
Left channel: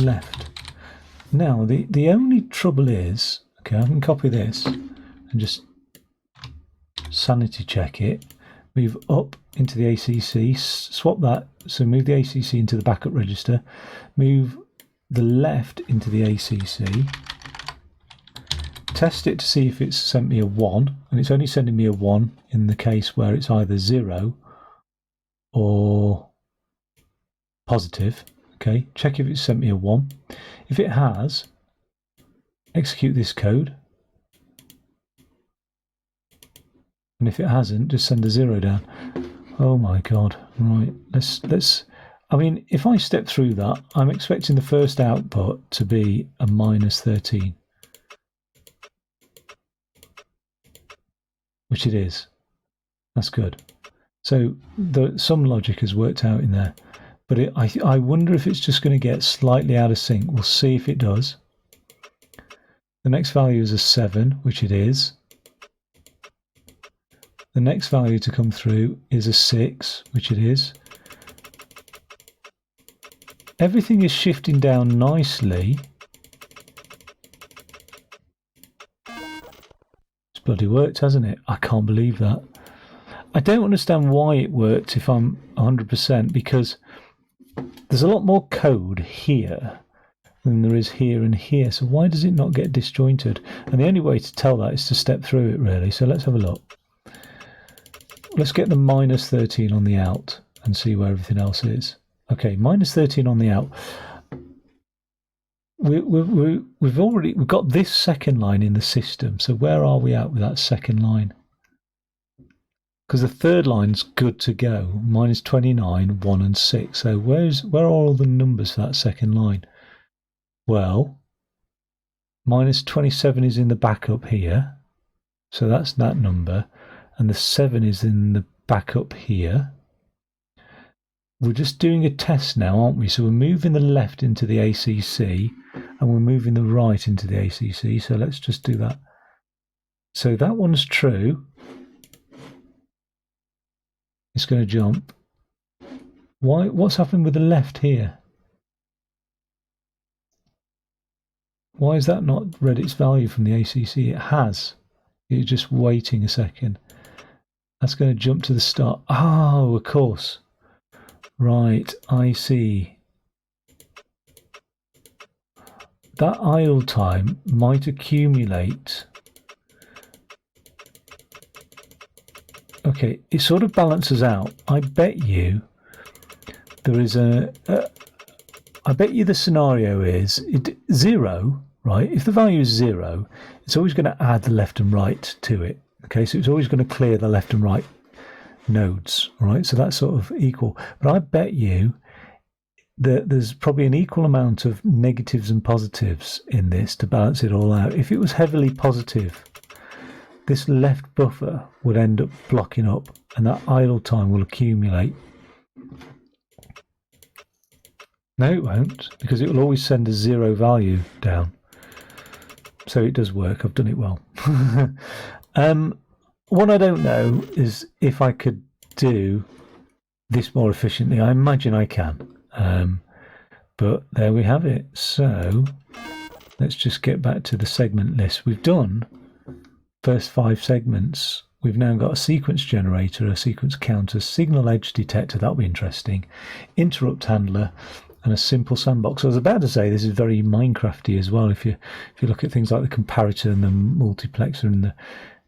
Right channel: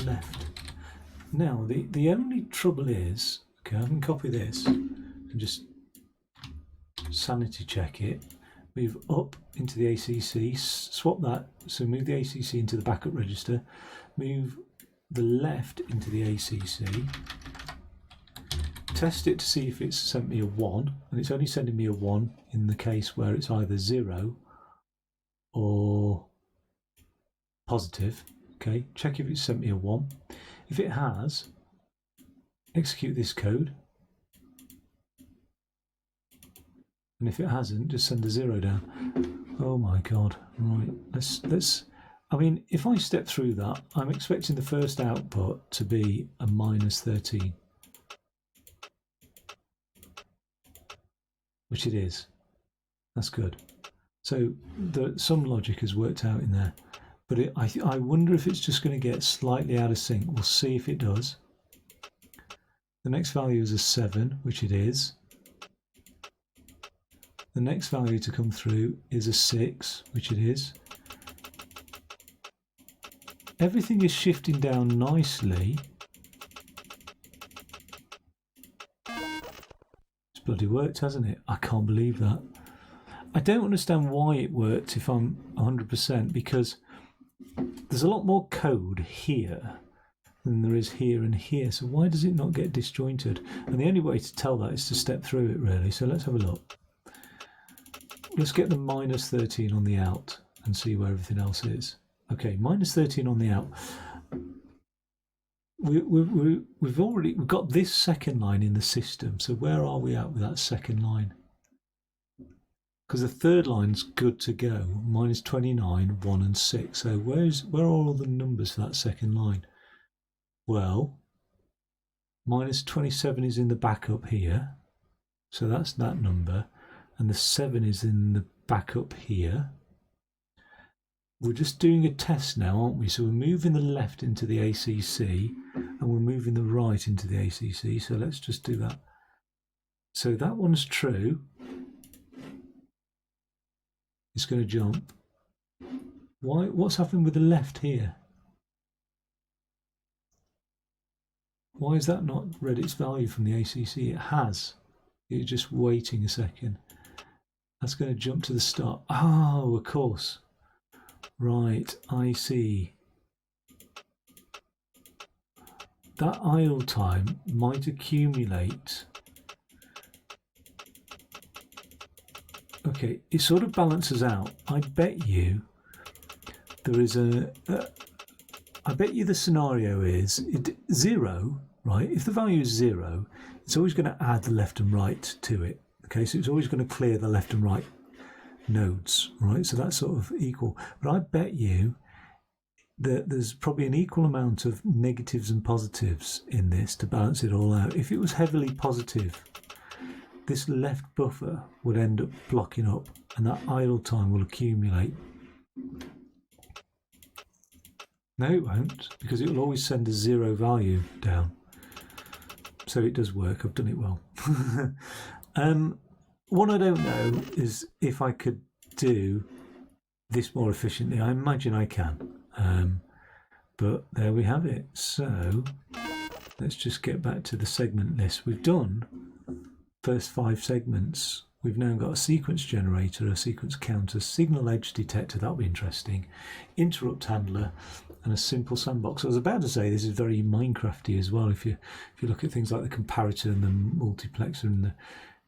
left. Now, the only trouble is, okay, I can copy this and just sanity check it. Move up into the ACC, swap that, so move the ACC into the backup register, move the left into the ACC, test it to see if it's sent me a 1, and it's only sending me a 1 in the case where it's either 0 or positive. Okay, check if it's sent me a 1. If it has, execute this code, and if it hasn't, just send a 0 down. Oh my god. Right, let's I mean, if I step through that, I'm expecting the first output to be a -13, which it is. That's good. So some logic has worked out in there, but I wonder if it's just going to get slightly out of sync. We'll see if it does. The next value is a 7, which it is. The next value to come through is a 6, which it is. Everything is shifting down nicely. It's bloody worked, hasn't it? I can't believe that. I don't understand why it worked if I'm 100%, because there's a lot more code here than there is here and here. So why does it not get disjointed? And the only way to tell that is to step through it, really. So let's have a look. Let's get the -13 on the out and see where everything else is. Okay, -13 on the out. We've got this second line in the system. So where are we at with that second line? Because the third line's good to go. -29, 1 and 6. So where are all the numbers for that second line? Well, -27 is in the backup here. So that's that number. And the 7 is in the backup here. We're just doing a test now, aren't we? So we're moving the left into the ACC and we're moving the right into the ACC. So let's just do that. So that one's true. It's going to jump. Why? What's happened with the left here? Why has that not read its value from the ACC? It has. It's just waiting a second. That's going to jump to the start. Oh, of course. Right, I see. That idle time might accumulate. Okay, it sort of balances out. I bet you there is I bet you the scenario is 0, right? If the value is 0, it's always going to add the left and right to it. Okay, so it's always going to clear the left and right nodes, right? So that's sort of equal. But I bet you that there's probably an equal amount of negatives and positives in this to balance it all out. If it was heavily positive, this left buffer would end up blocking up and that idle time will accumulate. No, it won't, because it will always send a 0 value down. So it does work. I've done it well. What I don't know is if I could do this more efficiently. I imagine I can. But there we have it. So let's just get back to the segment list. We've done first 5 segments. We've now got a sequence generator, a sequence counter, signal edge detector, that'll be interesting, interrupt handler, and a simple sandbox. I was about to say this is very Minecrafty as well. If you look at things like the comparator and the multiplexer and the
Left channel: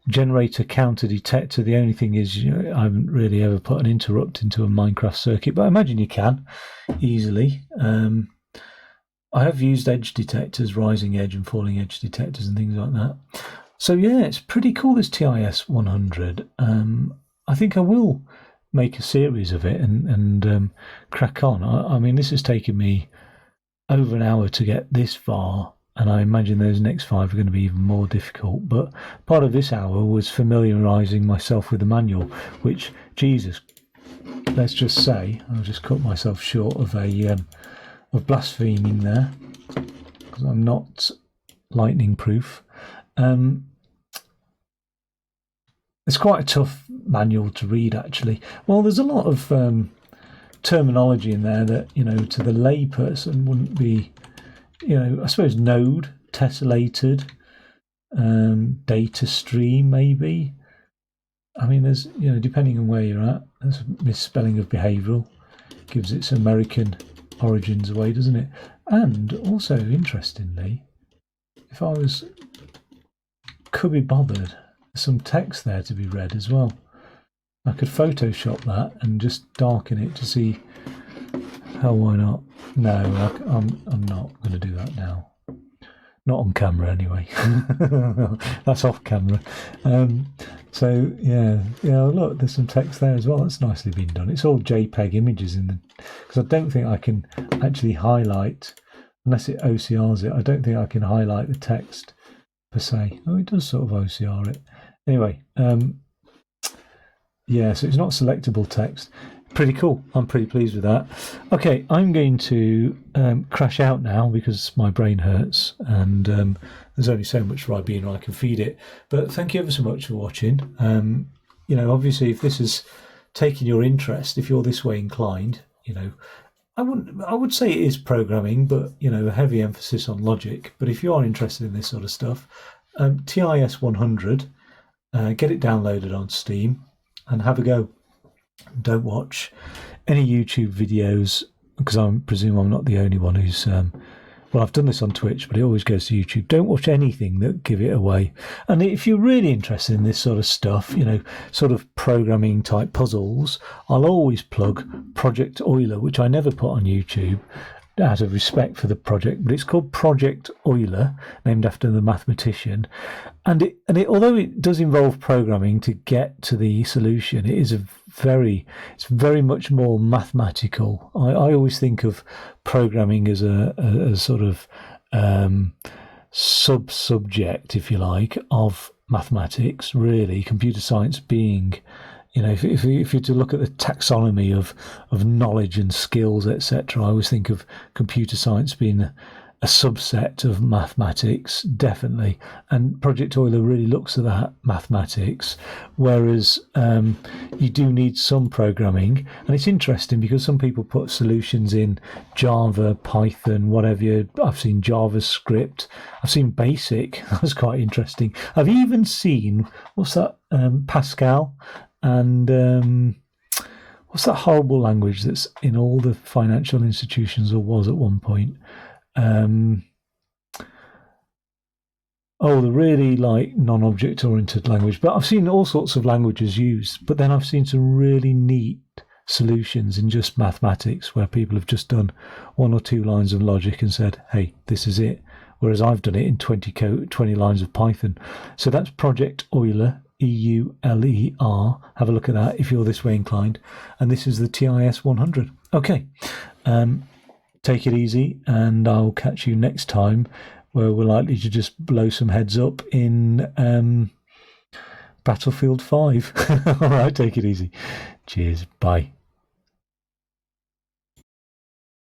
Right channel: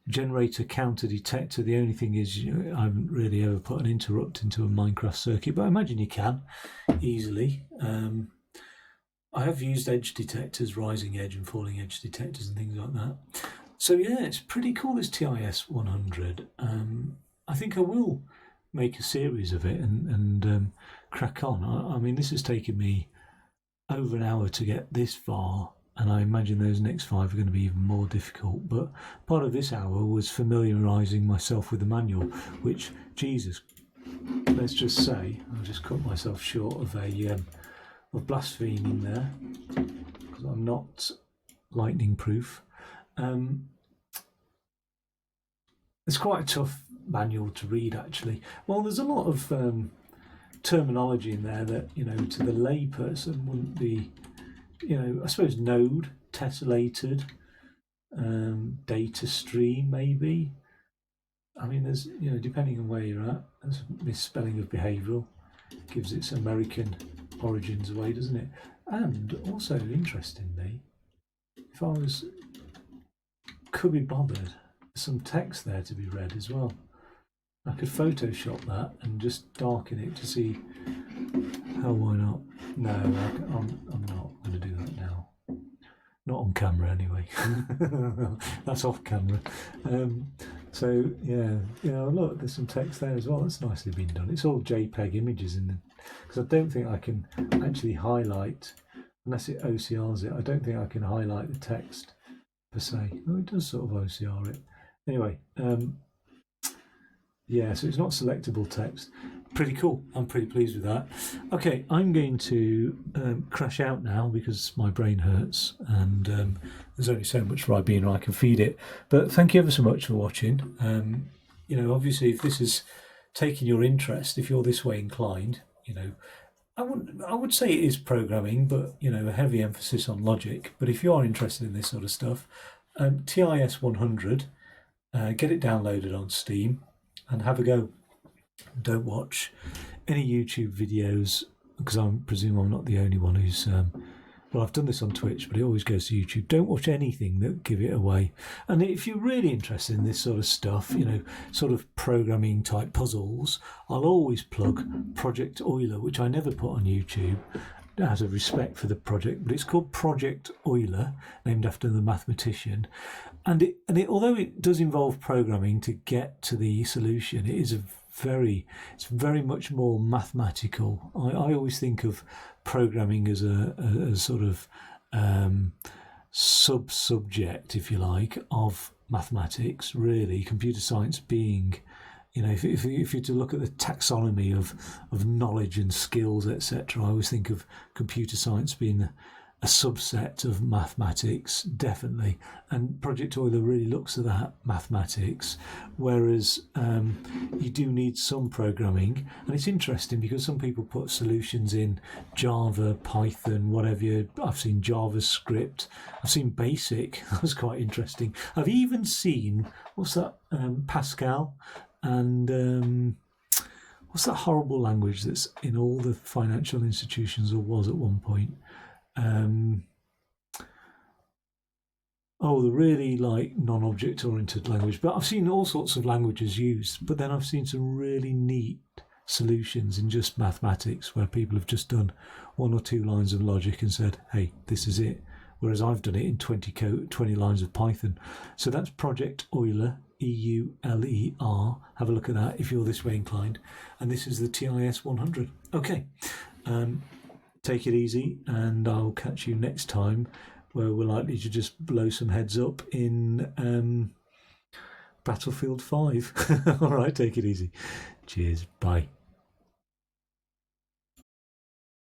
generator counter detector, the only thing is, you know, I haven't really ever put an interrupt into a Minecraft circuit, but I imagine you can easily. I have used edge detectors, rising edge and falling edge detectors and things like that. So yeah, it's pretty cool, this TIS-100. I think I will make a series of it and crack on. I mean, this has taken me over an hour to get this far, and I imagine those next 5 are going to be even more difficult. But part of this hour was familiarising myself with the manual, which, Jesus, let's just say, I'll just cut myself short of of blaspheming there, because I'm not lightning proof. It's quite a tough manual to read, actually. Well, there's a lot of terminology in there that, to the layperson wouldn't be, I suppose node, tessellated, data stream, maybe. I mean, there's, depending on where you're at, there's a misspelling of behavioural, gives its American origins away, doesn't it? And also, interestingly, if I could be bothered, there's some text there to be read as well. I could Photoshop that and just darken it to see. Hell, why not? No, I'm not going to do that now. Not on camera, anyway. That's off camera. So yeah, look, there's some text there as well. That's nicely been done. It's all JPEG images because I don't think I can actually highlight, unless it OCRs it. I don't think I can highlight the text per se. Oh, it does sort of OCR it. Anyway, yeah, so it's not selectable text. Pretty cool. I'm pretty pleased with that. Okay, I'm going to crash out now because my brain hurts, and there's only so much Ribena I can feed it. But thank you ever so much for watching. Obviously, if this has taken your interest, if you're this way inclined, I would say it is programming, but a heavy emphasis on logic. But if you are interested in this sort of stuff, TIS-100, get it downloaded on Steam and have a go. Don't watch any YouTube videos, because I presume I'm not the only one who's well, I've done this on Twitch, but it always goes to YouTube. Don't watch anything that give it away. And if you're really interested in this sort of stuff, sort of programming type puzzles, I'll always plug Project Euler, which I never put on YouTube out of respect for the project, but it's called Project Euler, named after the mathematician. And although it does involve programming to get to the solution, it's very much more mathematical. I always think of programming as a sort of sub-subject, if you like, of mathematics, really, computer science being, if you're to look at the taxonomy of knowledge and skills, etc., I always think of computer science being a subset of mathematics, definitely. And Project Euler really looks at that mathematics, whereas you do need some programming. And it's interesting because some people put solutions in Java, Python, whatever. I've seen JavaScript. I've seen BASIC. That was quite interesting. I've even seen, what's that, Pascal, and what's that horrible language that's in all the financial institutions, or was at one point? The really non-object oriented language. But I've seen all sorts of languages used, but then I've seen some really neat solutions in just mathematics where people have just done 1 or 2 lines of logic and said, hey, this is it. Whereas I've done it in 20 lines of Python. So that's Project Euler, EULER. Have a look at that if you're this way inclined. And this is the TIS-100. Okay. Take it easy, and I'll catch you next time, where we're likely to just blow some heads up in Battlefield 5. All right, take it easy. Cheers. Bye.